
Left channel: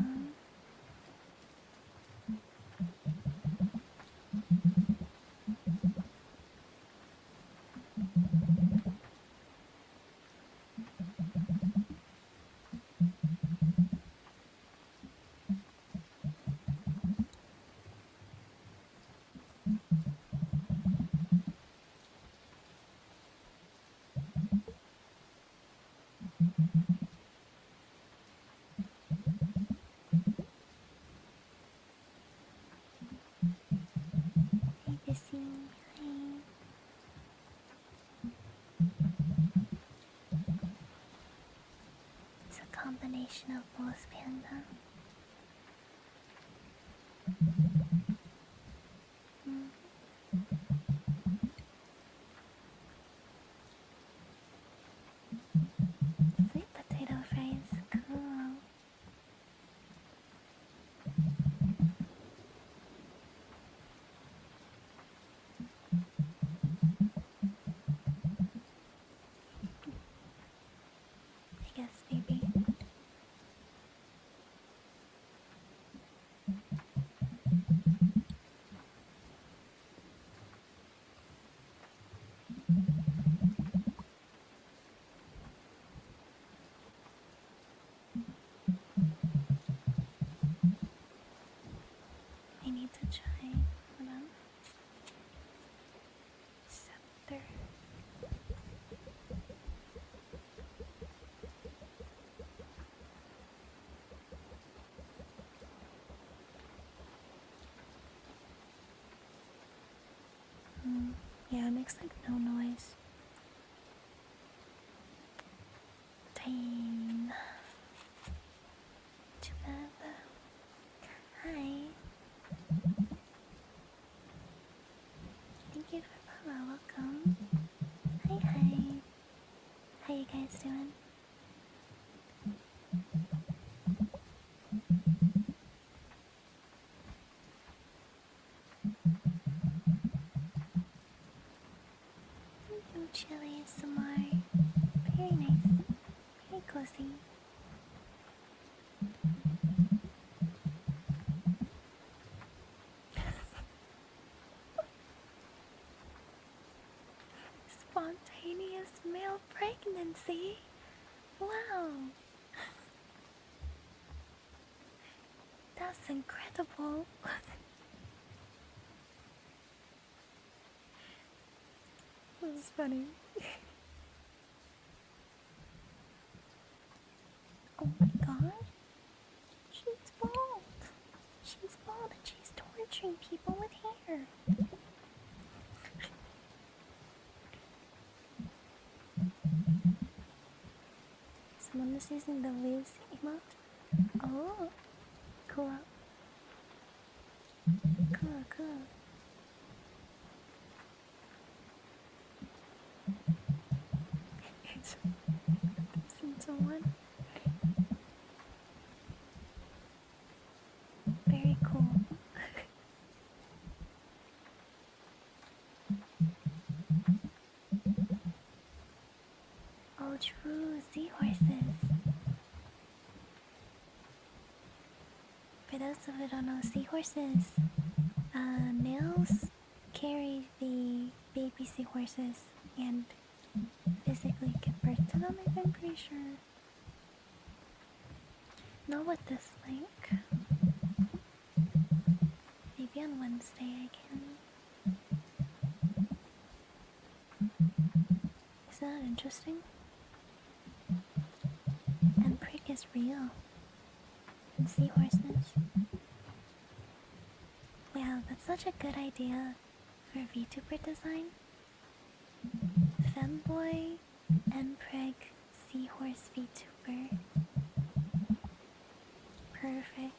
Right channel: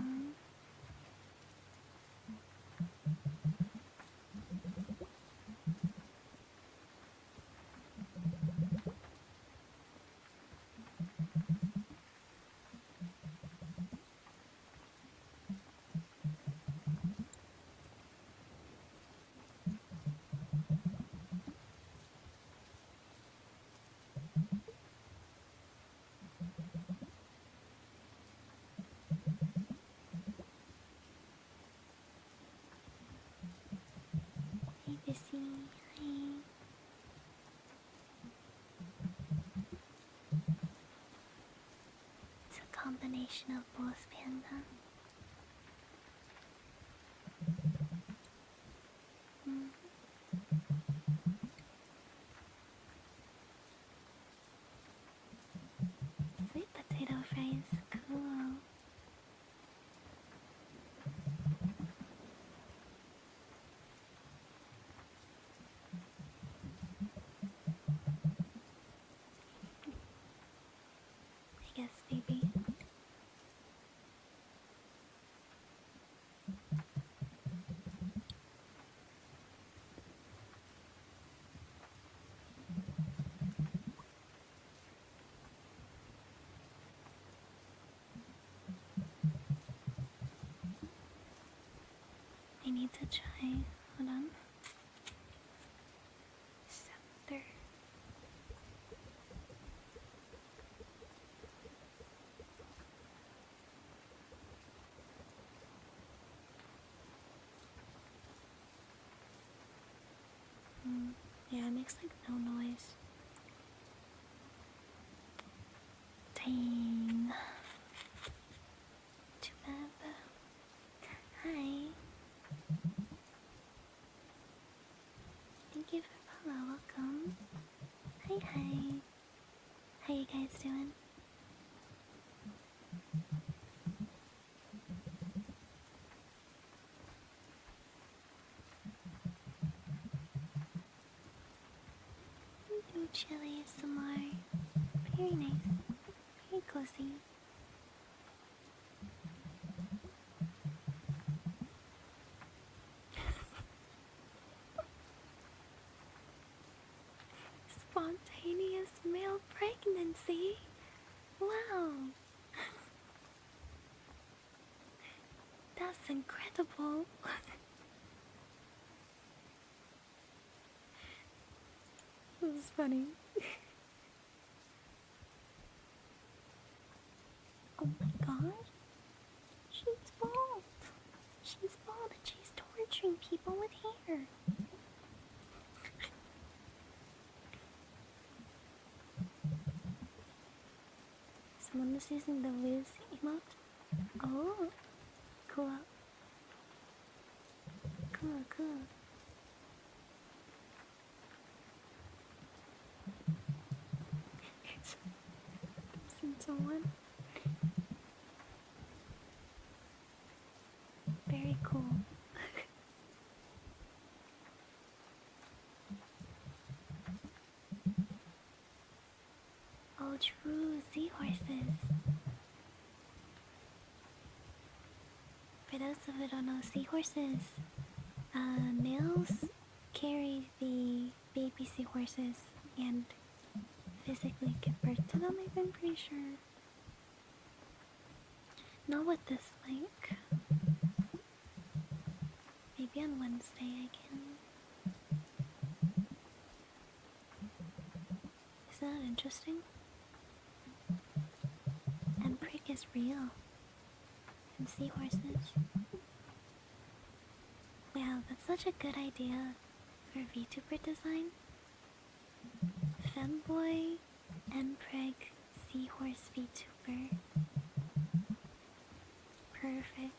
Hey, Bissy. Hi. It's a combination of both, Panda. Sweet potato fries, cool. I guess maybe. I need to try. Hold on. Scepter. Yeah, it makes like no noise. Dang. Too bad. Hi. Thank you for follow. Welcome. Hi. How you guys doing? Do chili some more. Very nice. Very cozy. Spontaneous male pregnancy? Wow. That's incredible. This is funny. Oh my god. She's bald. She's bald and she's torturing people with hair. Someone is using the Liz emote. Oh, cool. Cool. Seen someone. Very cool. Oh, true. Seahorses. For those who don't know, seahorses, males carry the baby seahorses and physically give birth to them, I'm pretty sure. Not with this link. Maybe on Wednesday I can. Isn't that interesting? And is real. And seahorses. Wow, that's such a good idea for VTuber design. Femboy, Mpreg, Seahorse VTuber. Perfect.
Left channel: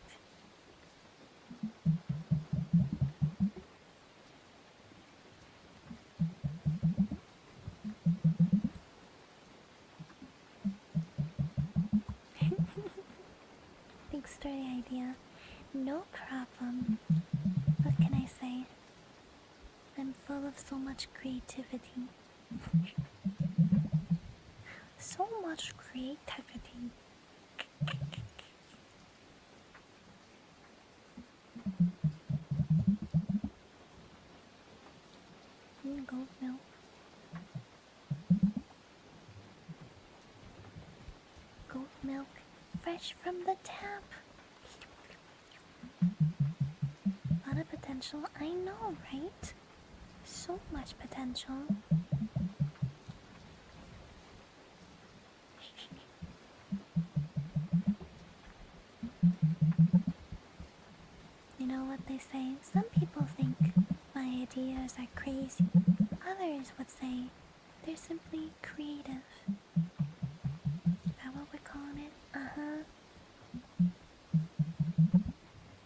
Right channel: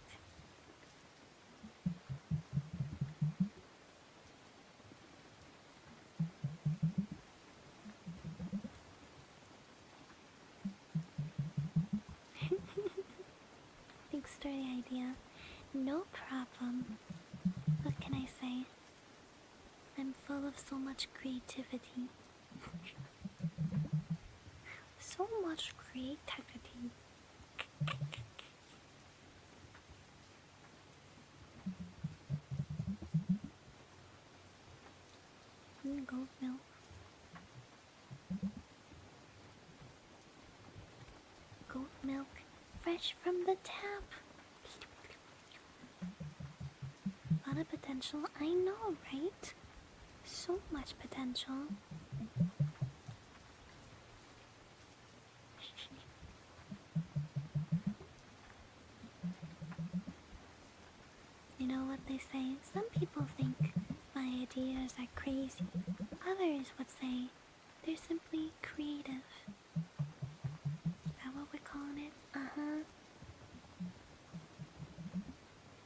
Thanks for the idea. No problem. What can I say? I'm full of so much creativity. So much creativity. Goat milk. Goat milk, fresh from the tap. A lot of potential, I know, right? So much potential. You know what they say? Some people think my ideas are crazy. Others would say they're simply creative. Is that what we're calling it? Uh-huh.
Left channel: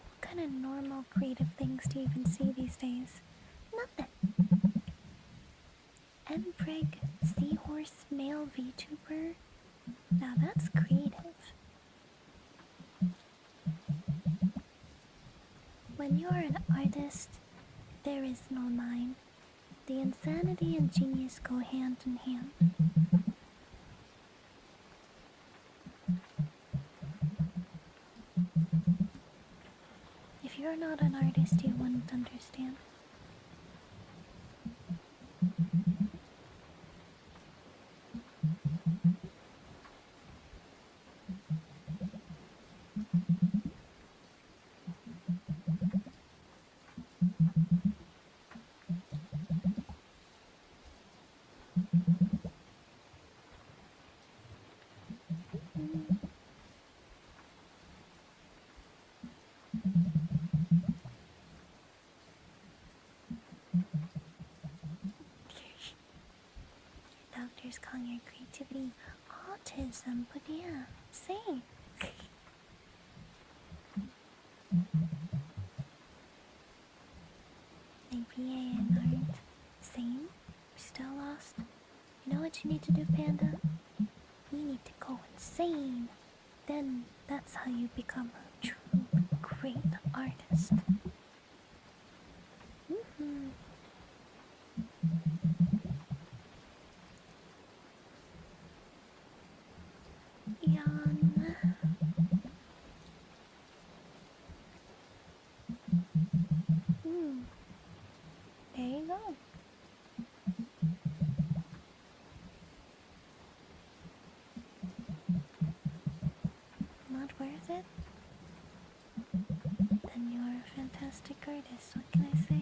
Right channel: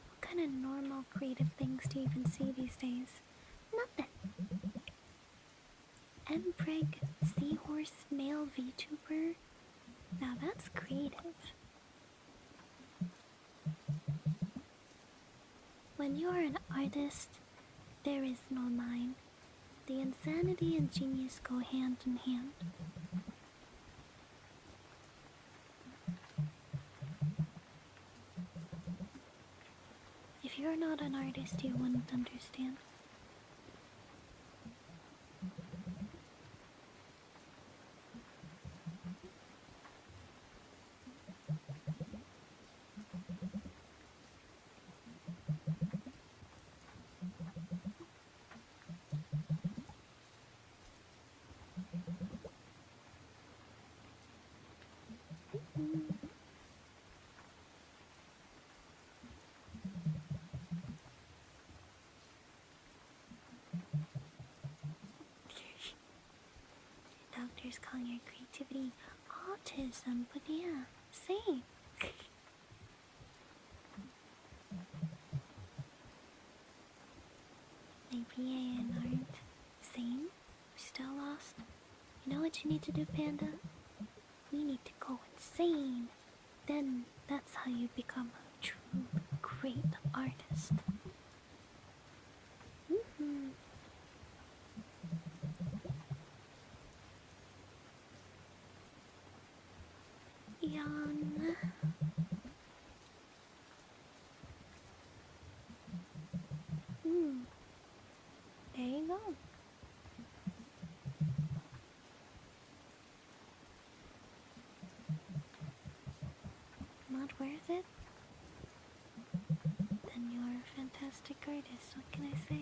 What kind of normal creative things do you even see these days? Nothing. Mpreg, Seahorse, male VTuber. Now that's creative. When you are an artist, there is no line. The insanity and genius go hand in hand. If you're not an artist, you wouldn't understand. Doctors calling your creativity autism, but yeah, same. Maybe and aren't same. Still lost. You know what you need to do, Panda? You need to go insane. Then that's how you become a true great artist. Yawn. There you go. Not worth it? Then you're a fantastic artist. What can I say?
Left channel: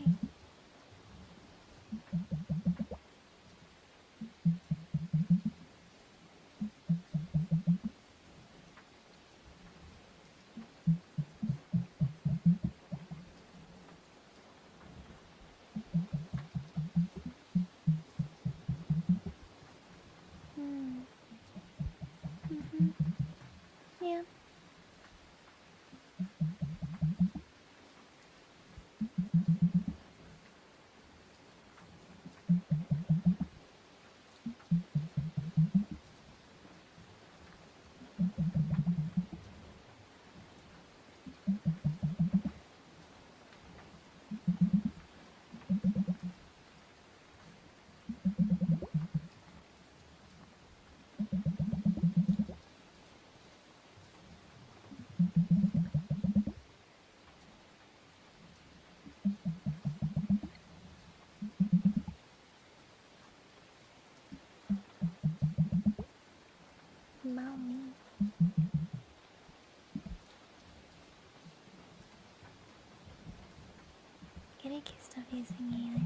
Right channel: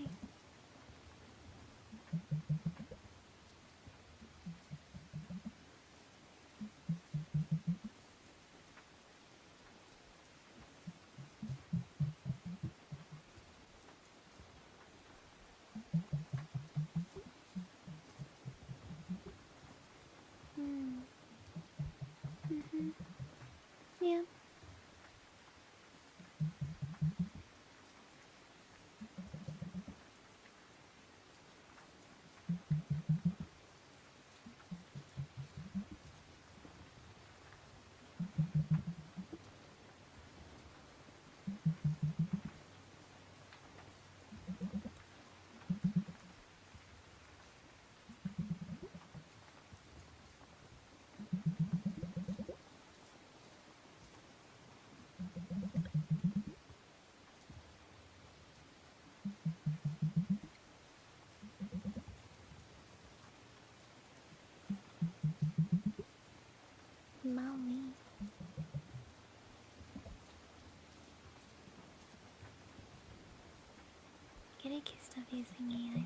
Yeah. Mommy. Get accused of using AI.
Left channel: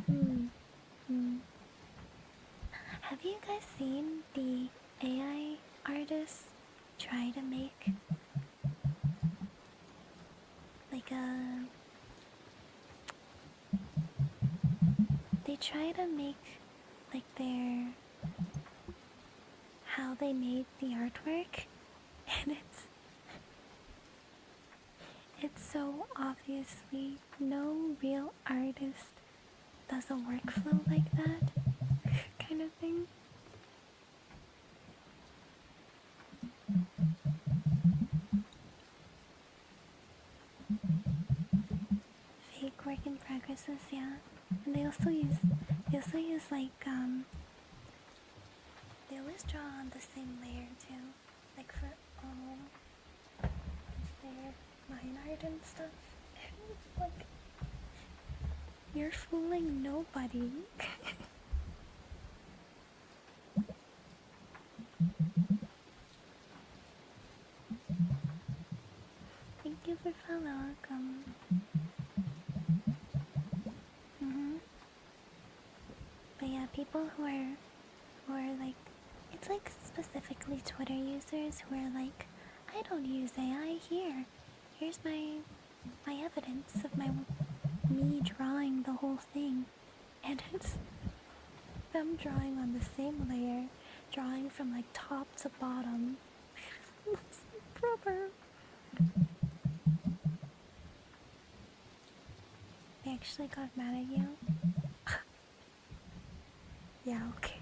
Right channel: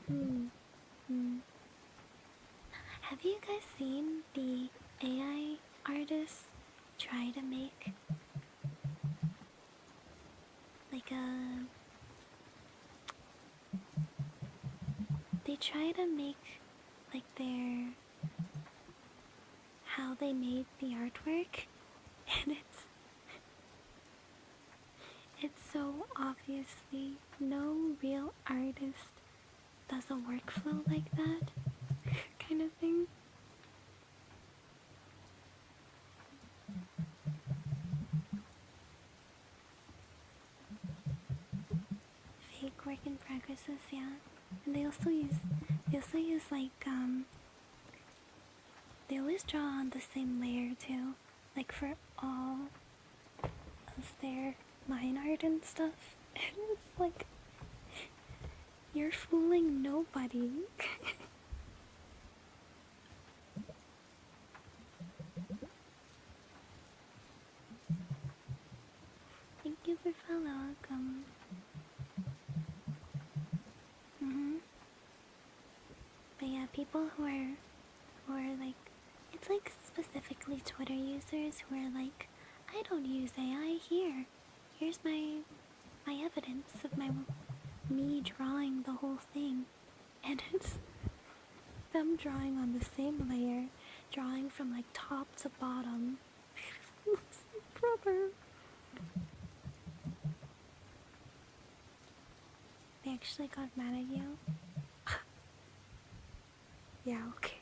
Have you guys seen the AI artists try to make like a. They try to make like their. How they made the artwork, and it's so obviously no real artist does a workflow like that, kind of thing. Fake work in progresses, yeah. And they also use like they always draw on the same layer too, like for all of their line art and stuff. And it's like you're fooling nobody. Thank you for follow. Welcome. But yeah, people who are like, it's like specifically Twitter users who are like, I don't use AI here. Here's my evidence of me drawing the whole thing, and it's them drawing on the same layer, drawing from like top to bottom. Brother. They actually got mad at you? Yeah, okay.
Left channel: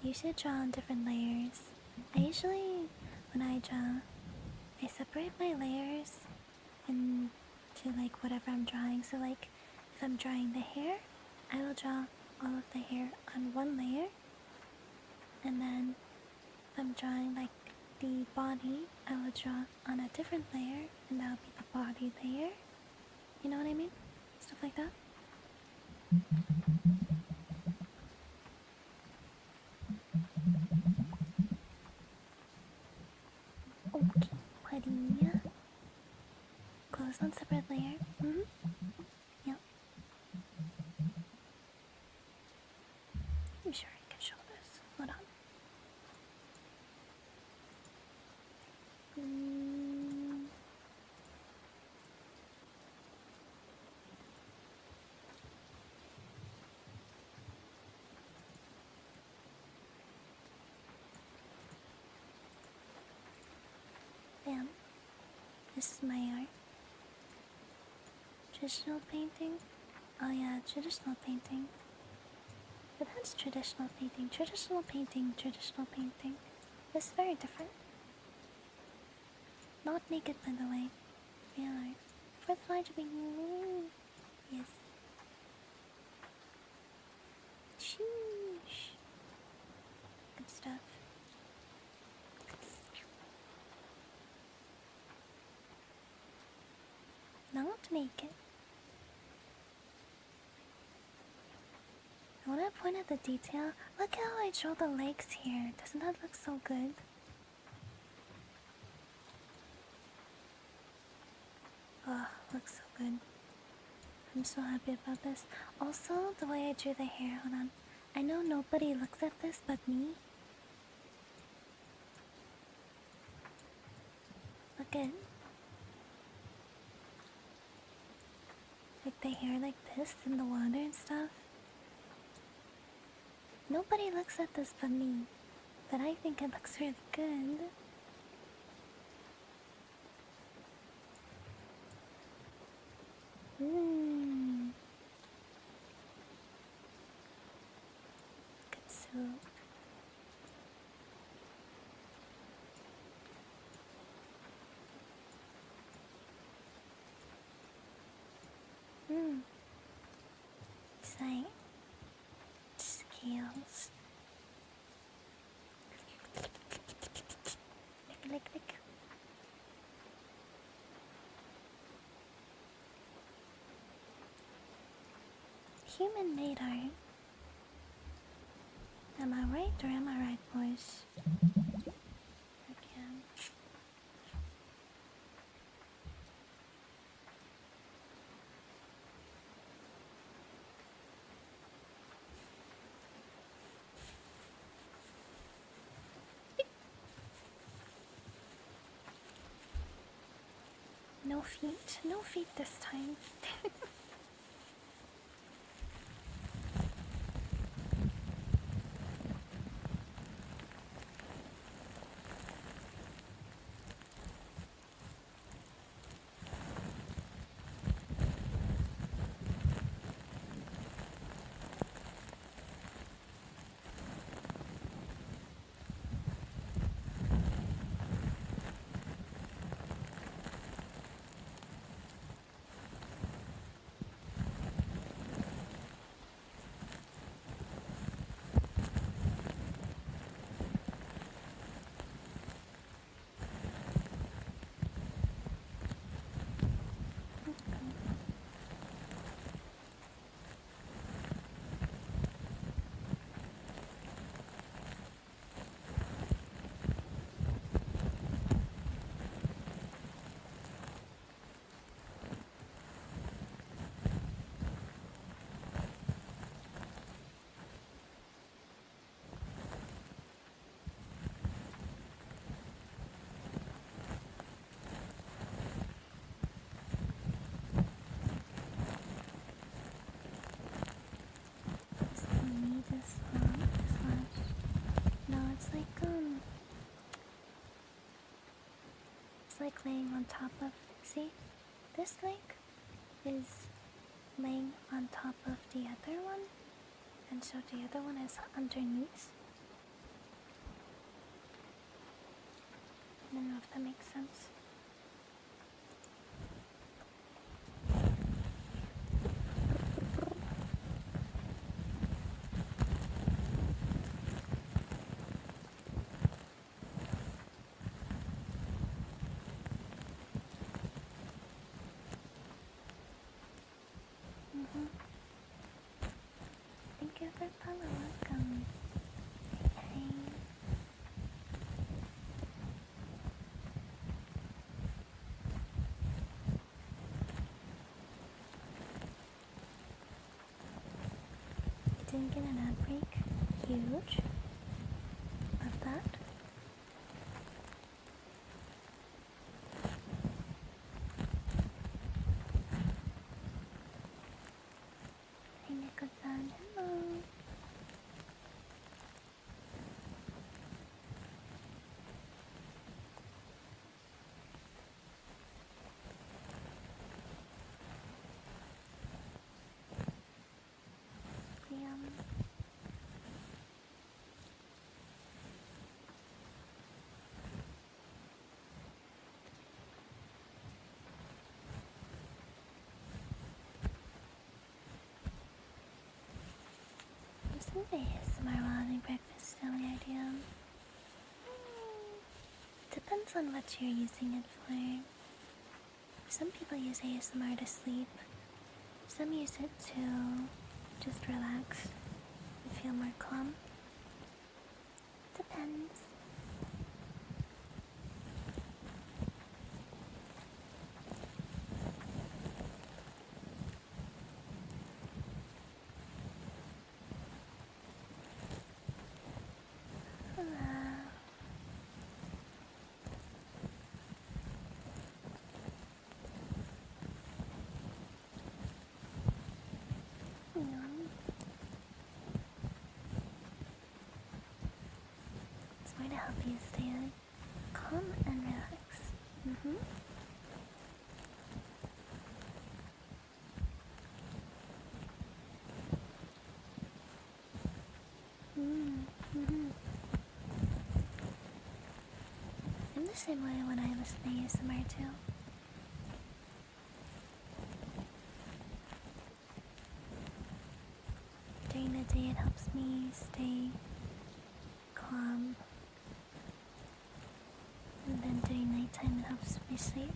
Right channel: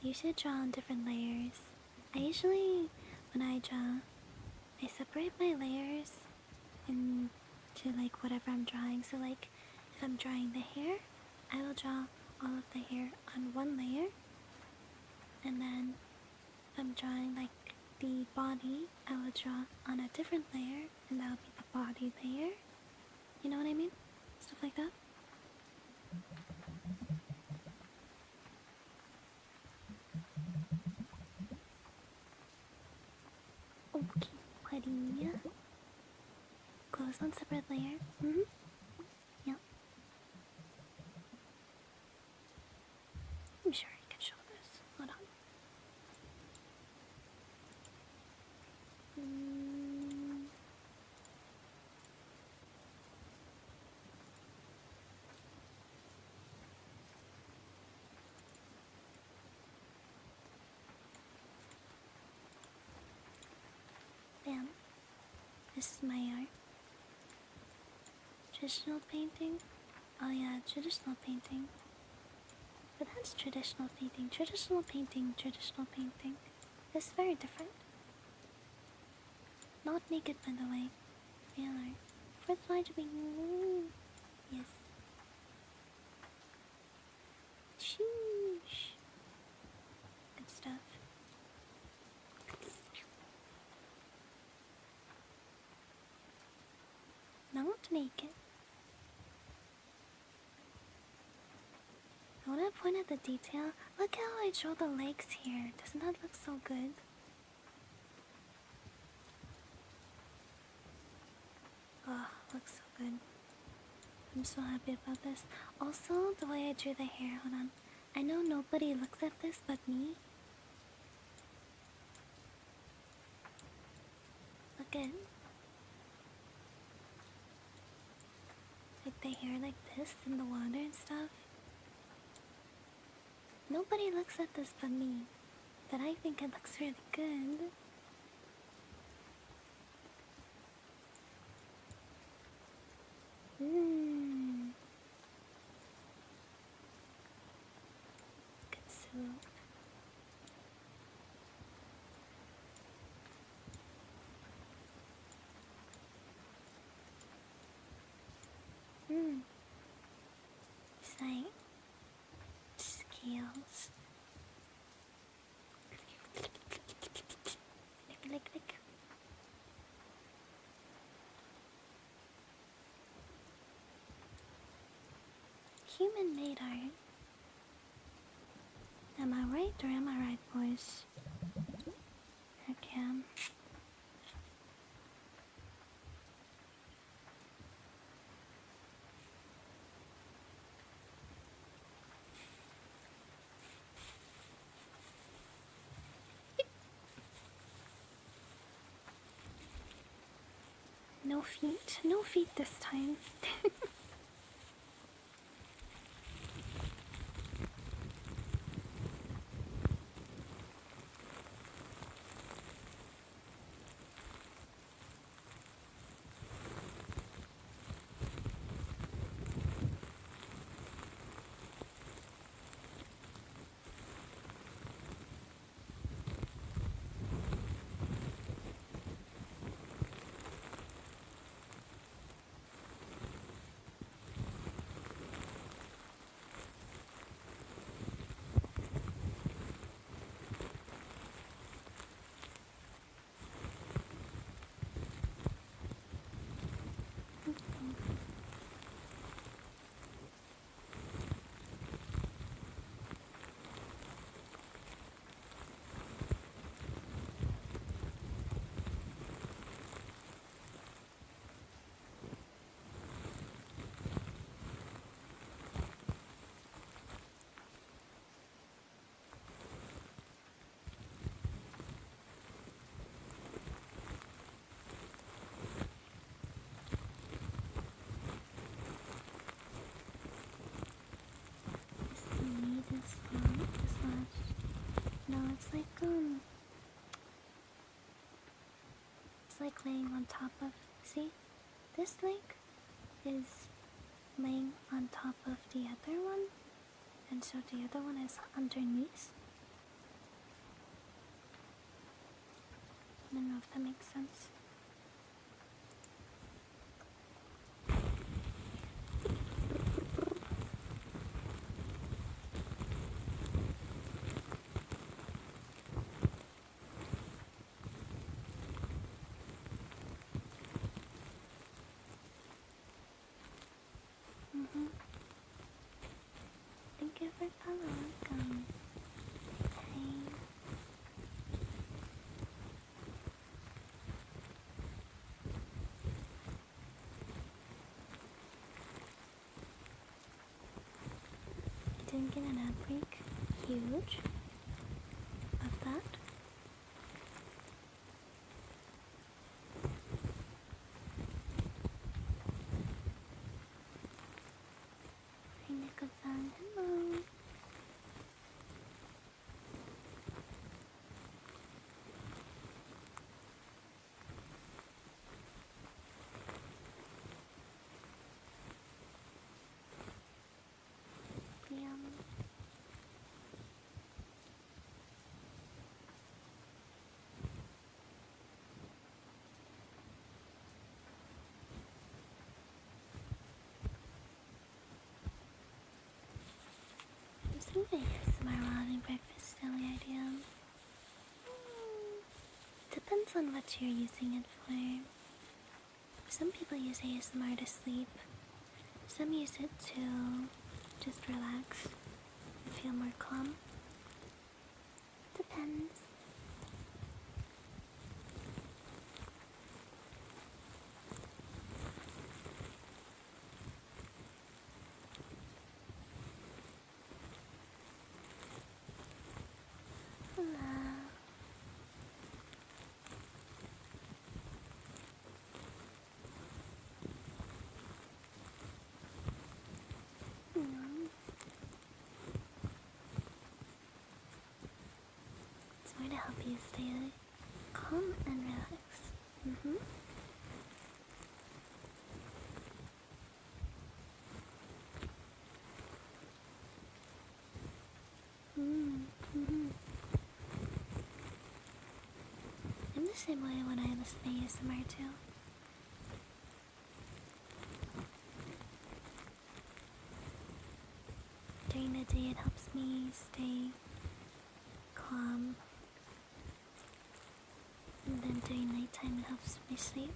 You should draw on different layers. I usually, when I draw, I separate my layers into like whatever I'm drawing. So like, if I'm drawing the hair, I will draw all of the hair on one layer. And then if I'm drawing like the body, I will draw on a different layer, and that'll be the body layer. You know what I mean? Stuff like that. Okay, buddy. Close on separate layer. Yep. I'm sure I can show this. Hold on. Bam. This is my art. Traditional painting? Oh yeah, traditional painting. But that's traditional painting. Traditional painting, traditional painting. It's very different. Not naked, by the way. Real art. For the large being. Yes. Sheesh. Good stuff. Not naked. I want to point at the detail. Look how I draw the legs here. Doesn't that look so good? Oh, looks so good. I'm so happy about this. Also, the way I drew the hair. Hold on. I know nobody looks at this but me. Look at like the hair like this in the water and stuff. Nobody looks at this but me. But I think it looks really good. Good soup. It's like scales. Lick. Human-made art. Am I right or am I right, boys? Okay. No feet. No feet this time. No, it's like laying on top of, see? This leg is laying on top of the other one, and so the other one is underneath. I don't know if that makes sense. Thank you for following. Welcome. Hey. You didn't get an ad break? Huge. Love that. Hey, Nico-san. Hello. Liam. I'm thinking ASMR while having breakfast, silly idea. Depends on what you're using it for. Some people use ASMR to sleep. Some use it to just relax and feel more calm. Depends. It's going to help you stay calm and relaxed. I'm the same way when I listen to ASMR too. During the day, it helps me stay calm, and then during nighttime, it helps me sleep.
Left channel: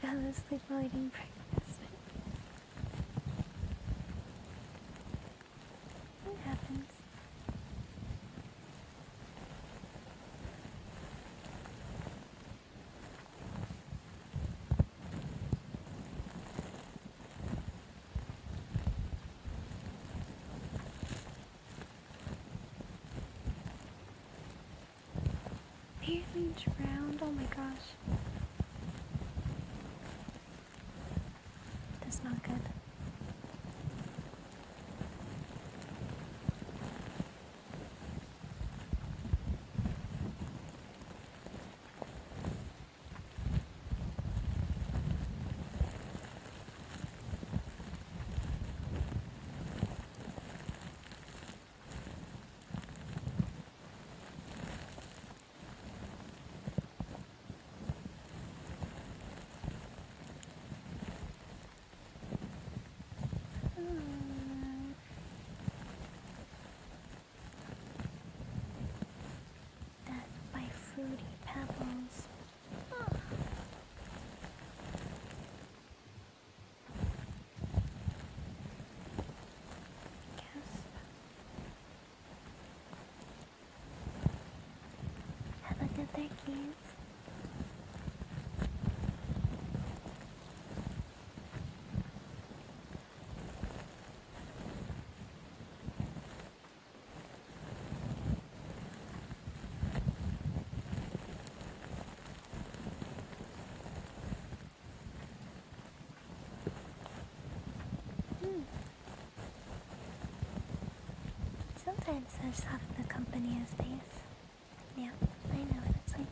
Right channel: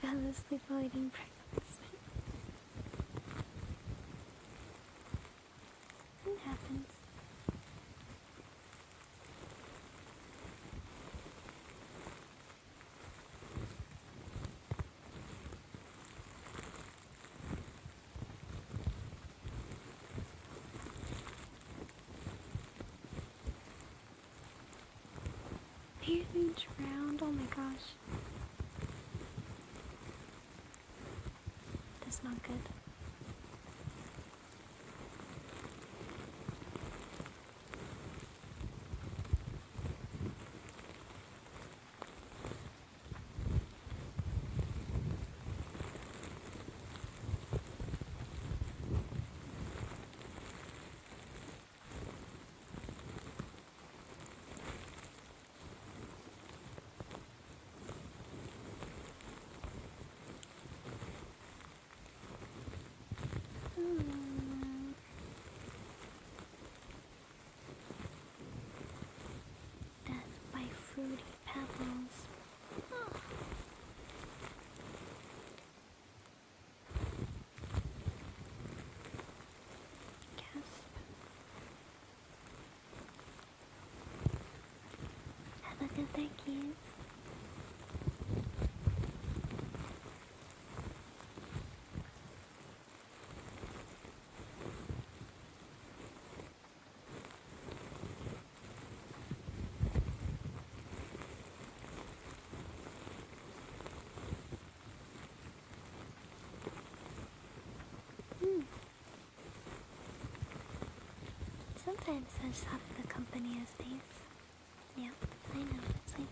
Fell asleep while eating breakfast. It happens. nearly drowned. Oh my gosh. That's not good. Death by fruity pebbles. Oh. Gasp. Have a good day, kids. Sometimes I just have the company as space. Yeah, I know what it's like.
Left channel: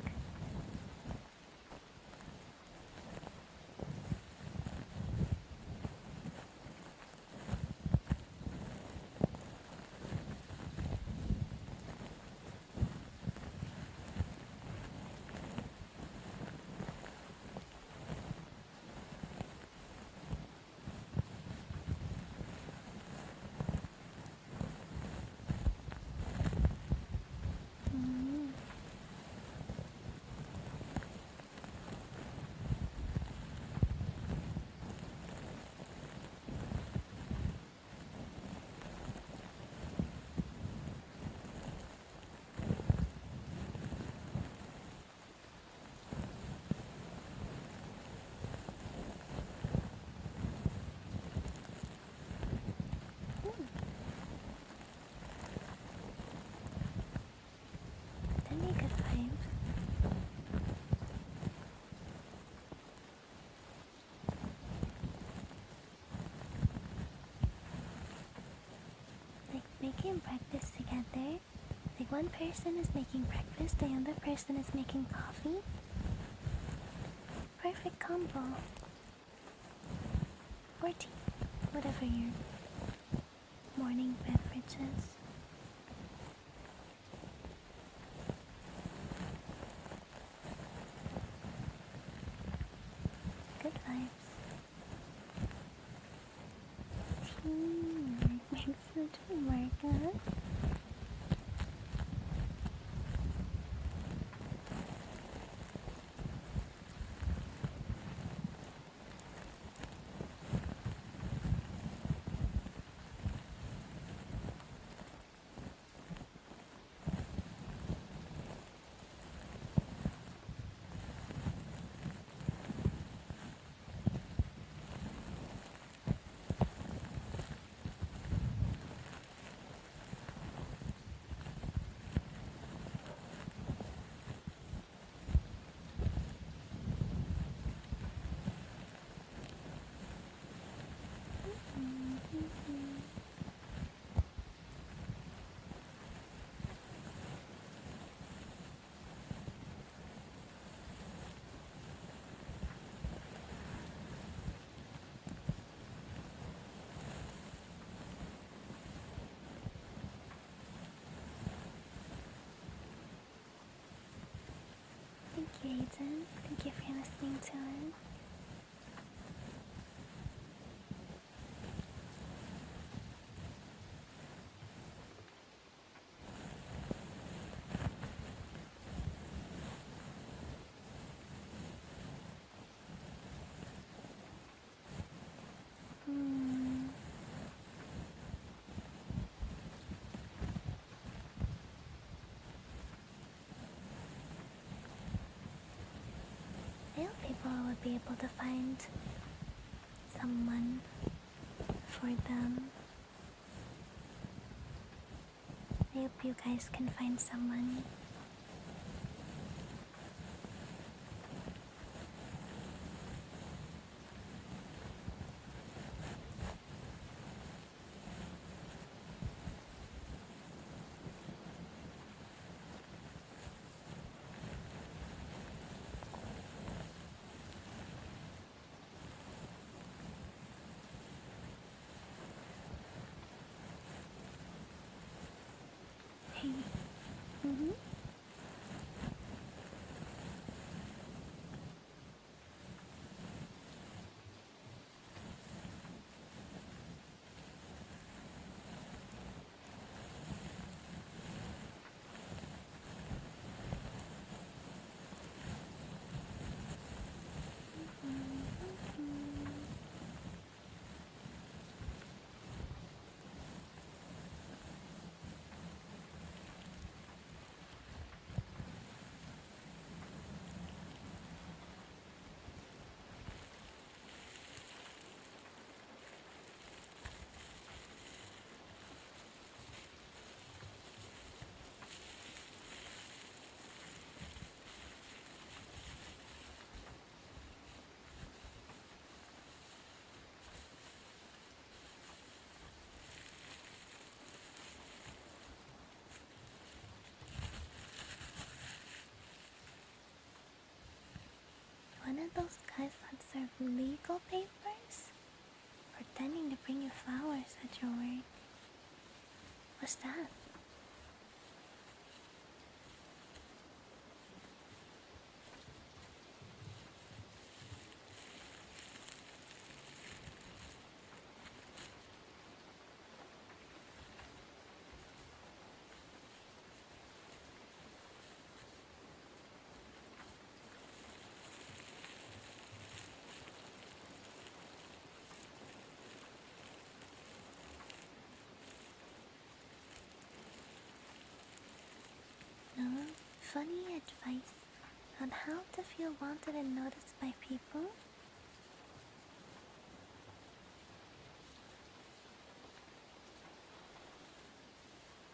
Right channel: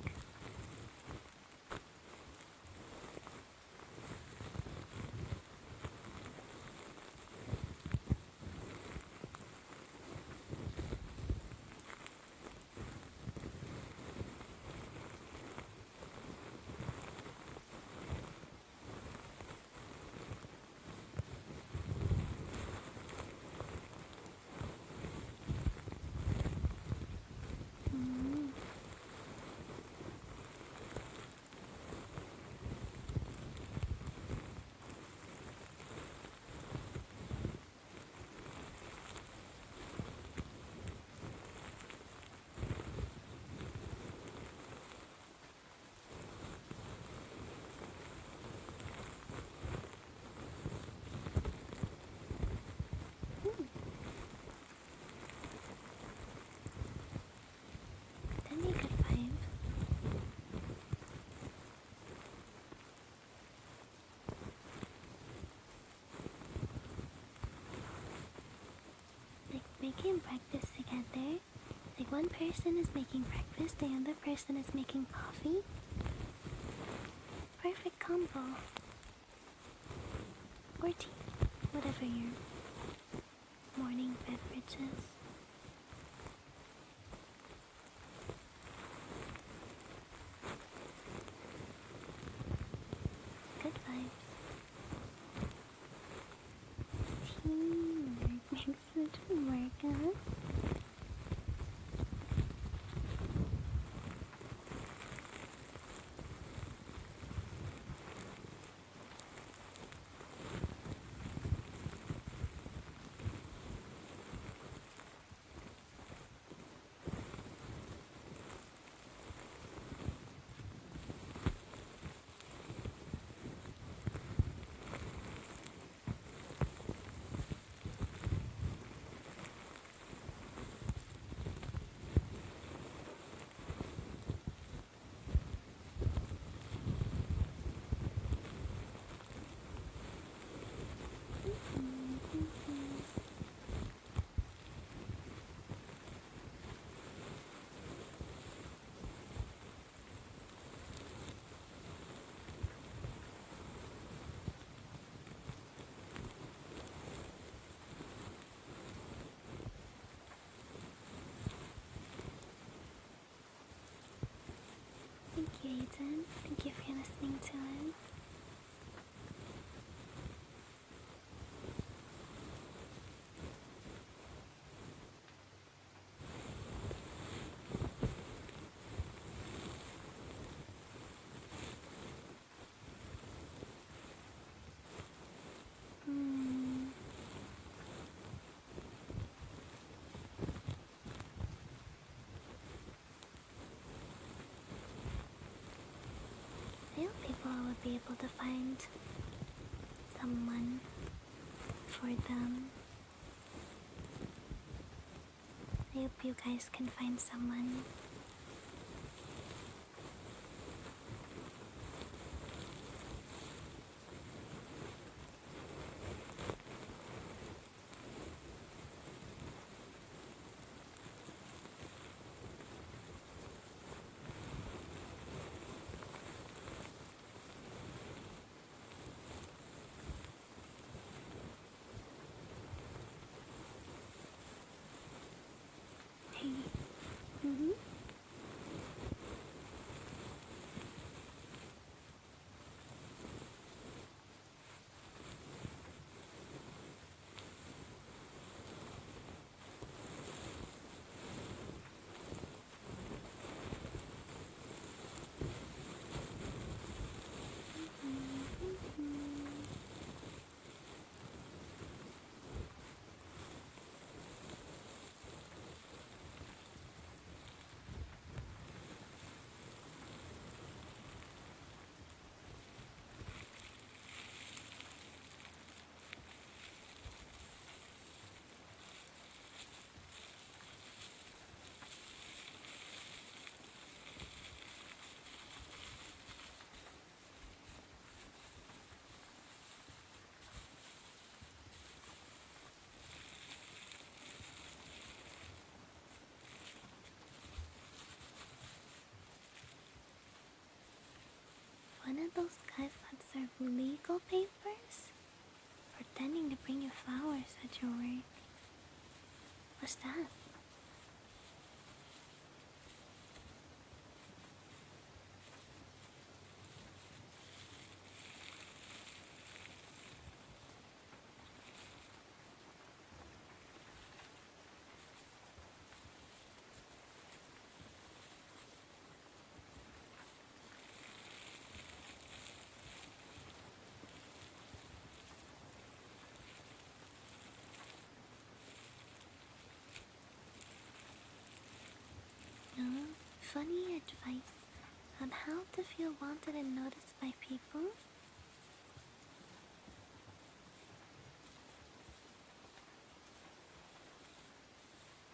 That'd be a good vibe. Like making breakfast together. Like one person is making breakfast, the other person is making coffee. Perfect combo. Or tea. Whatever your morning beverage is. Good vibes. Teamwork makes the dream work, huh? Thank you, Aiden. Thank you for listening to it. I hope people would be able to find someone for them. I hope you guys can find someone Mm-hmm. One of those guys that serve legal papers? Pretending to bring you flowers at your work. What's that? No, funny advice on how to feel wanted and noticed by people?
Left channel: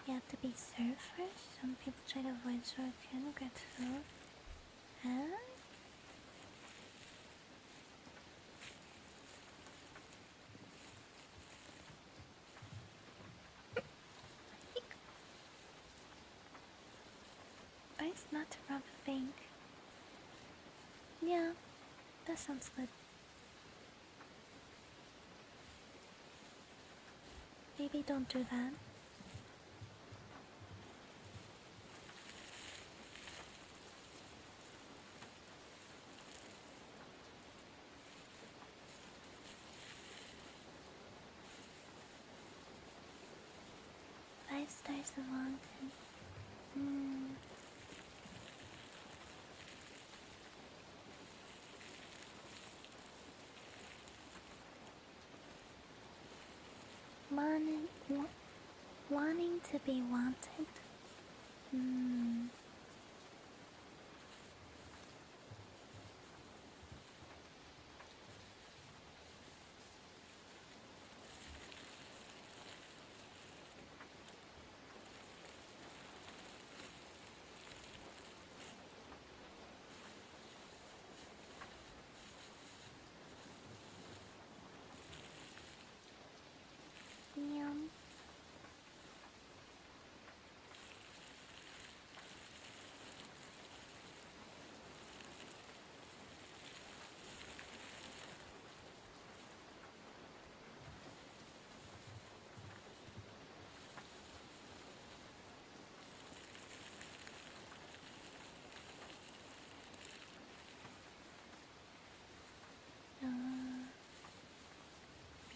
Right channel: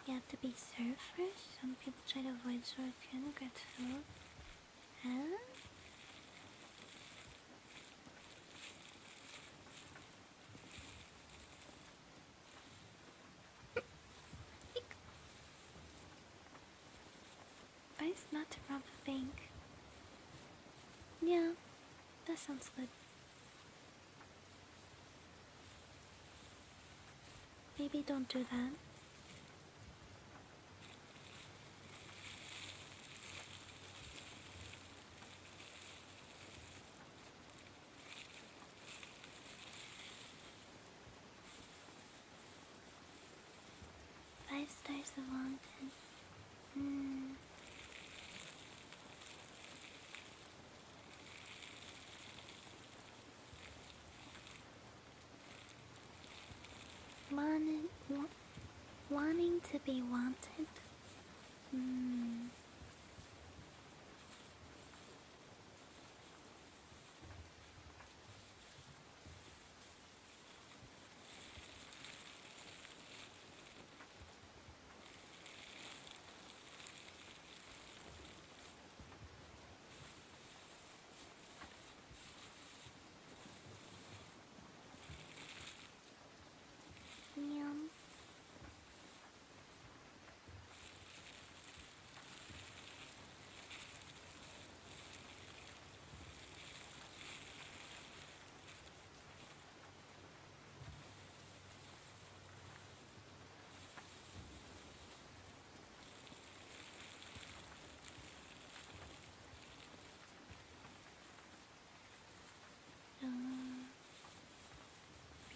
You have to be served first. Some people try to avoid shortcut or get food. Huh? Advice not to rob a bank. Yeah, that sounds good. Maybe don't do that. Five stars of wanted. Wanting to be wanted. Yum.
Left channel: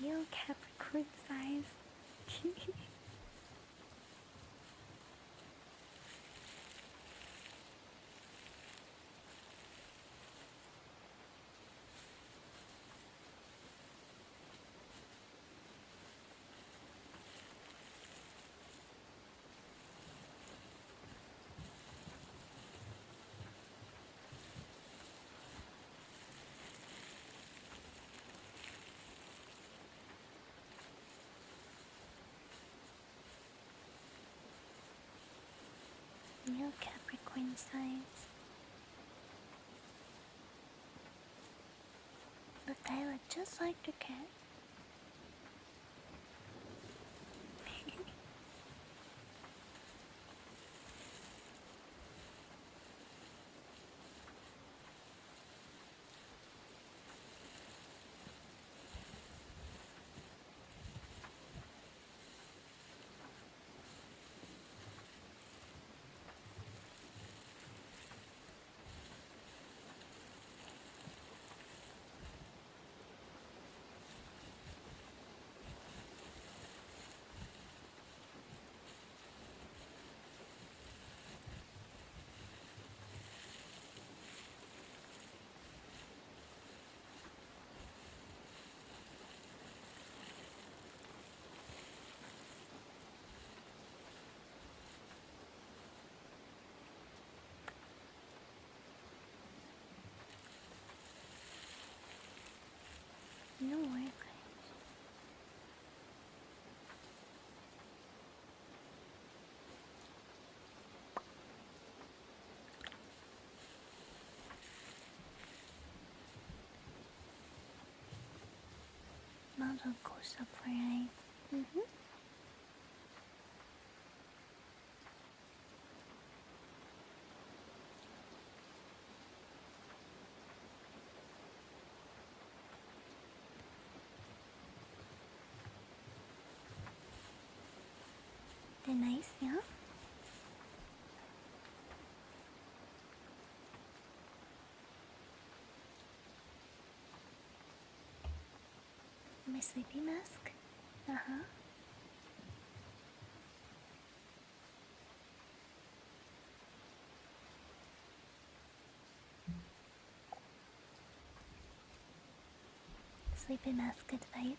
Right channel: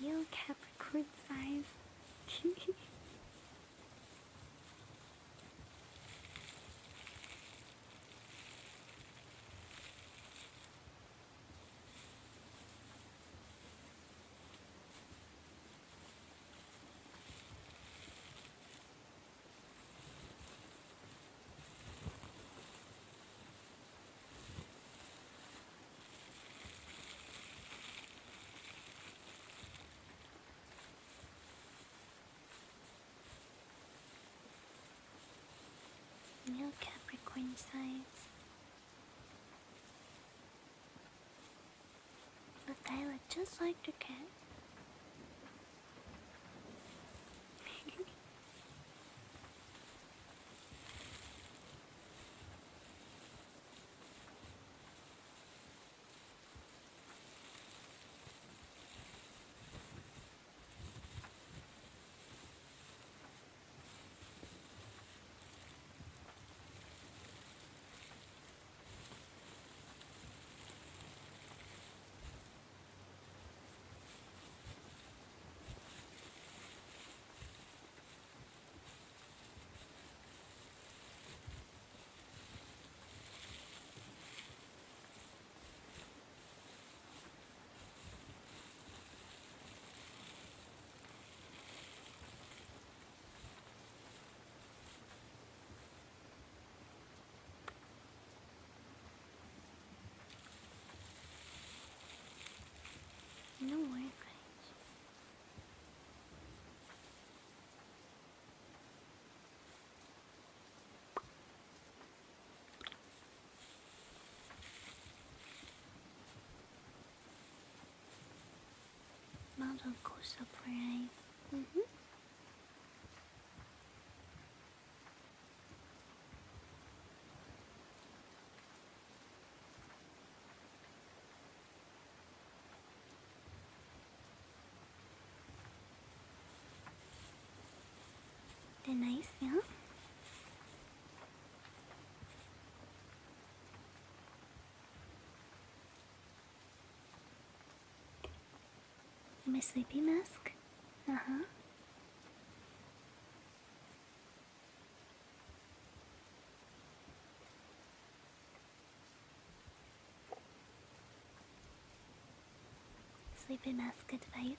Real Capricorn size. Real Capricorn size. Look, I look just like the cat. I'll go up for eyes. They're nice, yeah? My sleepy mask? Uh-huh. Sleepy mask advice.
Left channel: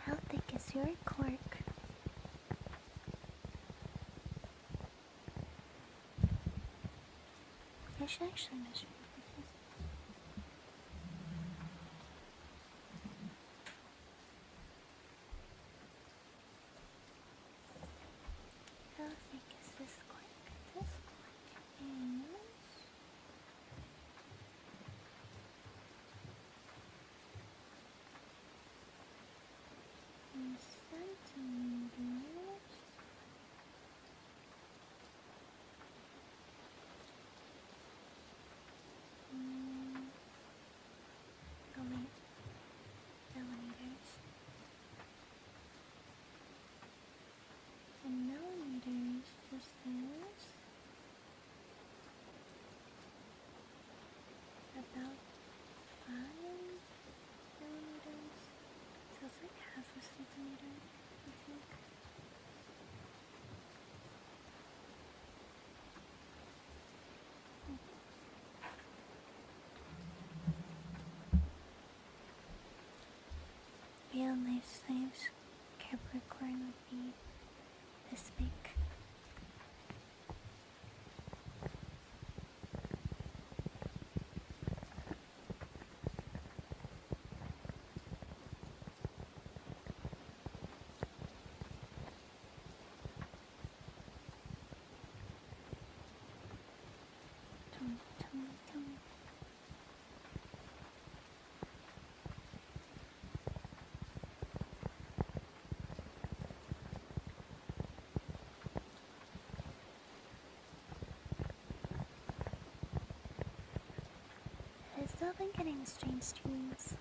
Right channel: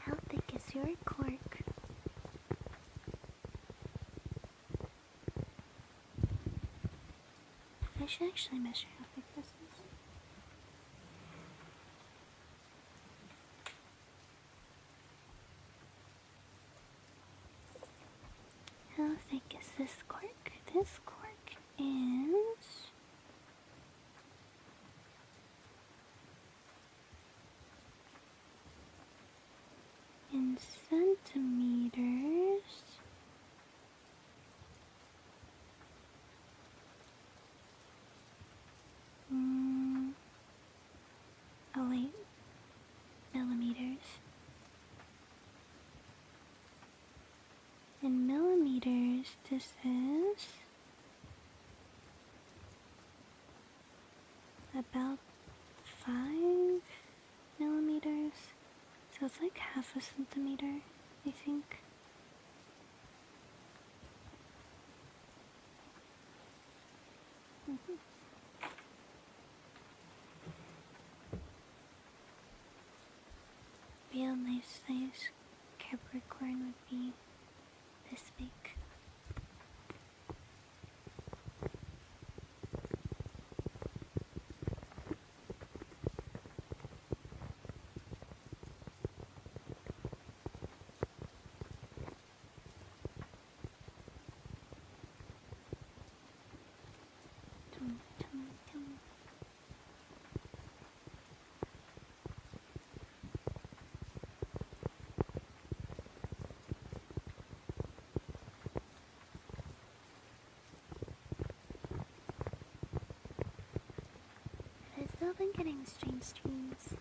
How thick is your cork? I should actually measure how thick this is. How thick is this cork? This cork is... in centimeters... Oh wait, millimeters. In millimeters, this is about 5 millimeters. So it's like half a centimeter, I think. Real nice size Capricorn would be this big. Tum, tum, tum. I've still been getting strange dreams.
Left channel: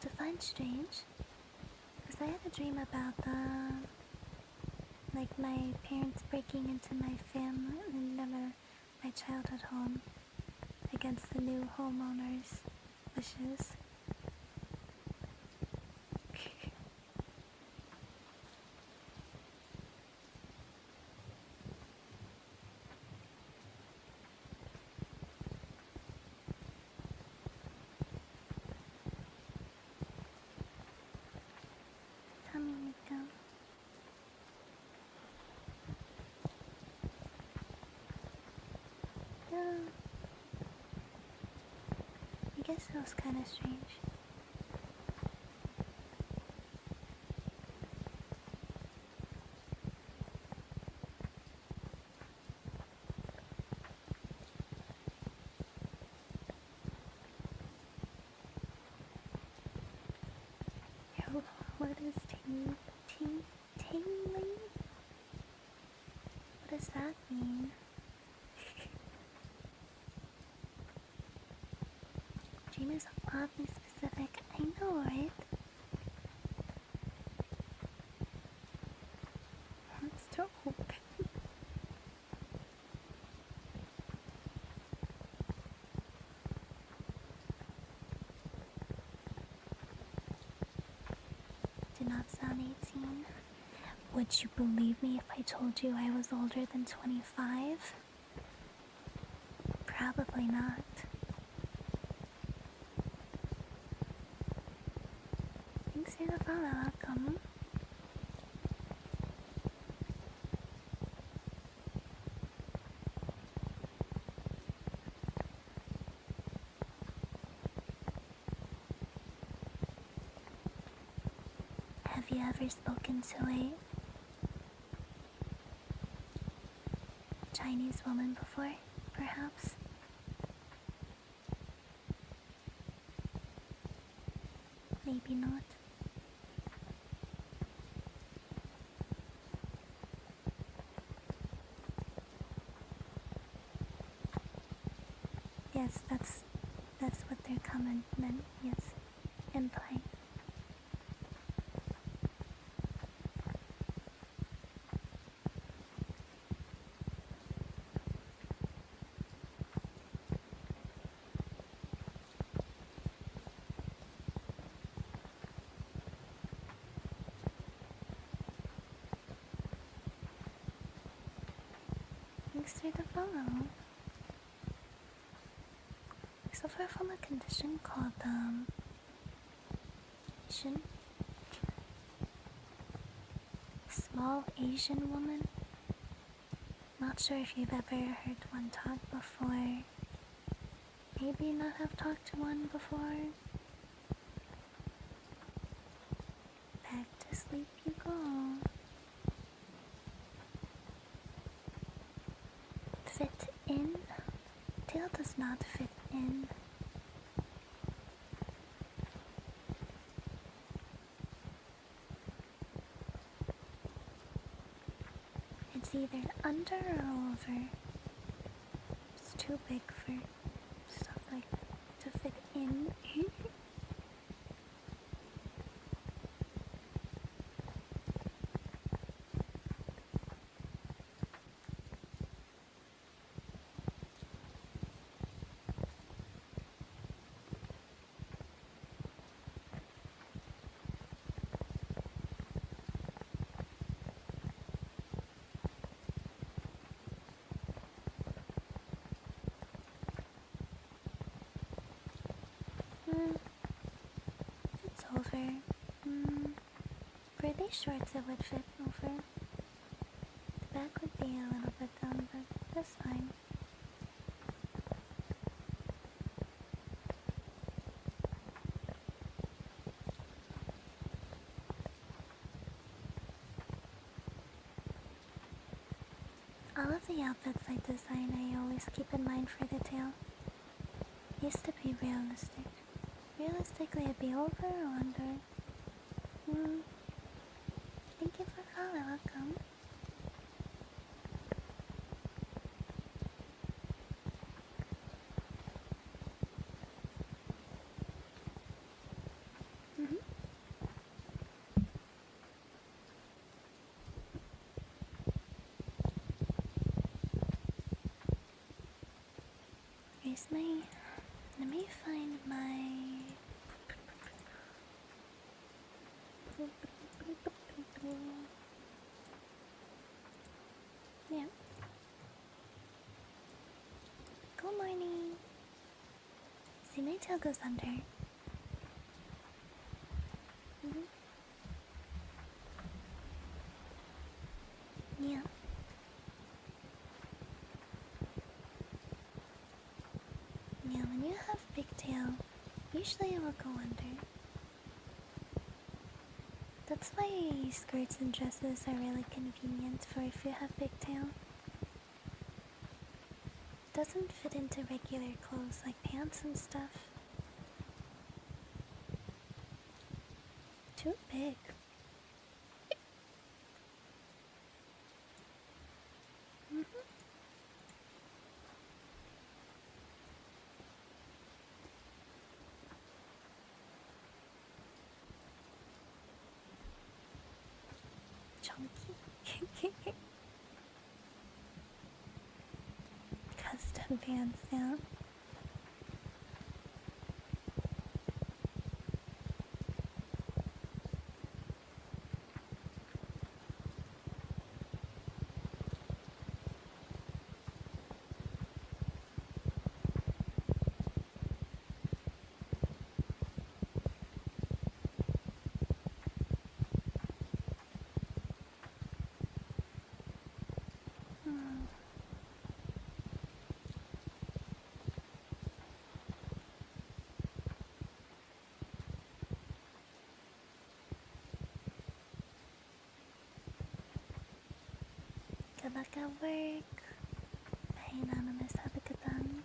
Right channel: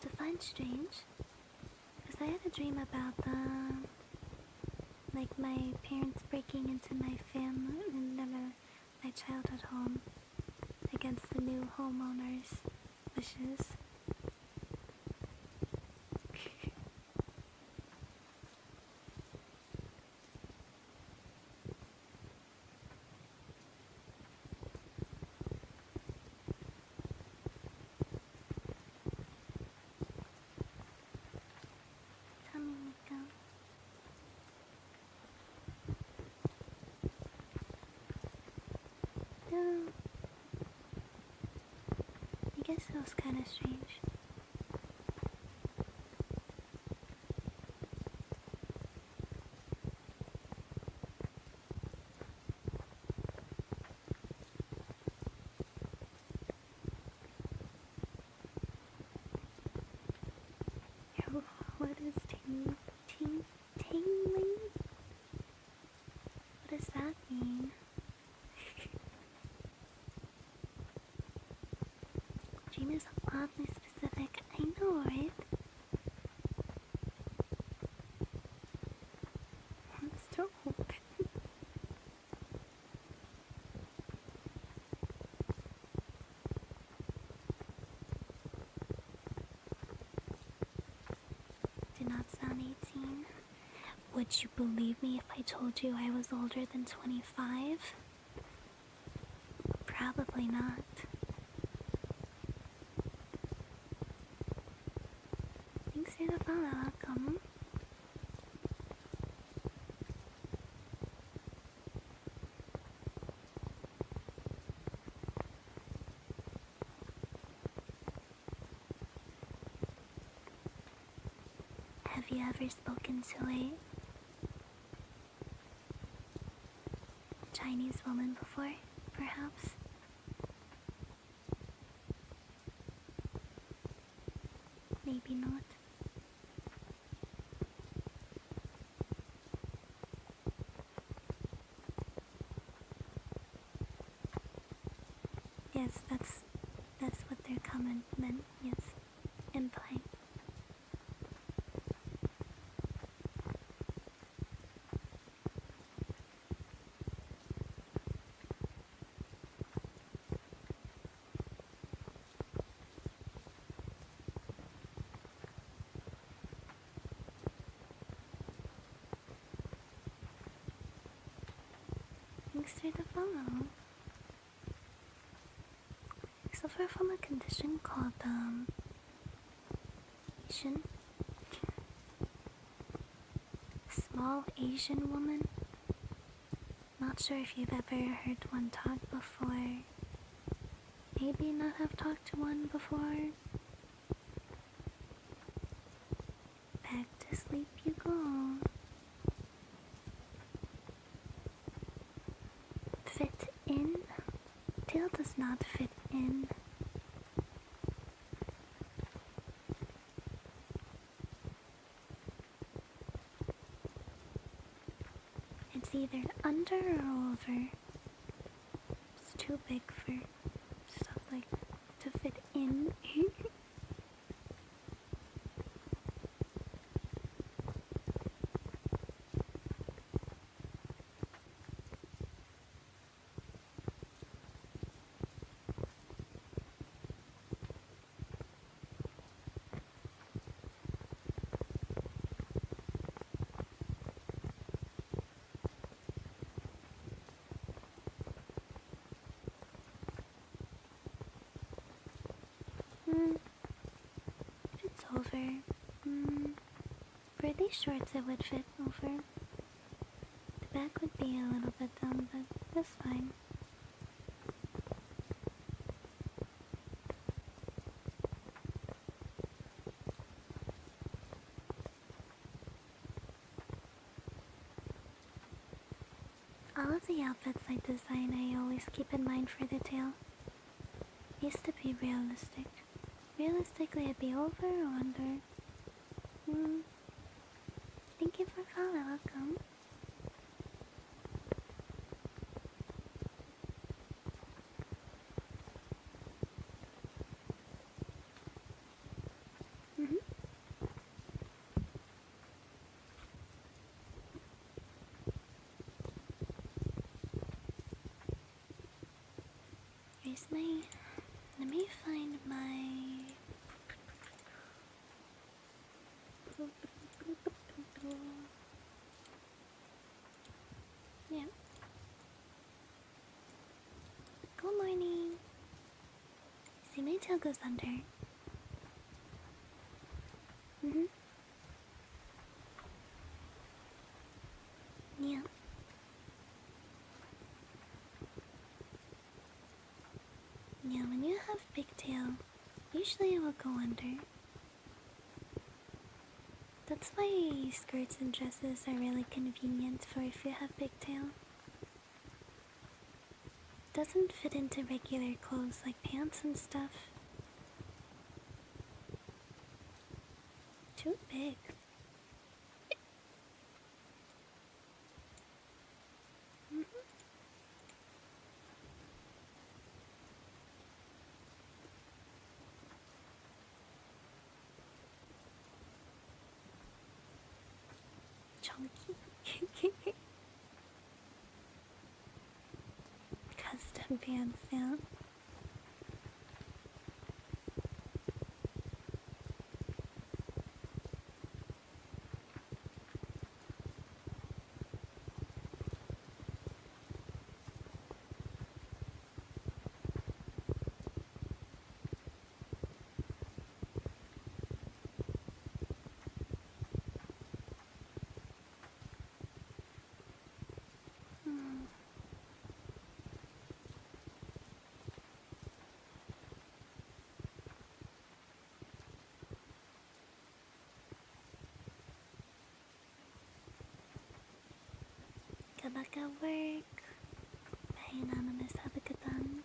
Define strange, because I had a dream about like my parents breaking into my family and my childhood home against the new homeowner's wishes. Tummy Miko. No. I guess it was kind of strange. Yo, what is tingling? What does that mean? Dream is oddly specific. I know, right? Wants to open. Do not sound 18. Would you believe me if I told you I was older than 25? Probably not. Thanks for the follow, welcome. Have you ever spoken to a Chinese woman before, perhaps? Maybe not. Yes, that's what their comment meant, yes. Implying. Thanks for the follow. I suffer from a condition called, Asian. Small Asian woman. Not sure if you've ever heard one talk before. Maybe not have talked to one before. Back to sleep you go. Fit in? Tail does not fit in. It's either under or over. It's too big for stuff like to fit in. It's over. For these shorts it would fit over. The back would be a little bit down, but that's fine. All of the outfits I design, I always keep in mind for the tail. Needs to be realistic. Realistically, it'd be over or under. Thank you for following, welcome. Here's my... Let me find my... Yeah. Good morning. See, my tail goes under. Yeah. Yeah, when you have big tail, usually it will go under. That's why skirts and dresses are really convenient for if you have big tail. Doesn't fit into regular clothes like pants and stuff. Too big. Chunky. Custom pants, yeah. back at work. Bye, Anonymous. Have a good one.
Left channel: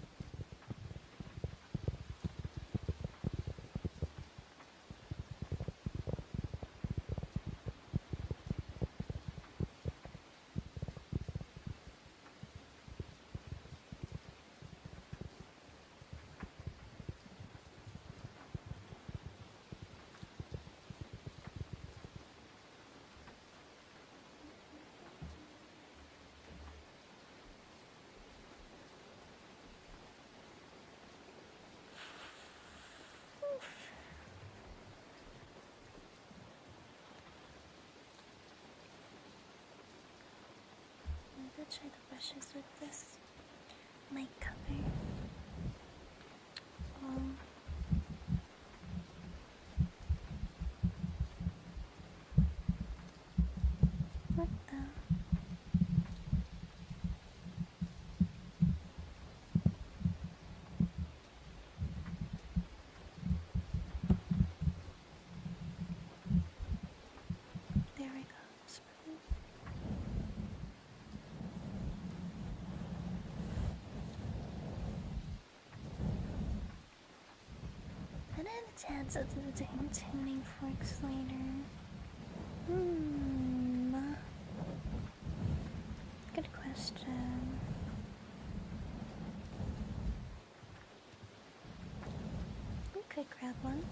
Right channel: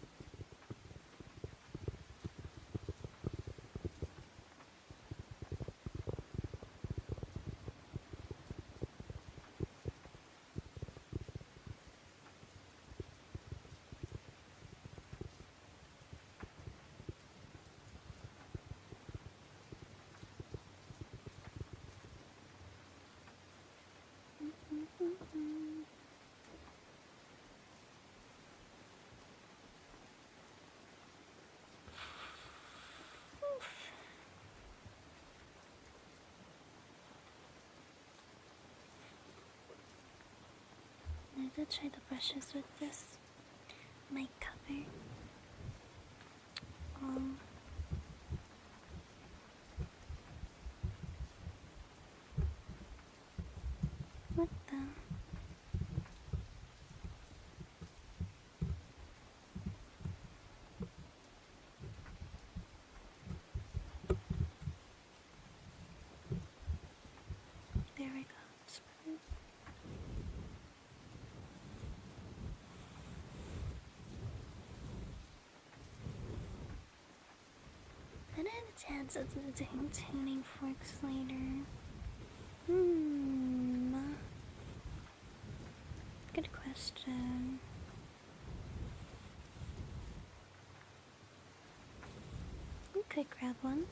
I'm gonna try the brushes with this mic cover. What the? There we go. Smooth. I don't have a chance of doing tuning forks later. Good question. We could grab one.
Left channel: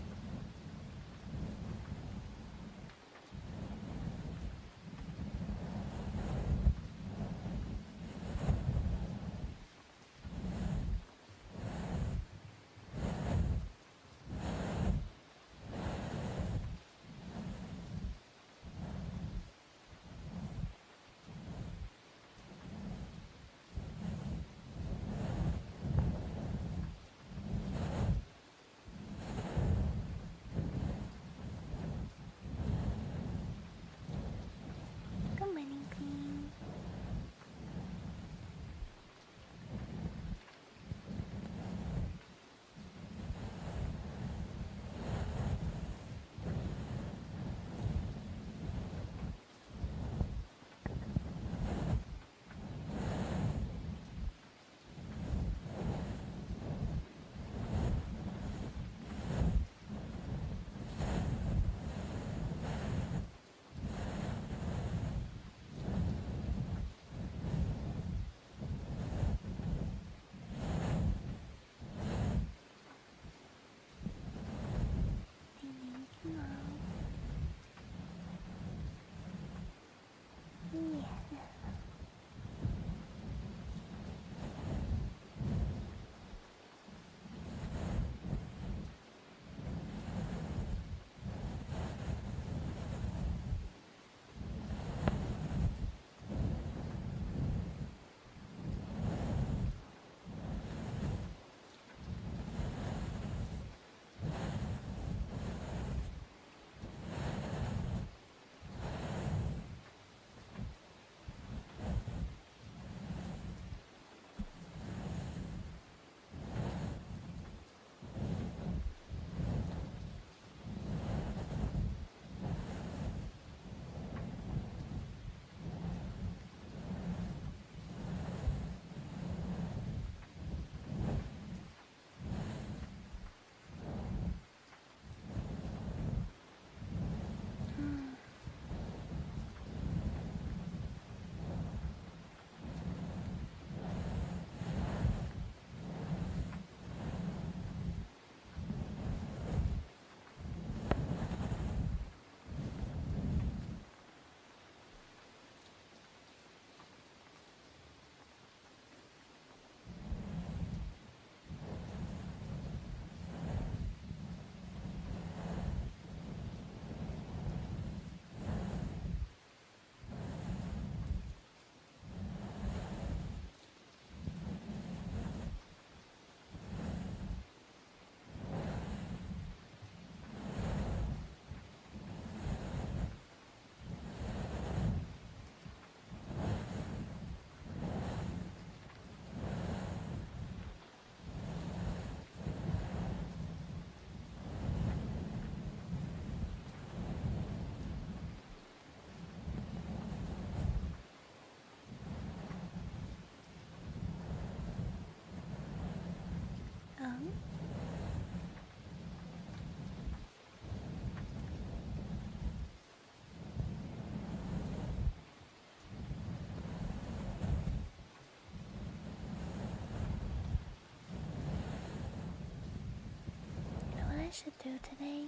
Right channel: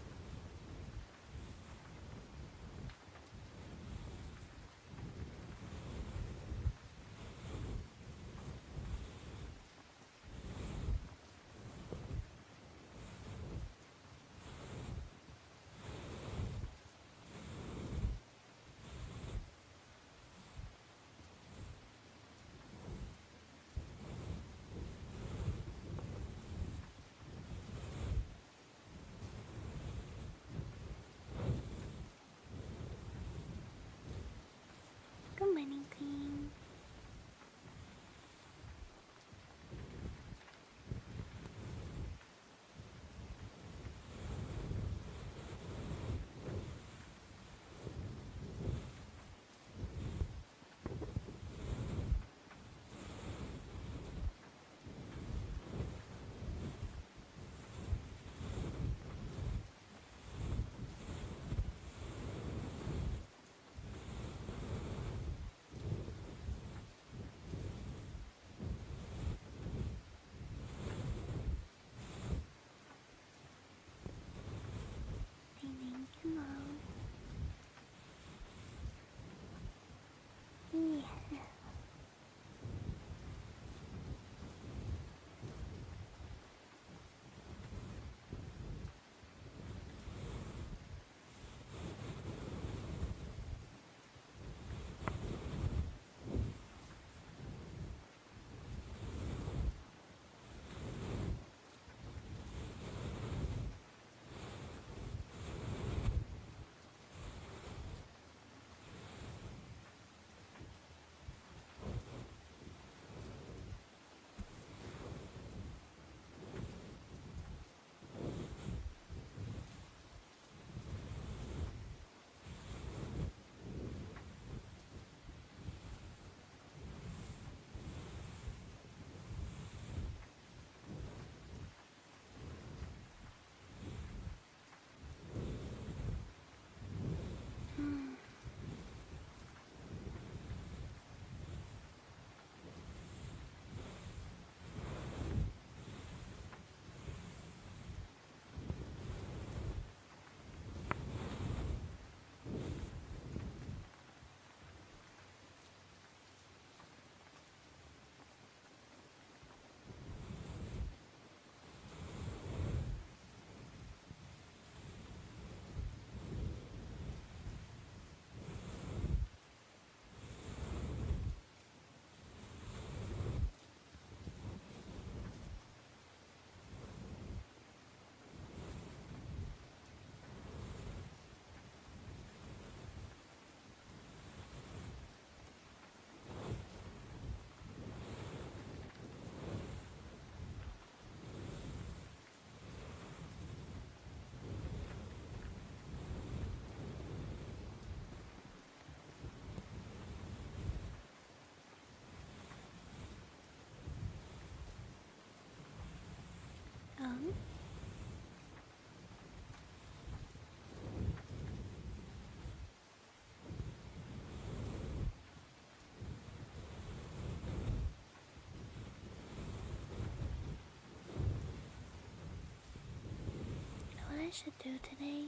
should do today?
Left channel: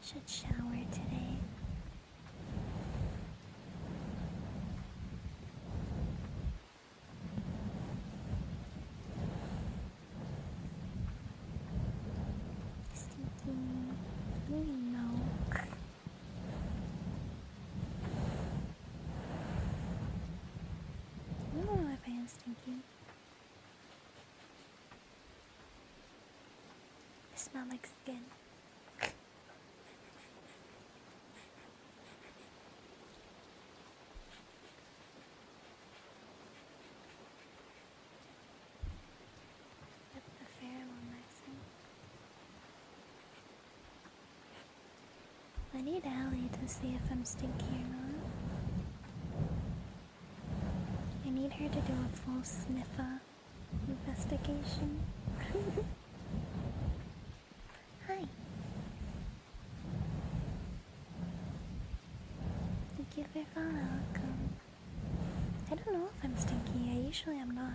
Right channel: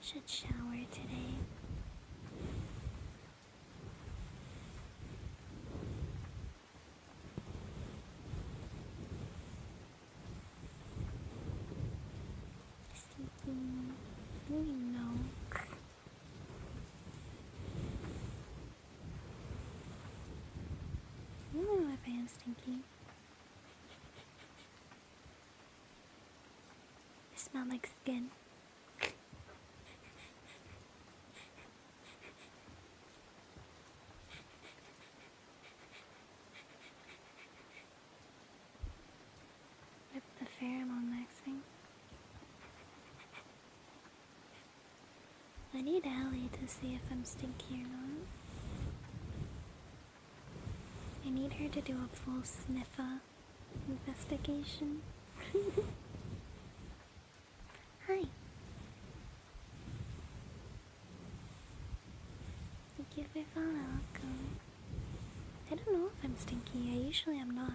Should shower today. Stinky. Maybe no. I don't know if I am stinky. I smell like skin. With the pheromone maxing. I need Allie to see if I'm stinky or not. I need her to do a full sniffer investigation. Hi. Thank you for following. Welcome. I don't know if I'm stinky. I usually am not.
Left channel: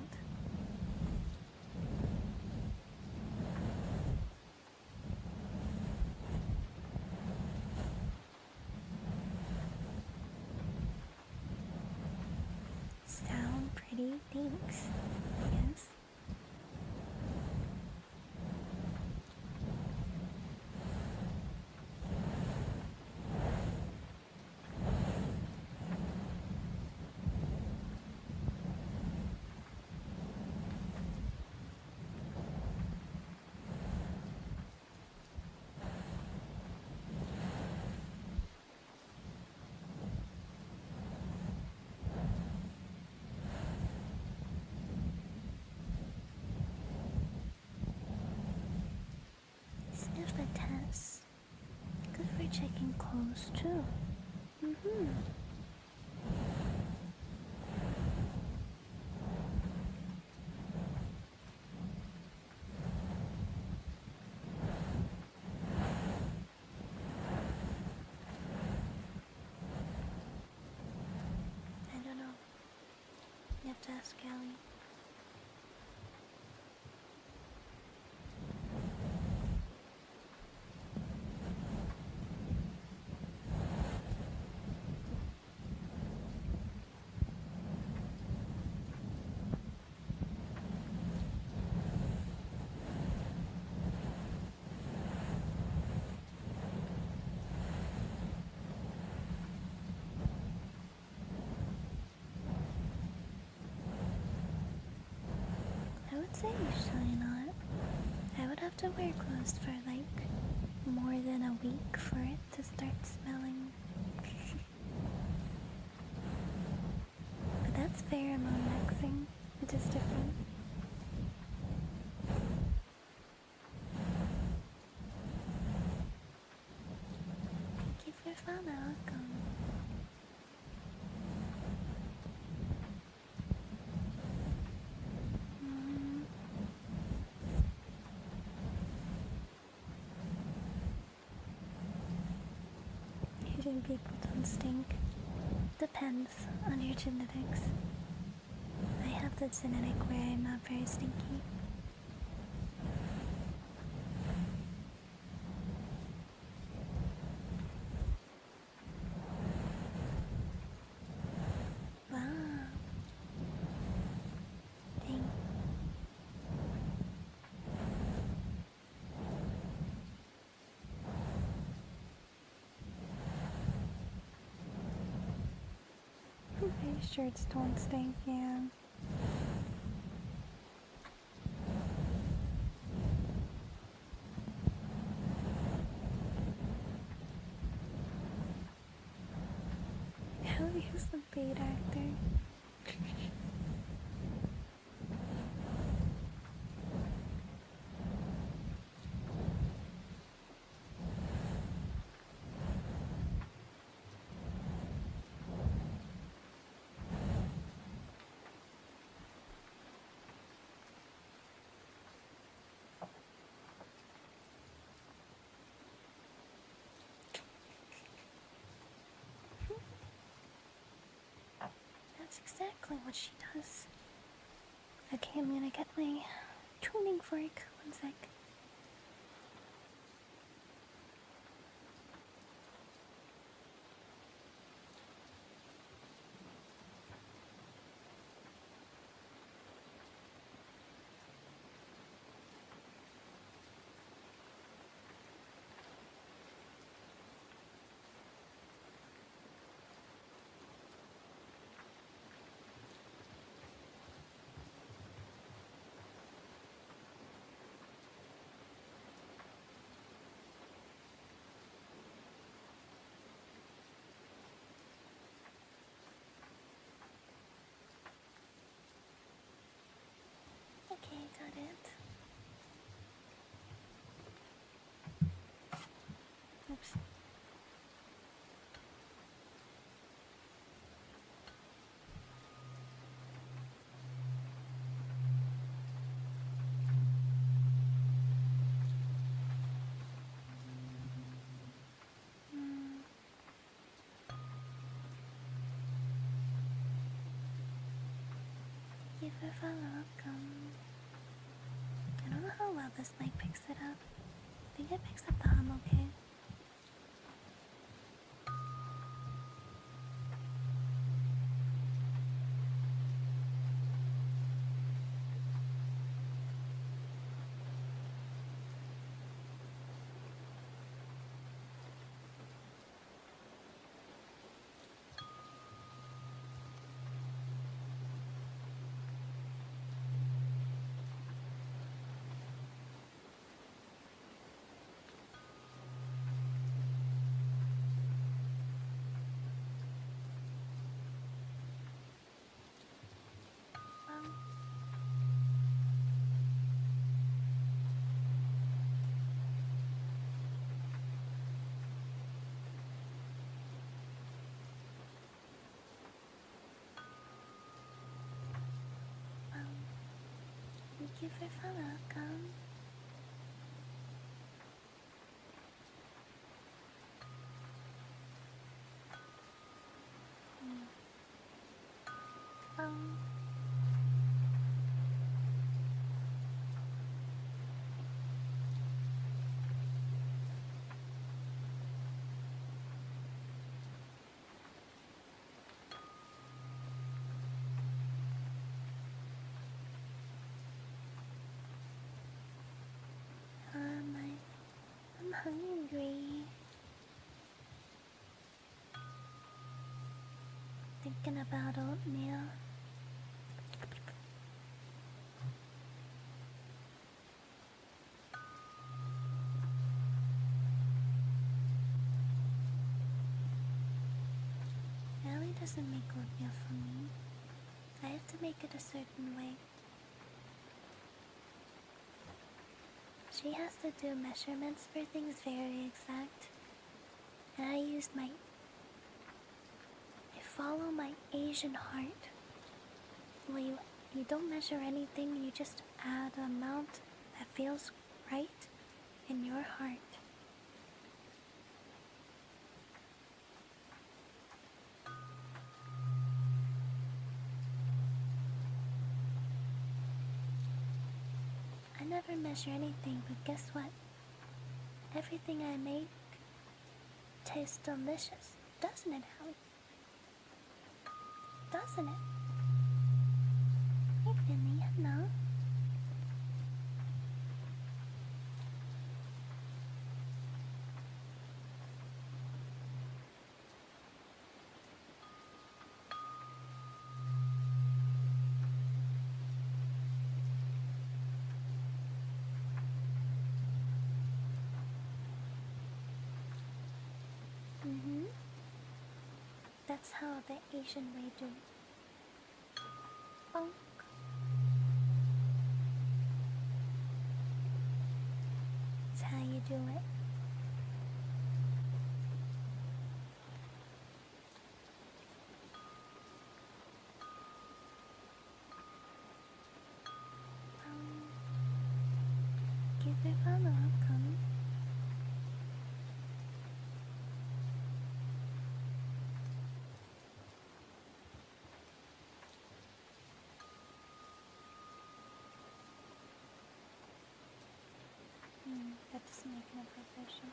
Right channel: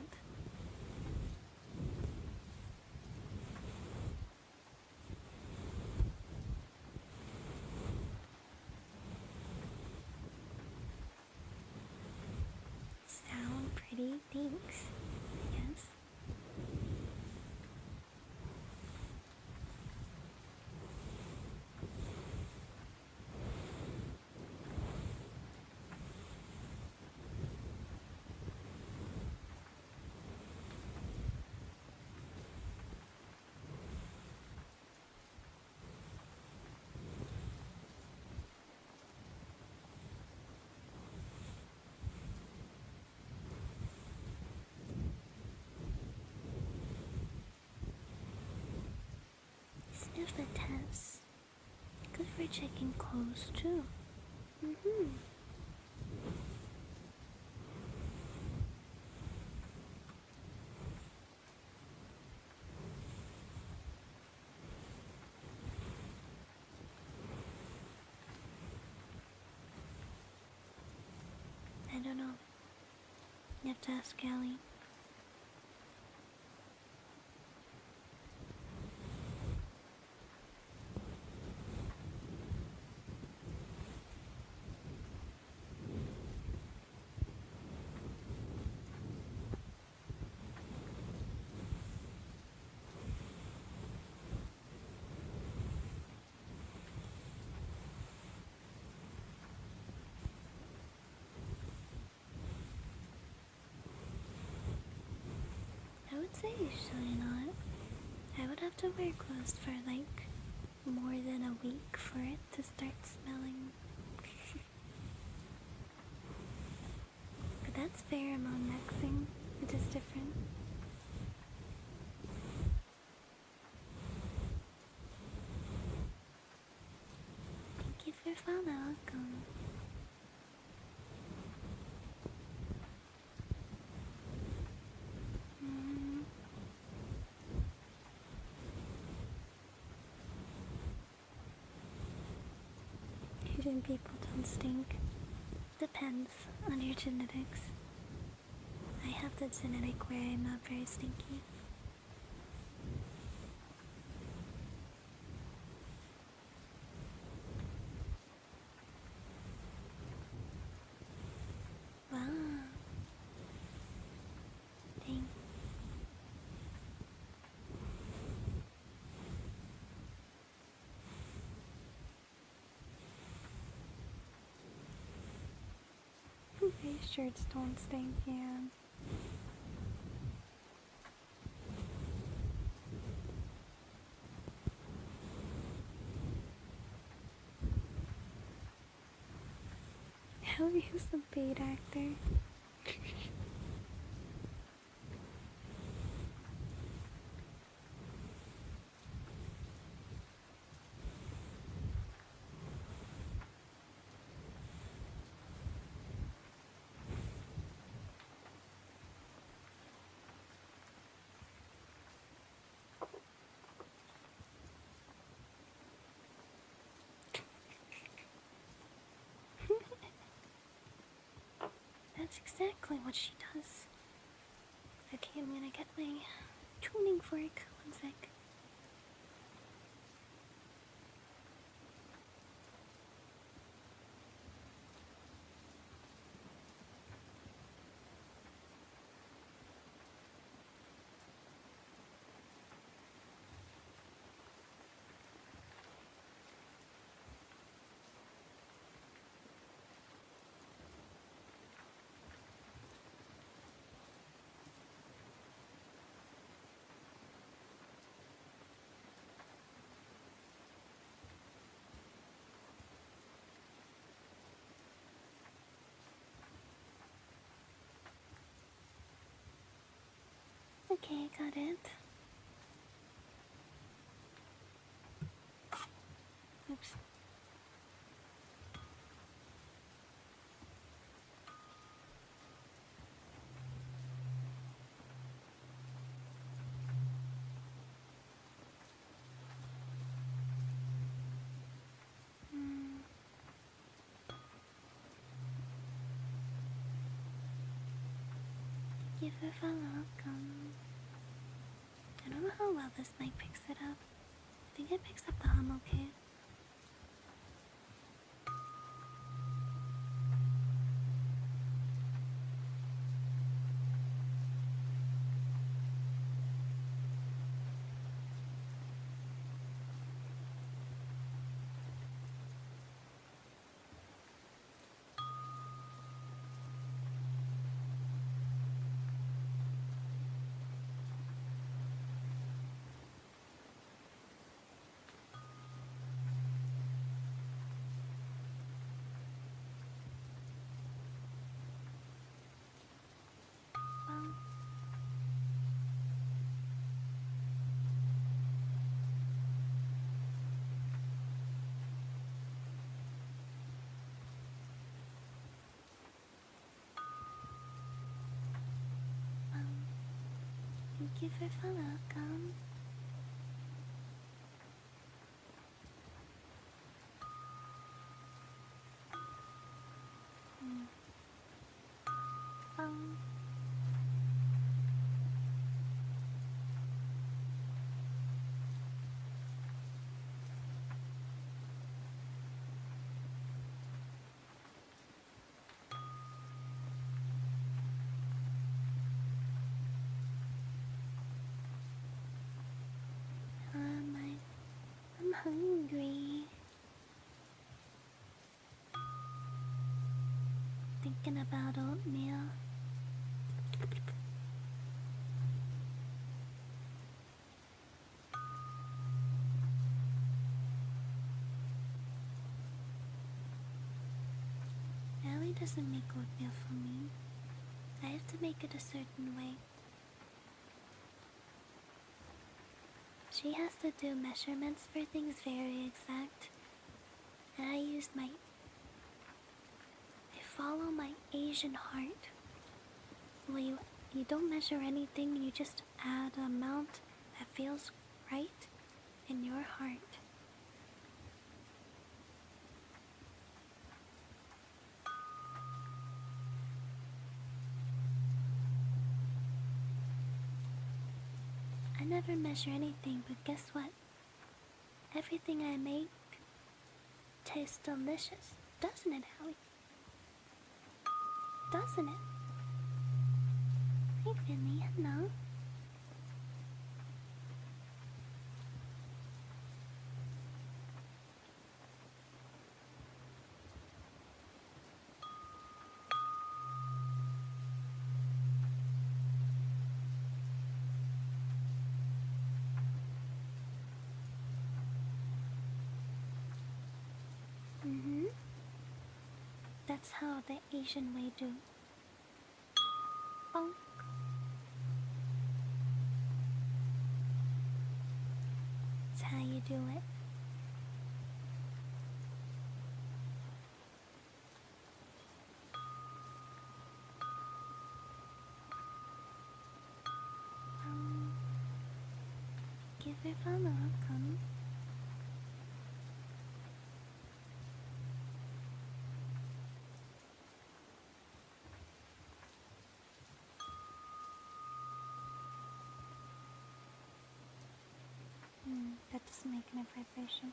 Sound pretty, thanks. Yes. Sniff the test. Good for checking clothes too. I don't know. You have to ask Allie. I would say usually not. I would have to wear clothes for like more than a week for it to start smelling. But that's pheromone maxing, which is different. Thank you for following. Welcome. Asian people don't stink. Depends on your genetics. I have the genetic where I'm not very stinky. Wow. Dang. My shirts don't stink, yeah. Hell, he's the bait actor. That's exactly what she does. I Okay, I'm gonna get my tuning fork. One sec. Okay, got it. Oops. Give it a welcome. I don't know how well this mic picks it up. I think it picks up the hum okay. Well, thank you for welcome. Um, I'm hungry. Thinking about oatmeal. Allie doesn't make oatmeal for me. I have to make it a certain way. She has to do measurements for things very exact. And I follow my Asian heart. Well, you don't measure anything, you just add an amount that feels right in your heart. I never measure anything, but guess what? Everything I make tastes delicious, doesn't it, Howie? Doesn't it? Hey, Finley, hello. That's how the Asian way do. Bonk. That's how you do it. Give it a welcome. just making a vibration.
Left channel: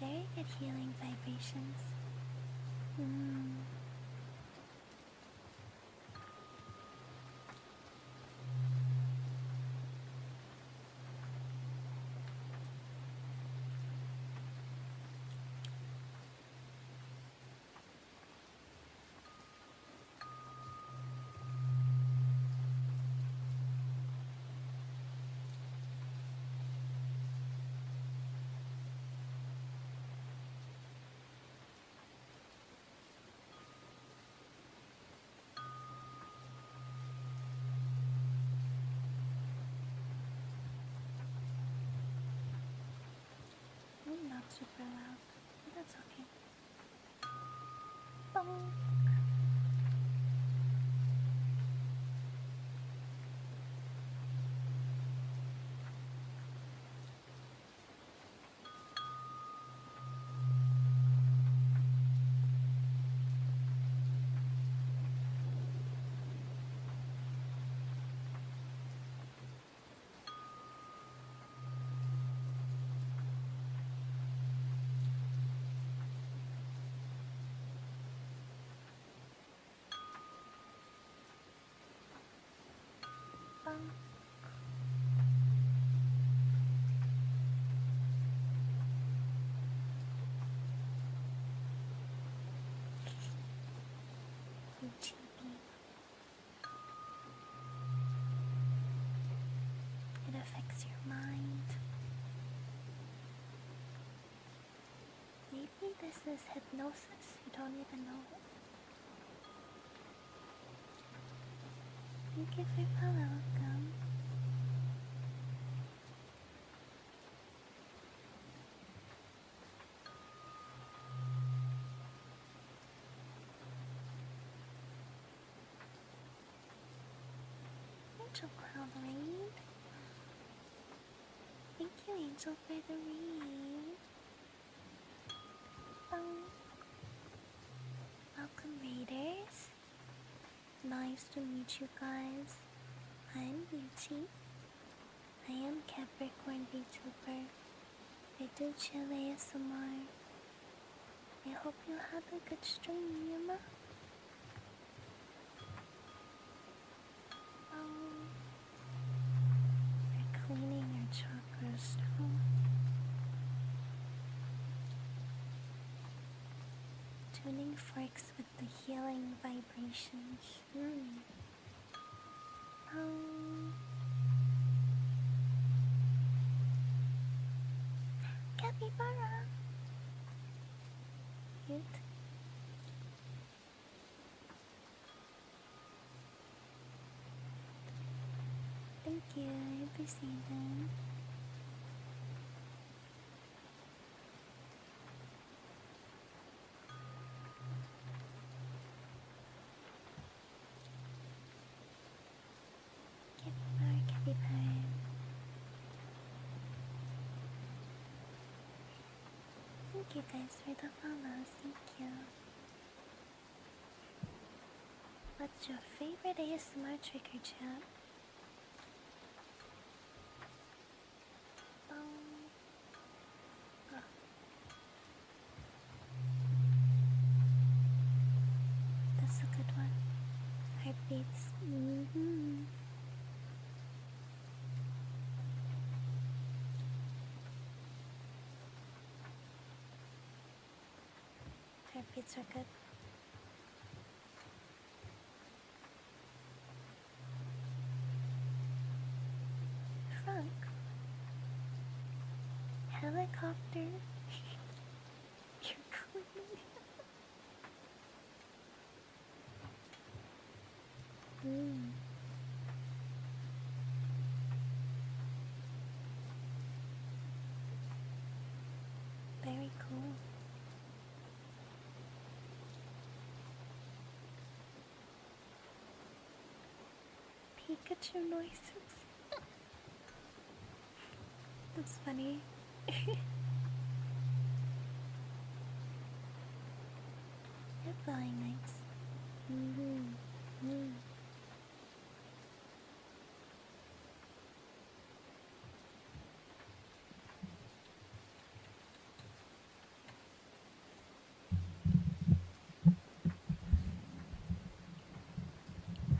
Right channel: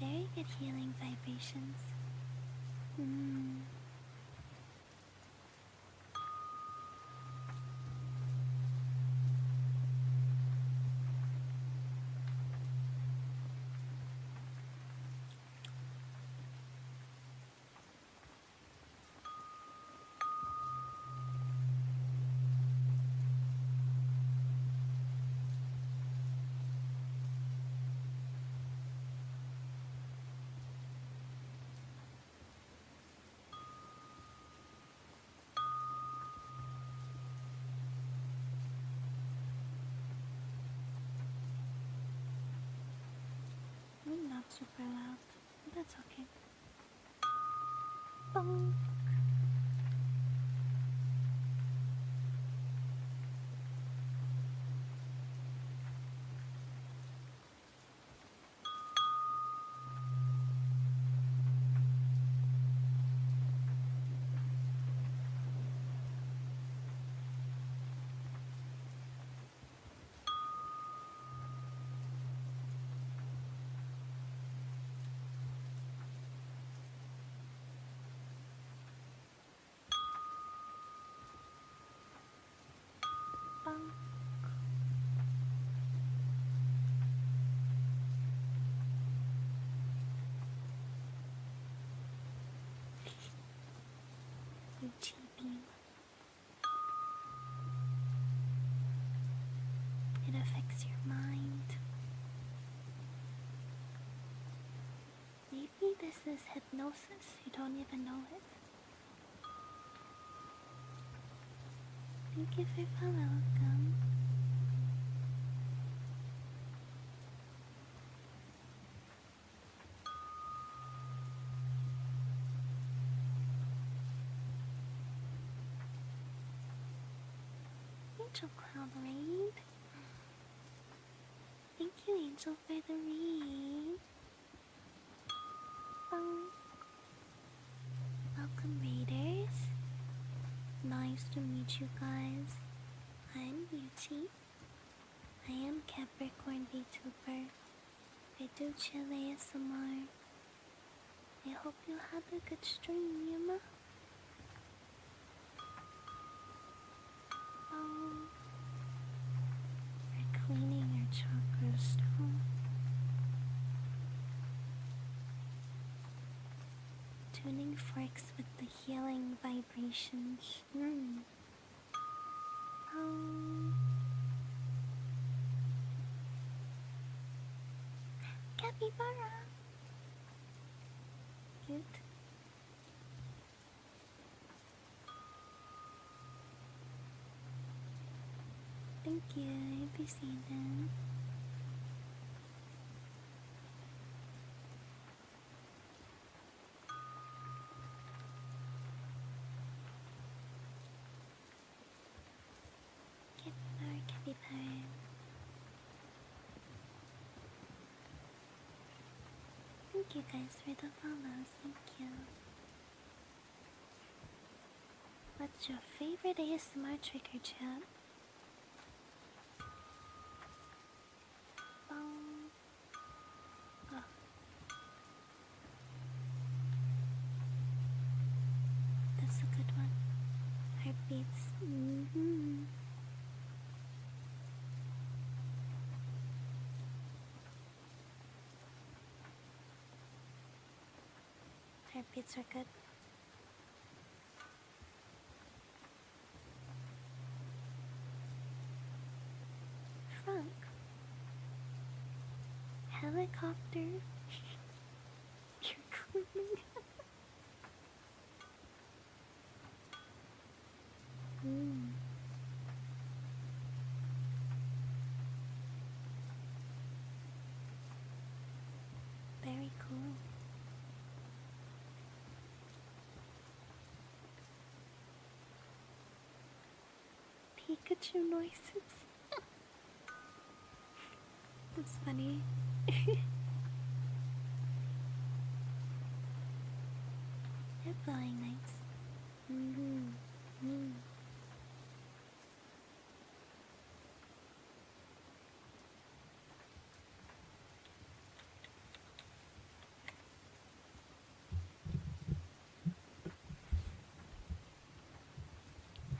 Very good healing vibrations. Not super loud, but that's okay. Bonk. Bonk. Yuchi beam. It affects your mind. Maybe this is hypnosis, you don't even know it. Thank you for welcome. Angel Cloud Raid. Thank you, Angel, for the raid. Welcome, raiders. Nice to meet you guys. I'm Yuchi. I am Capricorn Vtuber. I do chill ASMR. I hope you had a good stream, Yuma. We're cleaning our chakras down. Tuning forks with the healing vibrations. Capybara! Cute. Thank you, I appreciate them. Capybara. Thank you guys for the follows, thank you. What's your favorite ASMR trigger, chat? Oh. That's a good one. Heartbeats. Heartbeats are good. Frog. Helicopter. You're cleaning. Very cool. Pikachu noises. That's funny. They're flying nice.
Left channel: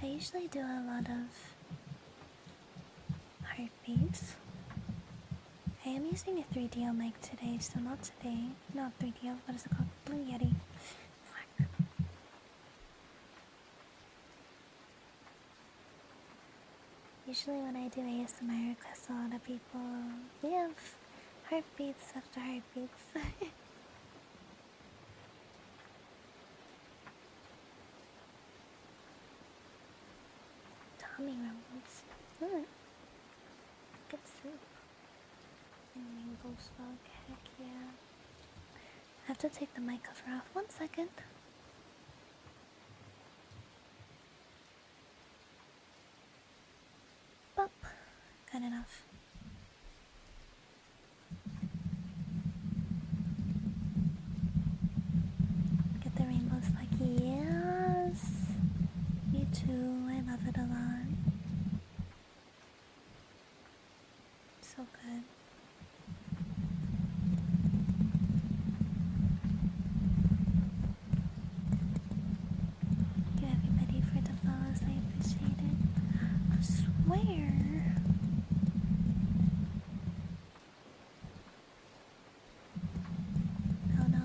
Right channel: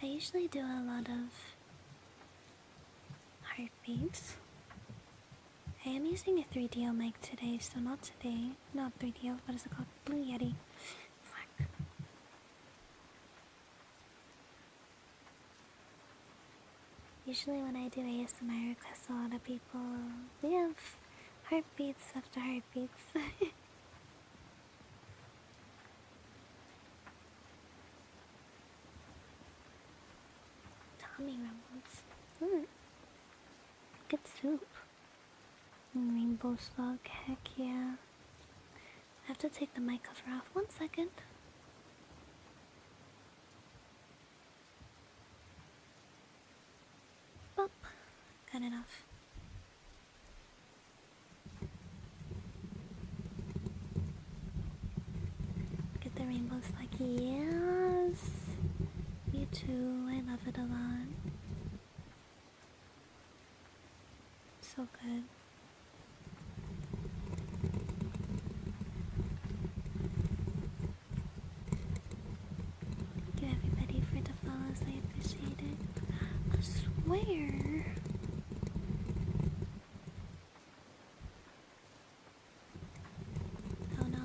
I usually do a lot of heartbeats. I am using a 3DO mic today, so not today. Not 3DO, what is it called? Blue Yeti. Fuck. Usually when I do ASMR, I request a lot of people. We have heartbeats after heartbeats. Tummy rumbles. Good soup. Rainbow slug, heck yeah. I have to take the mic cover off. 1 second. Bop. Got enough. Get the rainbow slug. Yes. Me too. I love it a lot. So good. Thank you everybody for the follows. I appreciate it. I swear. Oh no.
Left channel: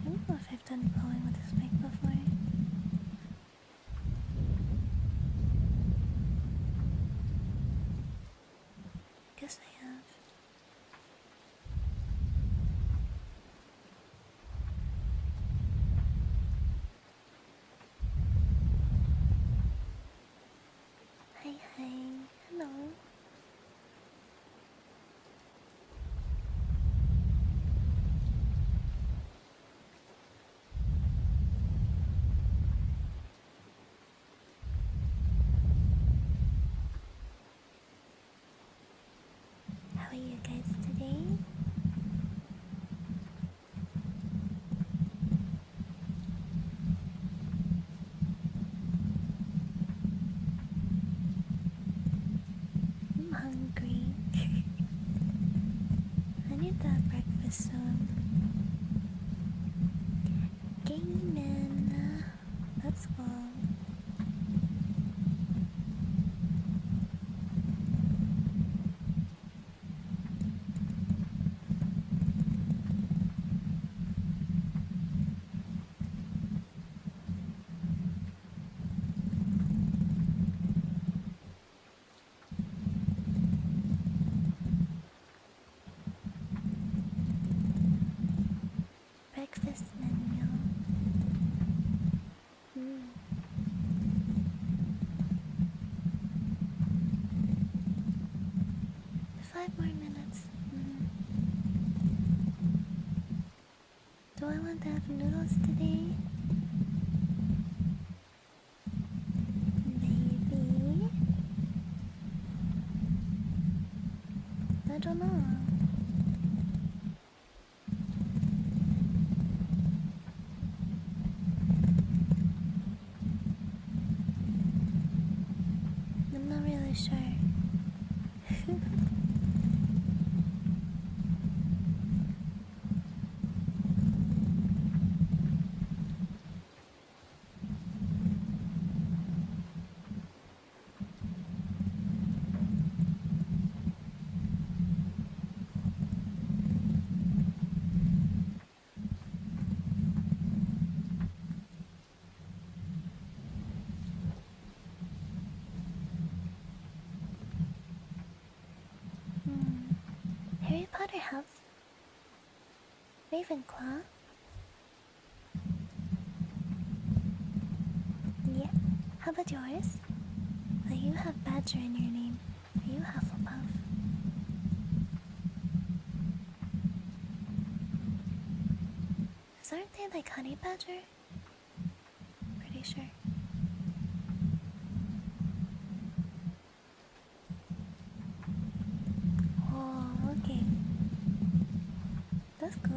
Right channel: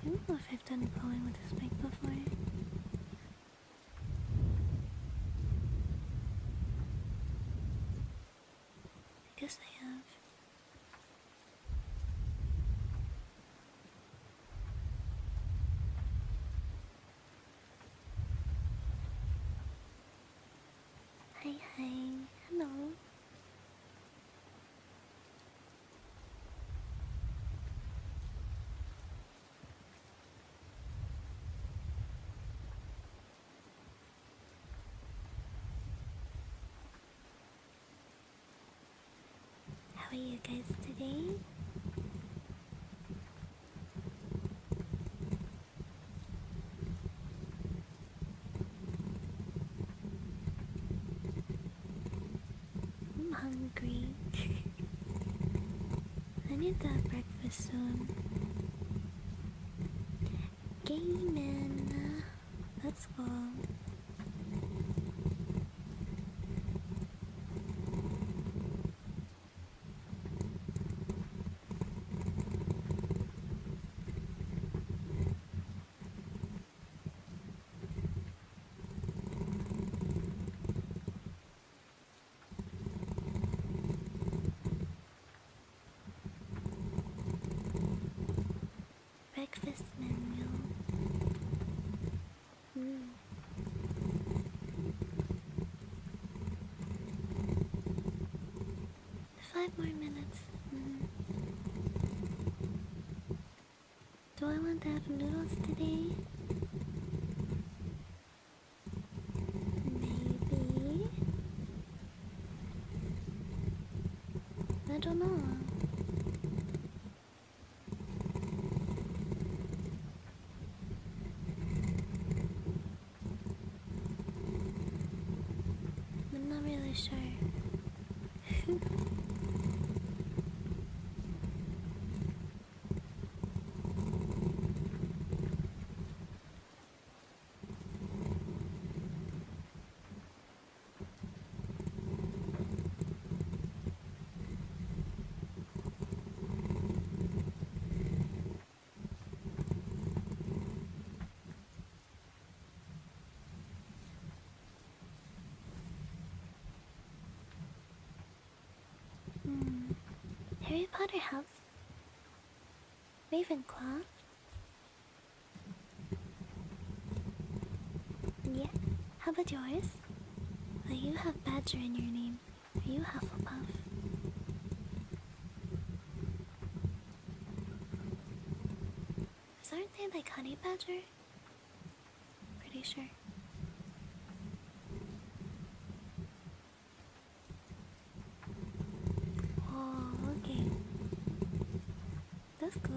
I don't know if I've done blowing with this mic before. I guess I have. Hi, hello. How are you guys today? I'm hungry. I need that breakfast soon. Gaming. Let's go. Breakfast menu. 5 more minutes. Do I want to have noodles today? Maybe. I don't know. I'm not really sure. Potter have Ravenclaw. Yeah. How about yours? You have Badger in your name. Are you Hufflepuff? Aren't they like Honey Badger? Pretty sure. Oh, okay. That's cool.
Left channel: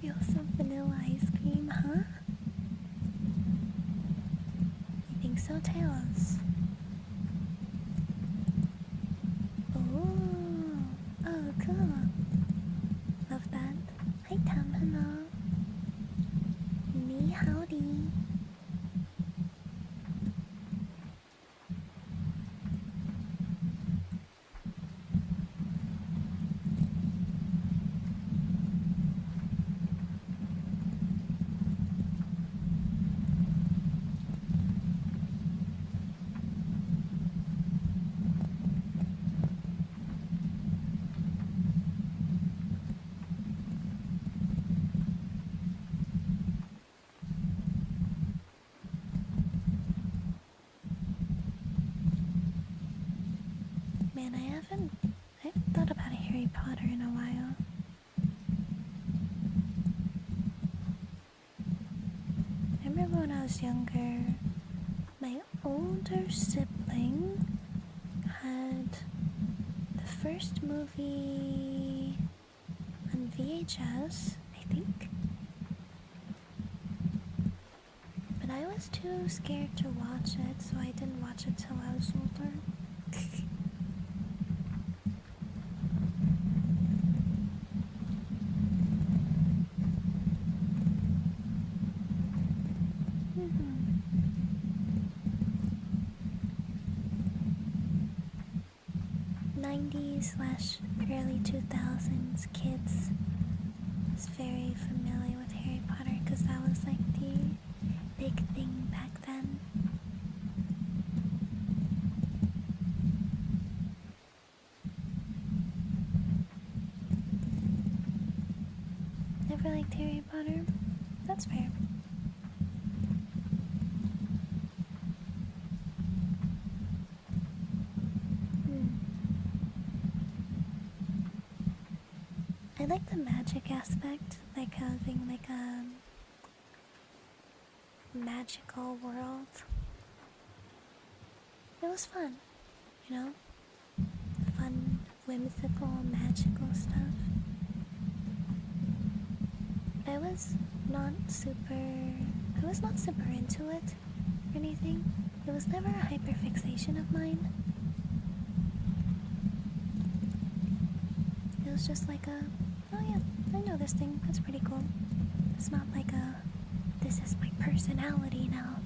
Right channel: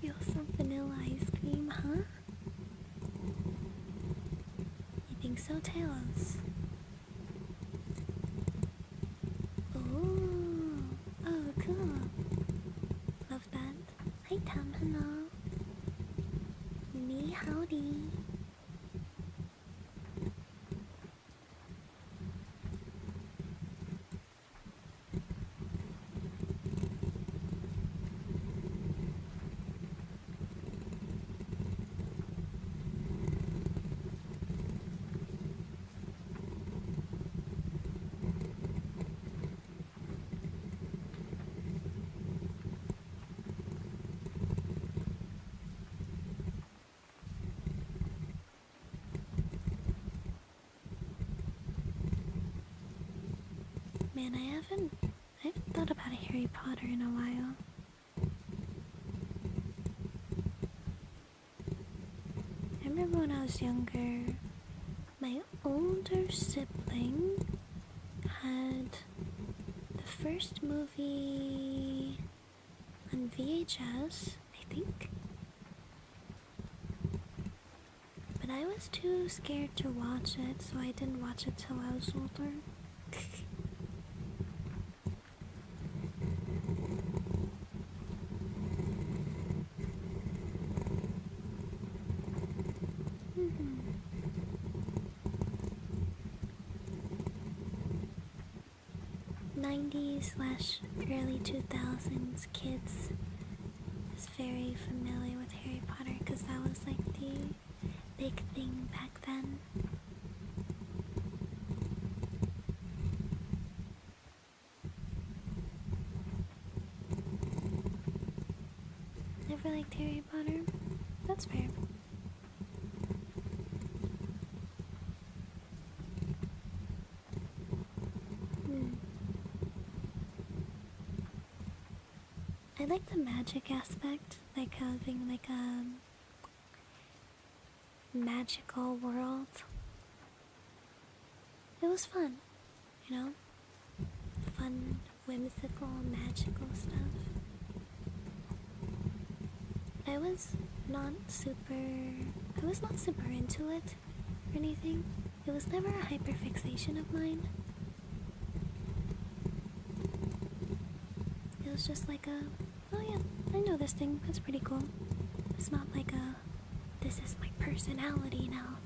Feels some vanilla ice cream, huh? You think so, Tails? Oh, cool. Love that. Hi, Tam, hello. Me, howdy. Man, I haven't thought about a Harry Potter in a while. I remember when I was younger, my older sibling had the first movie on VHS, I think. But I was too scared to watch it, so I didn't watch it till I was older. '90s/early 2000s kids was very familiar with Harry Potter because that was like the big thing back then. Never liked Harry Potter? That's fair. I like the magic aspect, like having like a magical world. It was fun, you know? Fun, whimsical, magical stuff. I was not super into it or anything. It was never a hyperfixation of mine. It was just like a, oh yeah, I know this thing, that's pretty cool. It's not like a, this is my personality now.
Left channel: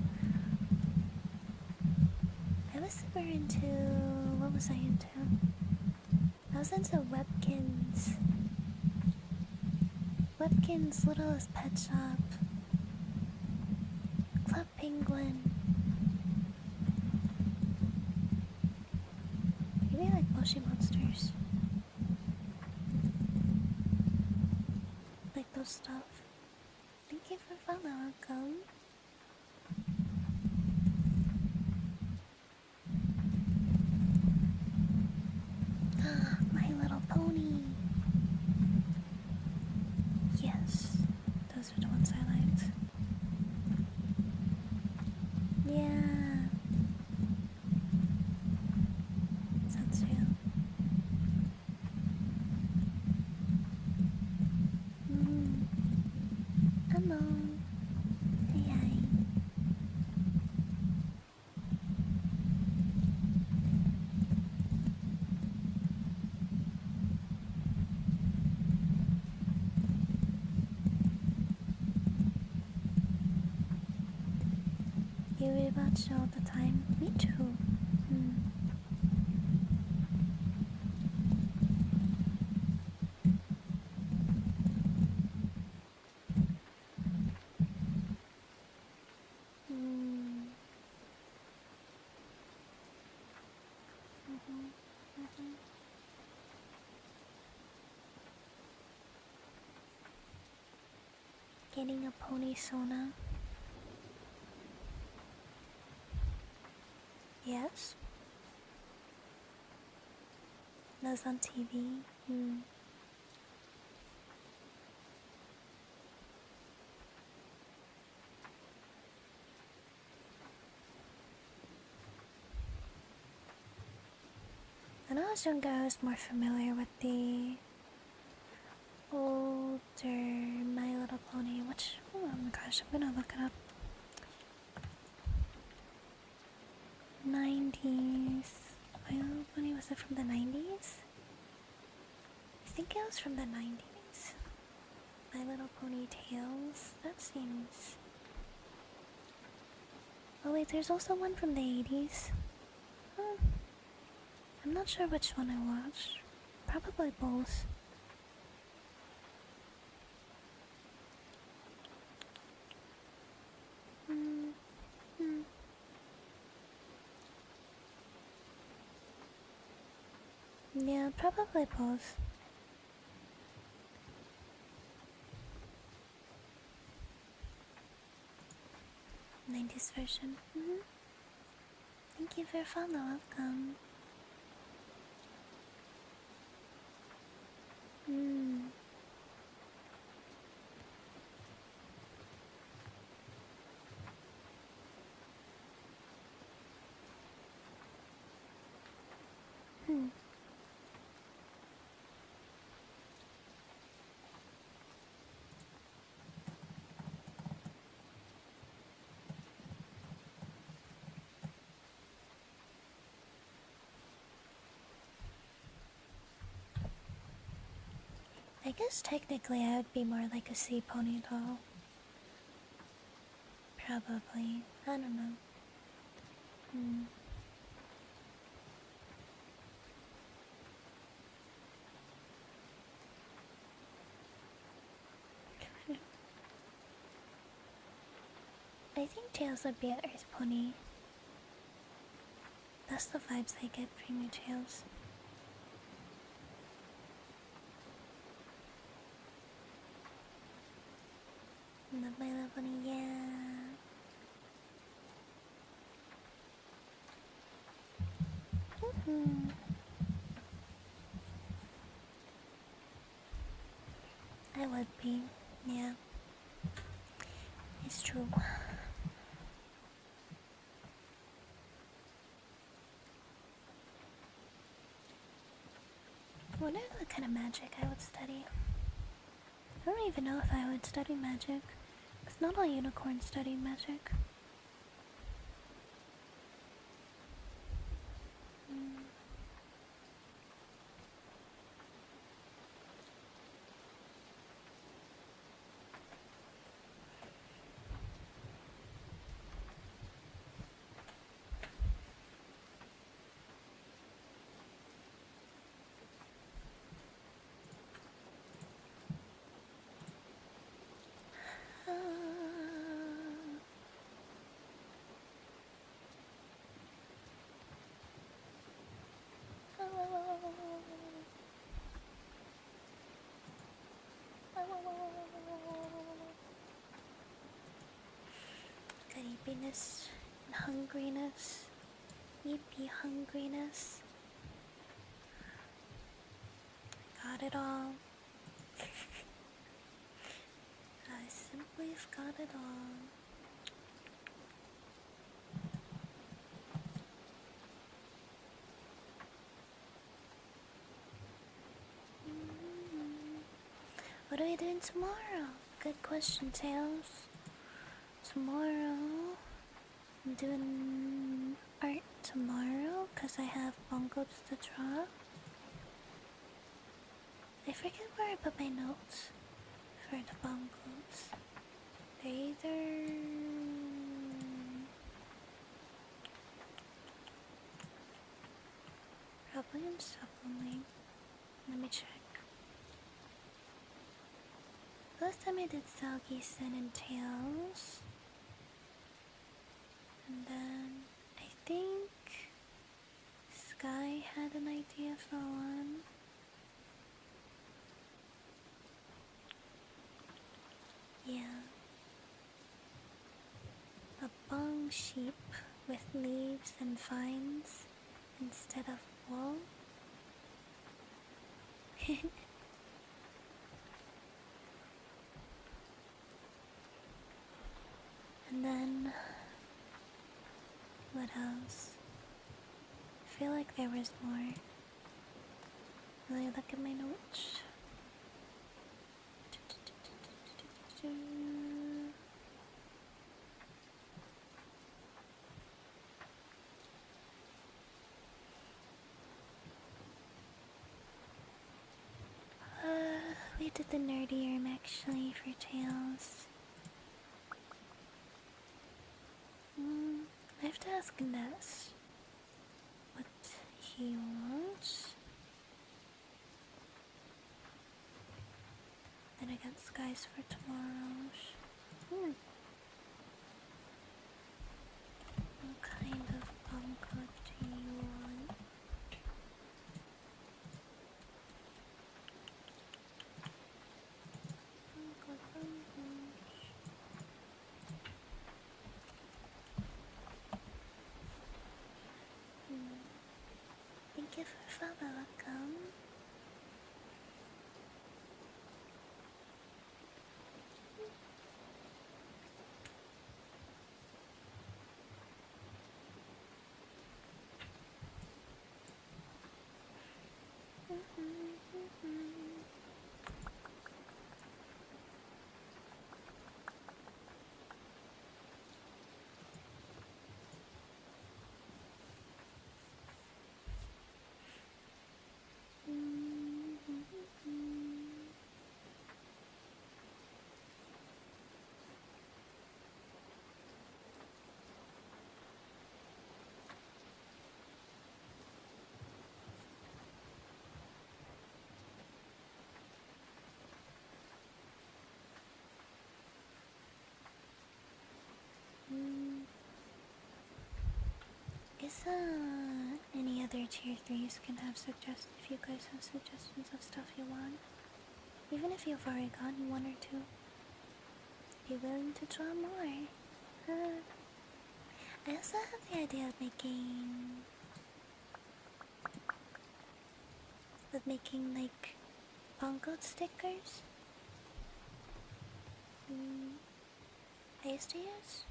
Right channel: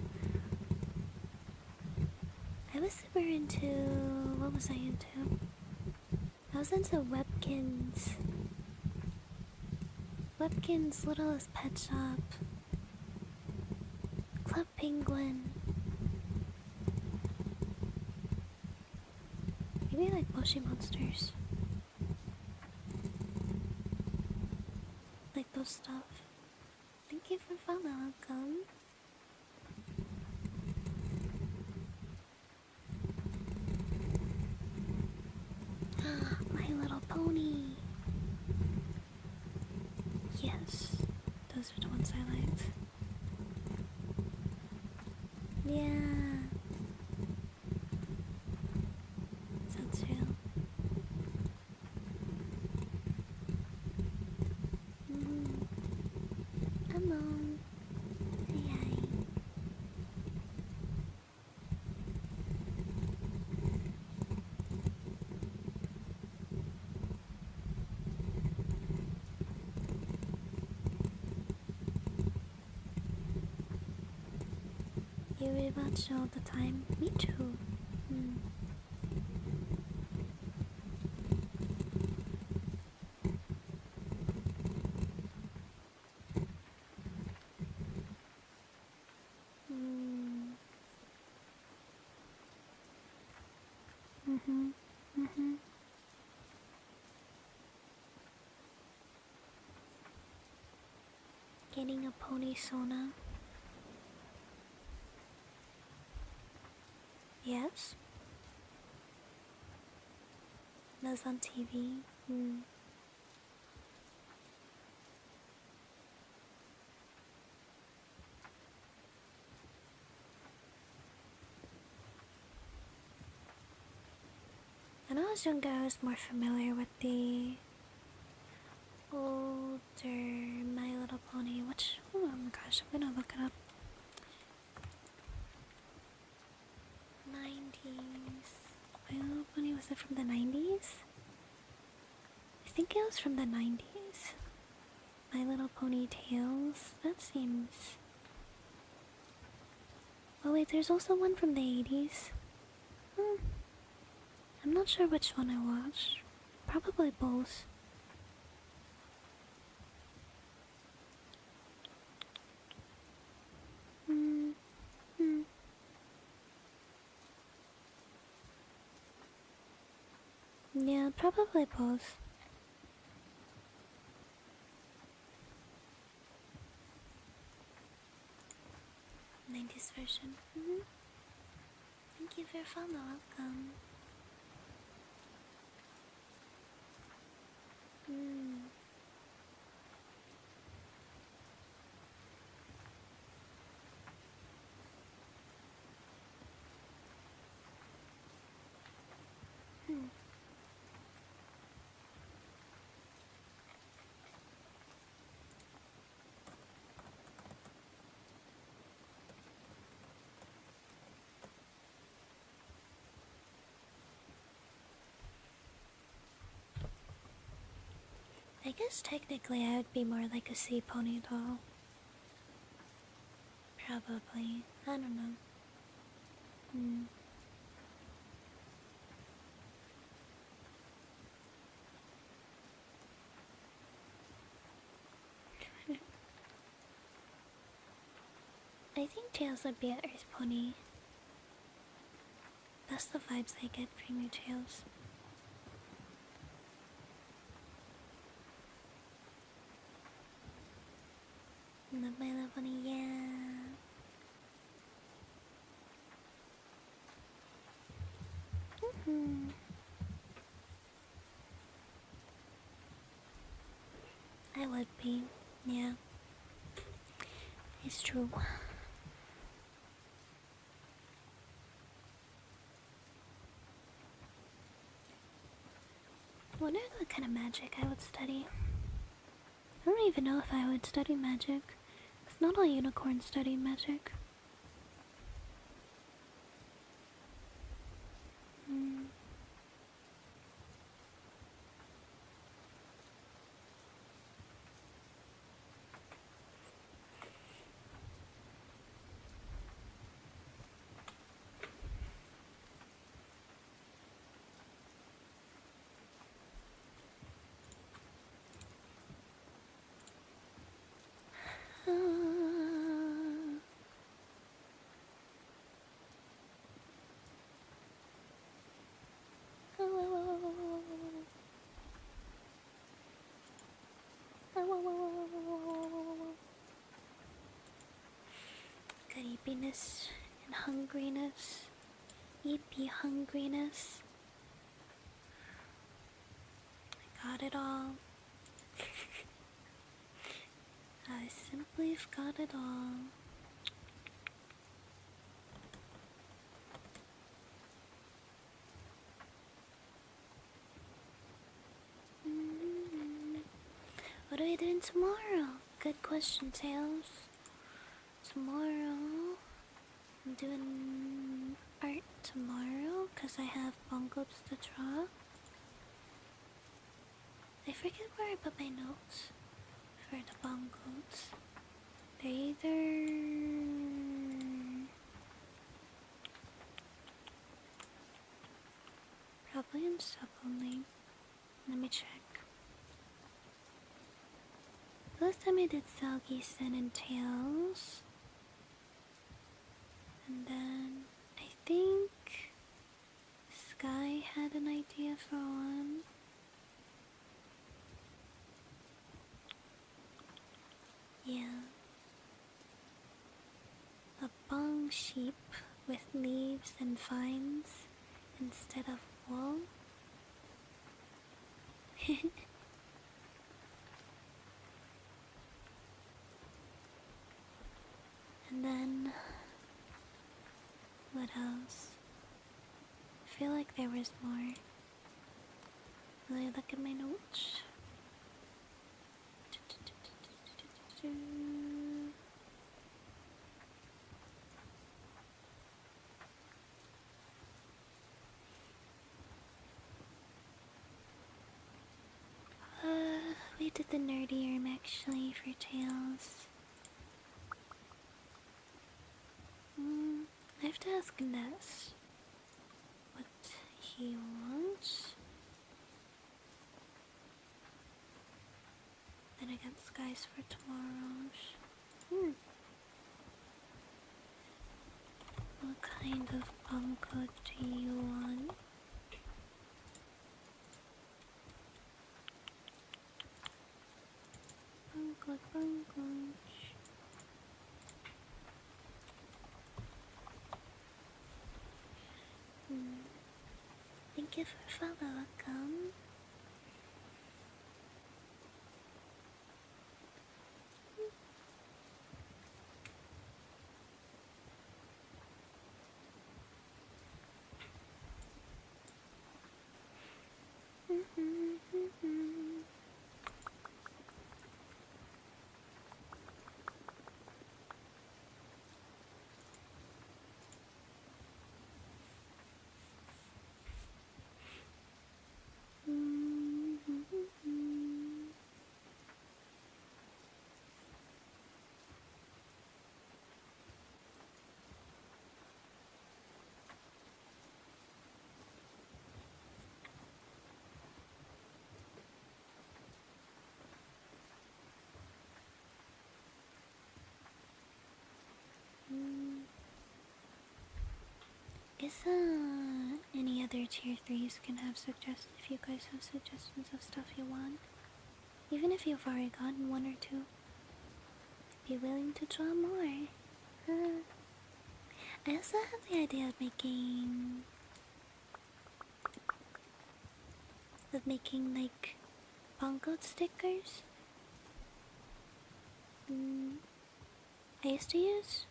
I was super into, what was I into? I was into Webkinz. Webkinz, Littlest Pet Shop, Club Penguin. Maybe like Moshi Monsters. Like those stuff. Thank you for following, welcome. My Little Pony. Yes, those are the ones I liked. Yeah. Sounds real. Hello. Hi. you rewatch all the time. Me too. Mm. Mm. Mhm. Mhm. Getting a pony sona. Yes. That's on TV. Mm. When I was younger, I was more familiar with the older My Little Pony, which, oh my gosh, I'm gonna look it up. 90s. My Little Pony, was it from the 90s? I think it was from the 90s. My Little Pony Tales. That seems. Oh, wait, there's also one from the 80s. Hmm. I'm not sure which one I watched. Probably both. Hmm. Hmm. Yeah, probably both. 90s version. Thank you for your follow. Welcome. Hmm. Hmm. I guess technically I would be more like a sea pony doll. Probably. I don't know. Hmm. I think Tails would be an earth pony. That's the vibes I get from you, Tails. Love my little pony, yeah. I would be, yeah. It's true. Wonder what kind of magic I would study. I don't even know if I would study magic. Because not all unicorns study magic. Mm. Creepiness and hungriness. Yippee hungriness. I got it all. I simply have got it all. What are we doing tomorrow? Good question, Tails. Tomorrow, I'm doing art tomorrow because I have bongos to draw. I forget where I put my notes for the bongos. They're either Probably in sub only. Let me check. Last time I did Salgisen and Tails. And then I think Sky had an idea for one. Yeah. A bong sheep with leaves and vines instead of wool. And then what else? I feel like there was more. Will I look at my notes? We did the nerdy room actually for Tails. I have to ask Ness what he wants. Then I got skies for tomorrow's. What kind of bunko do you want? Bunko. Thank you for follow, welcome. Guess any other tier 3s can have suggestions if you guys have suggestions of stuff you want. Even if you've already gotten one or two. Be willing to draw more. I also have the idea of making like bongo stickers. I used to use.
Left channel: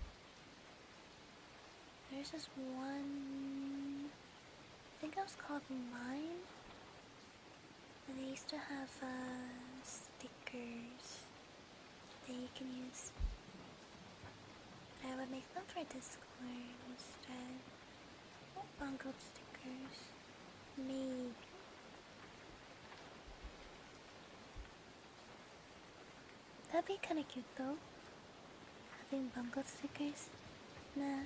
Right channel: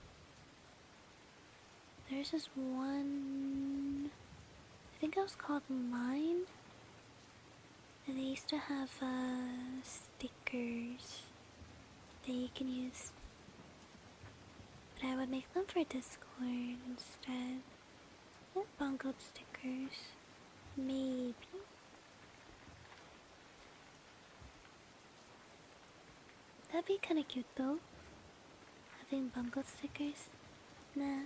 There's this one. I think it was called Mine. And they used to have stickers that you can use. But I would make them for Discord instead. What bongo stickers? Maybe. That'd be kinda cute though. Having bongo stickers. Nah.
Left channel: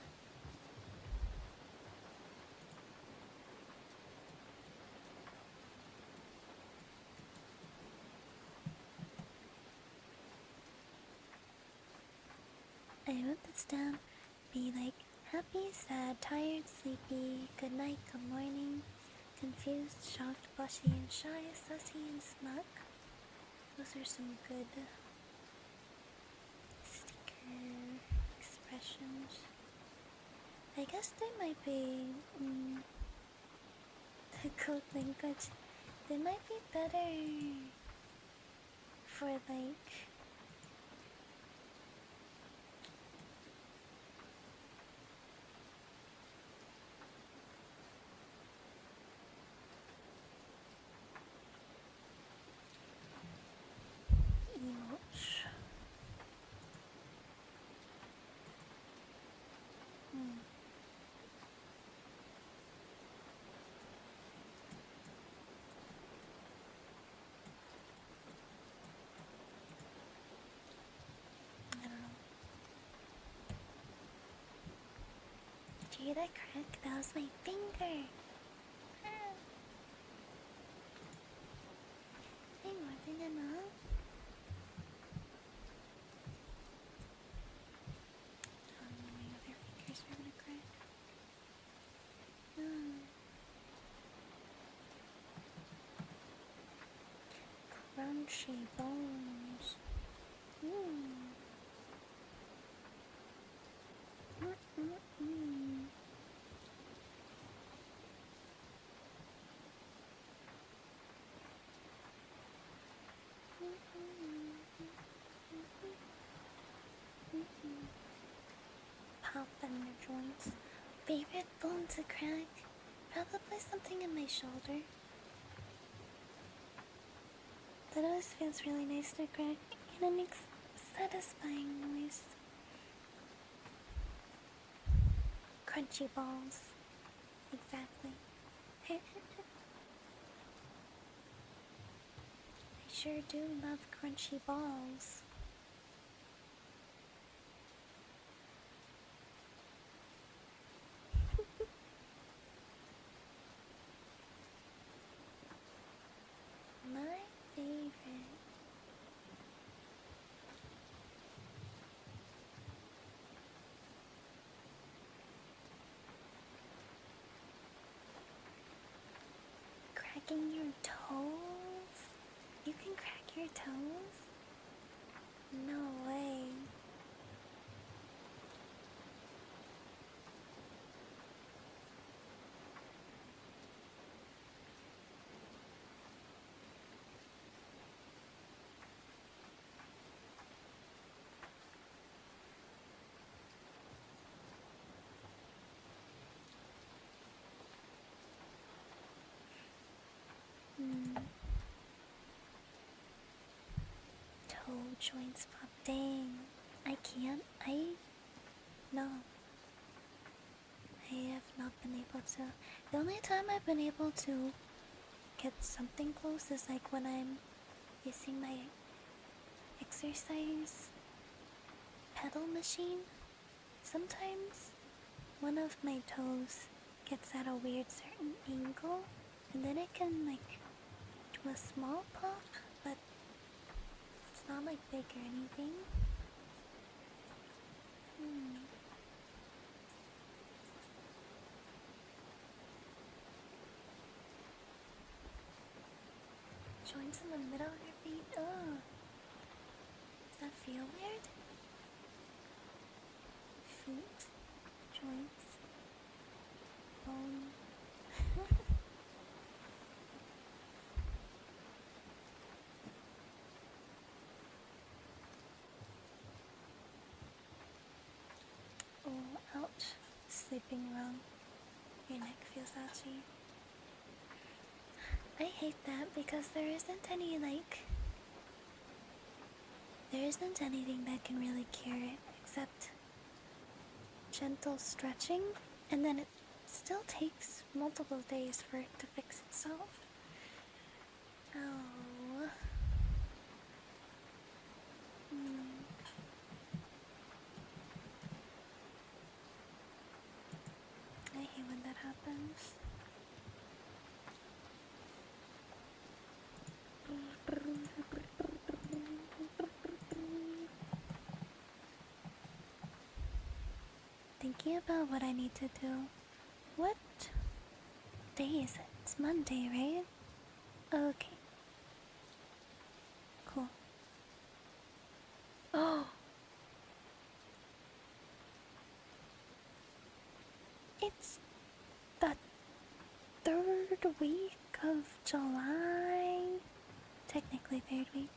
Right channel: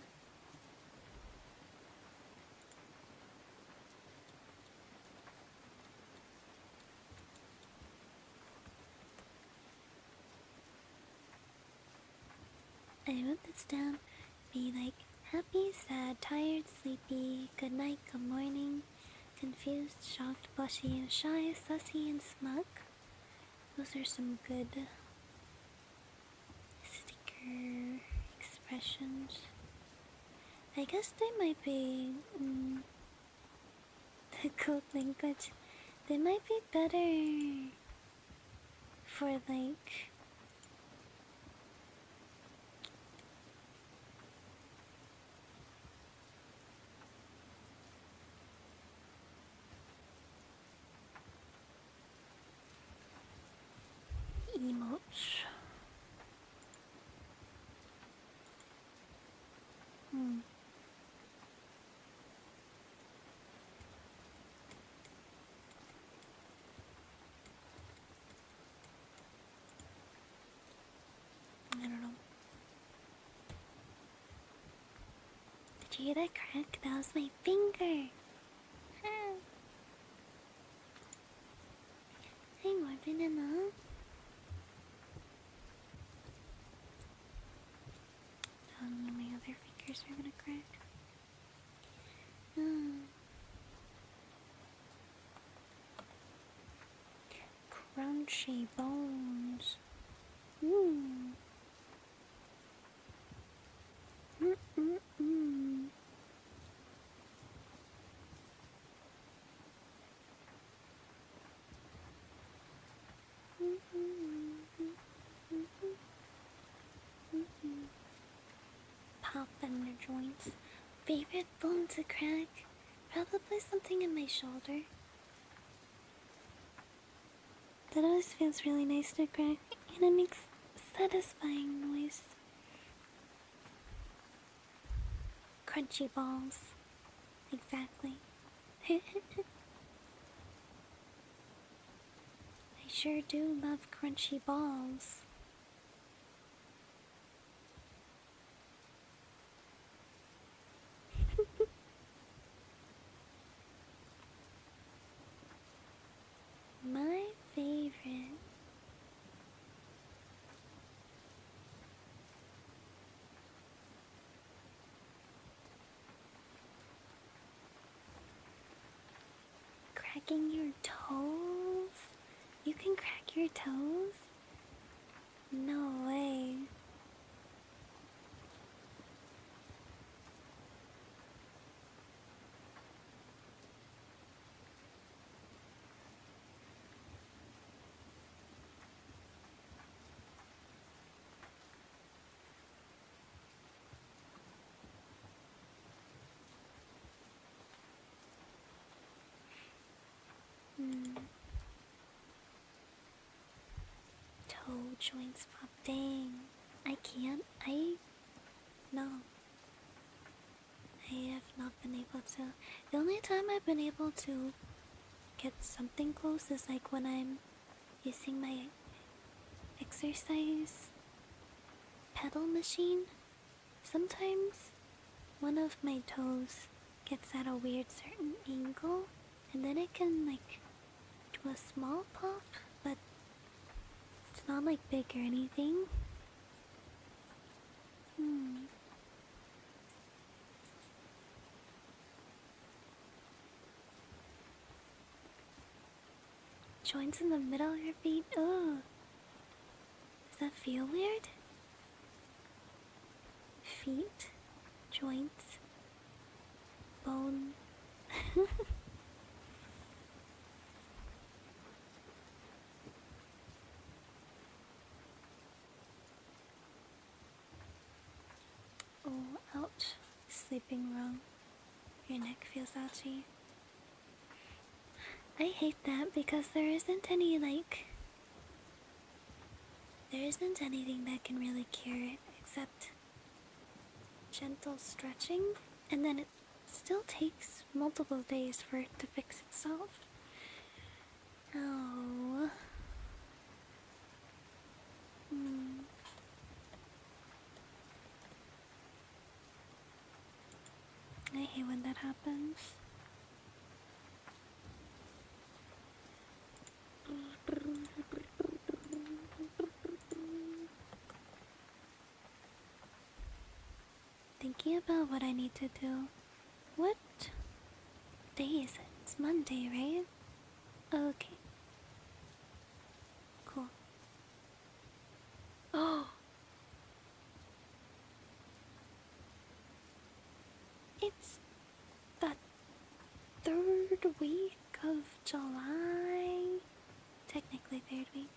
I wrote this down. Be like happy, sad, tired, sleepy, good night, good morning, confused, shocked, blushy, and shy, sussy, and smug. Those are some good sticker expressions. I guess they might be the code language. They might be better for like emotes. I don't know. Did you hear that crack? That was my finger. crunchy bones. Mm. Mm-mm-mm. Pop in the joints. Favorite bone to crack? Probably something in my shoulder. That always feels really nice to crack, and it makes satisfying noise. Crunchy balls. Exactly. I sure do love crunchy balls. My favorite. Cracking your toes? You can crack your toes? No way. Hmm. Toe joints pop. Dang. I can't. No. I have not been able to. The only time I've been able to get something close is like when I'm using my exercise pedal machine. Sometimes one of my toes gets at a weird certain angle, and then it can like do a small pop, but it's not like big or anything. Joints in the middle of your feet. Oh, does that feel weird? Feet, joints, bone. Oh, ouch. Sleeping wrong. Your neck feels ouchy. I hate that because there isn't anything that can really cure it except gentle stretching, and then it still takes multiple days for it to fix itself. Oh. I hate when that happens. Thinking about what I need to do. What day is it? It's Monday, right? Okay. Cool. Oh! It's the 3rd week of July. Technically 3rd week.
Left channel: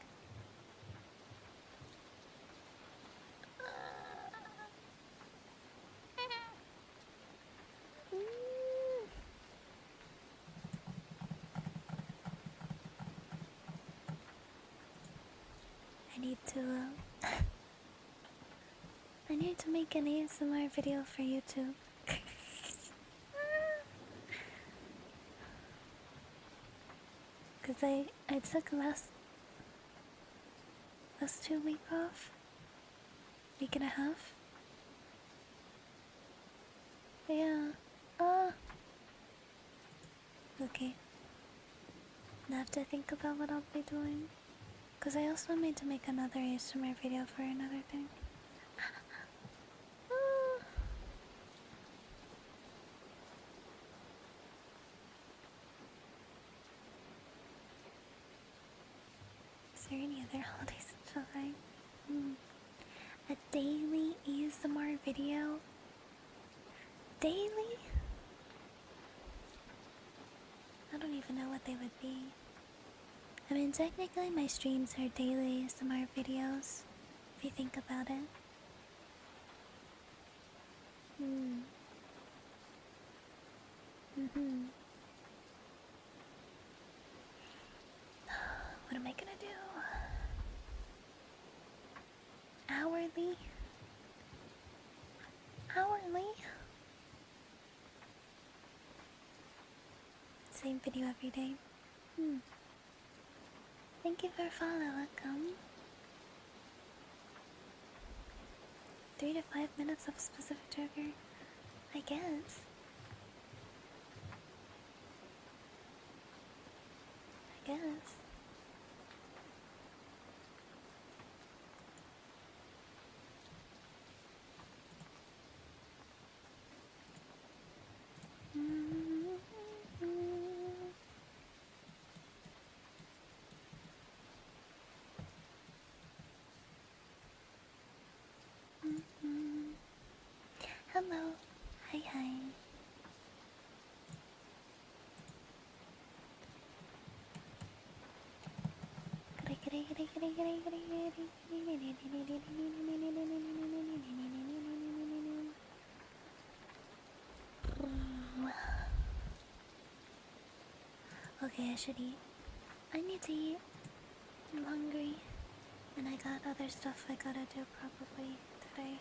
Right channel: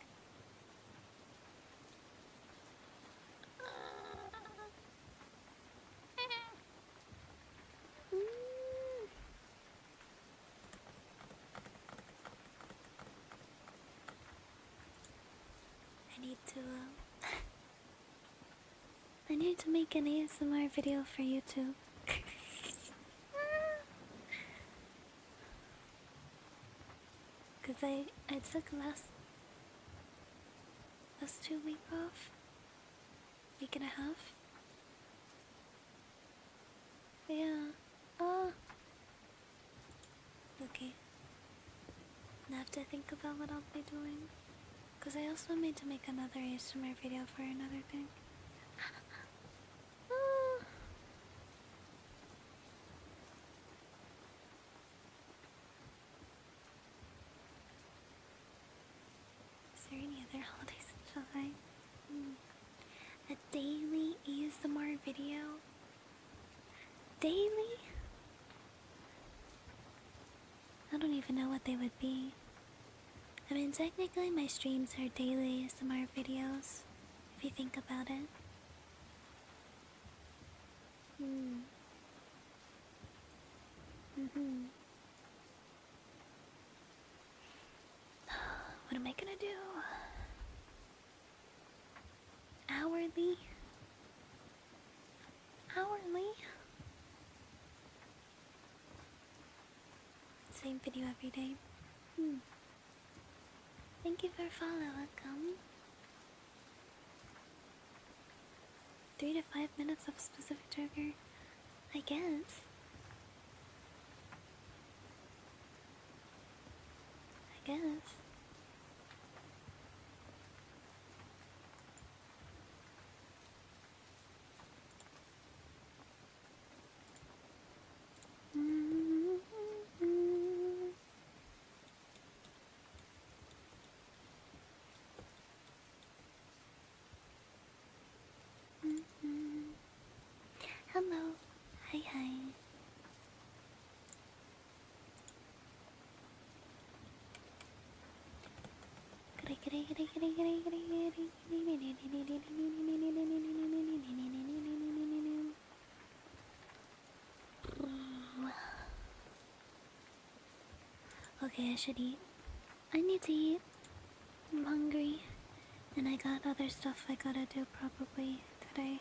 I need to make an ASMR video for YouTube. Cause I took last 2 weeks off. Week and a half. Yeah. Okay. Now I have to think about what I'll be doing. Cause I also need to make another ASMR video for another thing. their holidays in July. A daily ASMR video? Daily? I don't even know what they would be. I mean, technically my streams are daily ASMR videos, if you think about it. What am I gonna do? Hourly? Hourly? Same video every day. Thank you for follow, welcome. 3 to 5 minutes of a specific trigger, I guess. Hello. Hi. Okay, I should eat. I need to eat. I'm hungry. And I got other stuff I gotta do probably today.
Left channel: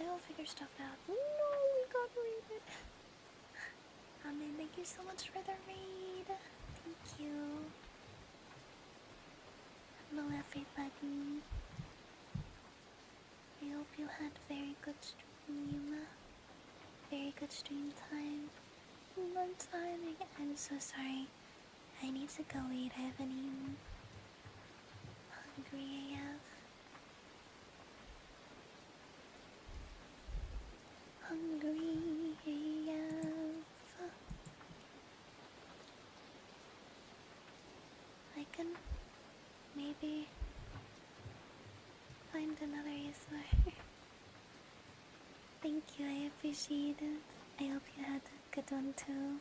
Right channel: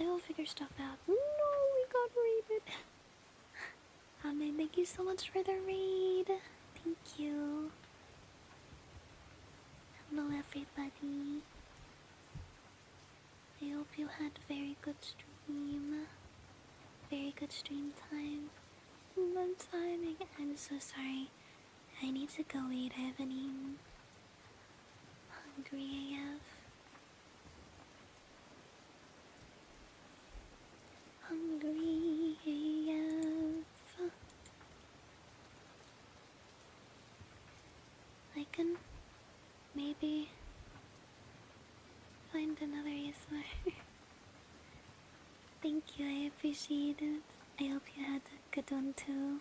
I will figure stuff out. No, we got raided. Man, thank you so much for the raid. Thank you. Hello, everybody. I hope you had very good stream. Very good stream time. I'm so sorry. I need to go eat. I haven't eaten. Hungry AF. Hungry AF. I can maybe find another ASMR. Thank you, I appreciate it. I hope you had a good one too.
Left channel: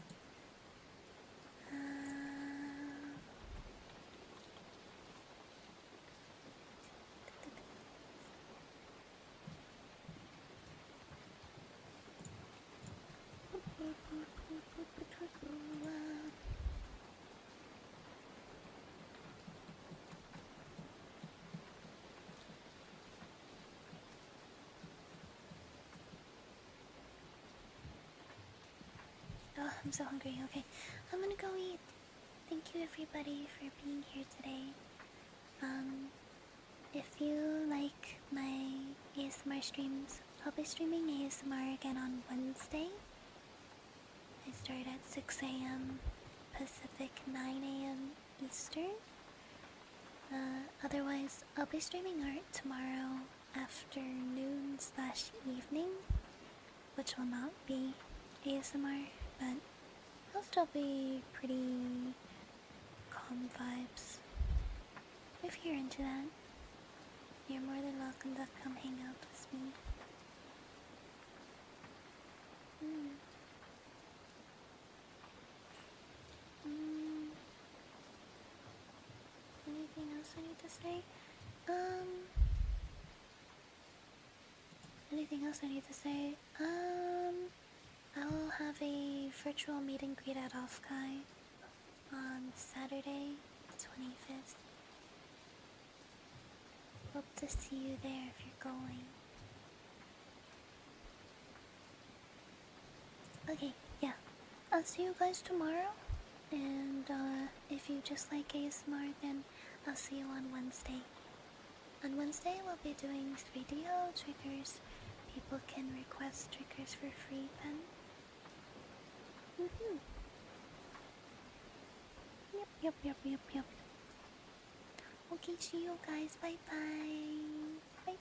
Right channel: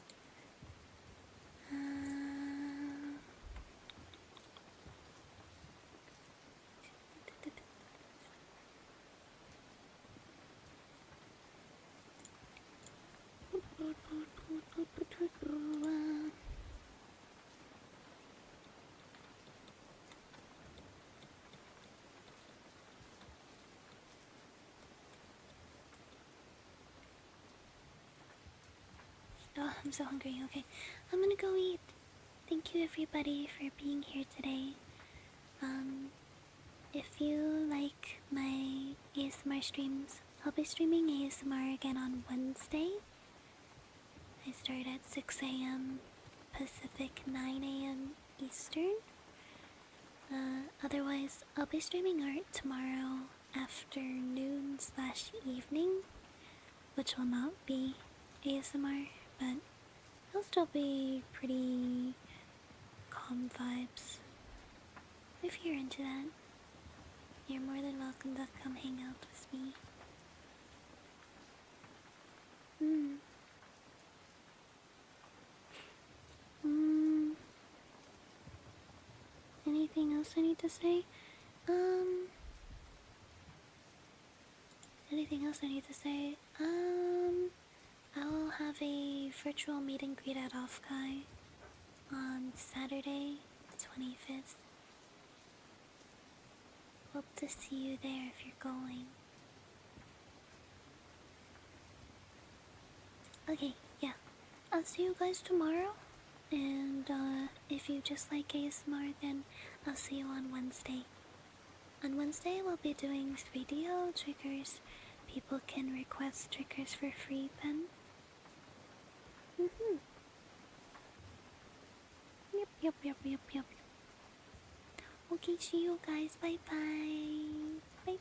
Oh, I'm so hungry. Okay, I'm gonna go eat. Thank you everybody for being here today. If you like my ASMR streams, I'll be streaming ASMR again on Wednesday. I start at 6 a.m. Pacific, 9 a.m. Eastern. Otherwise, I'll be streaming art tomorrow afternoon/evening, which will not be ASMR, but it'll still be pretty calm vibes. If you're into that, you're more than welcome to come hang out with me. Anything else I need to say? I'll have a virtual meet and greet at Offkai on Saturday, the 25th. Hope to see you there if you're going. Okay, yeah. I'll see you guys tomorrow. And if you just like ASMR, then I'll see you on Wednesday. On Wednesday, we'll be doing 3DO triggers. People can request triggers for free then. Yep. Okay, see you guys. Bye bye.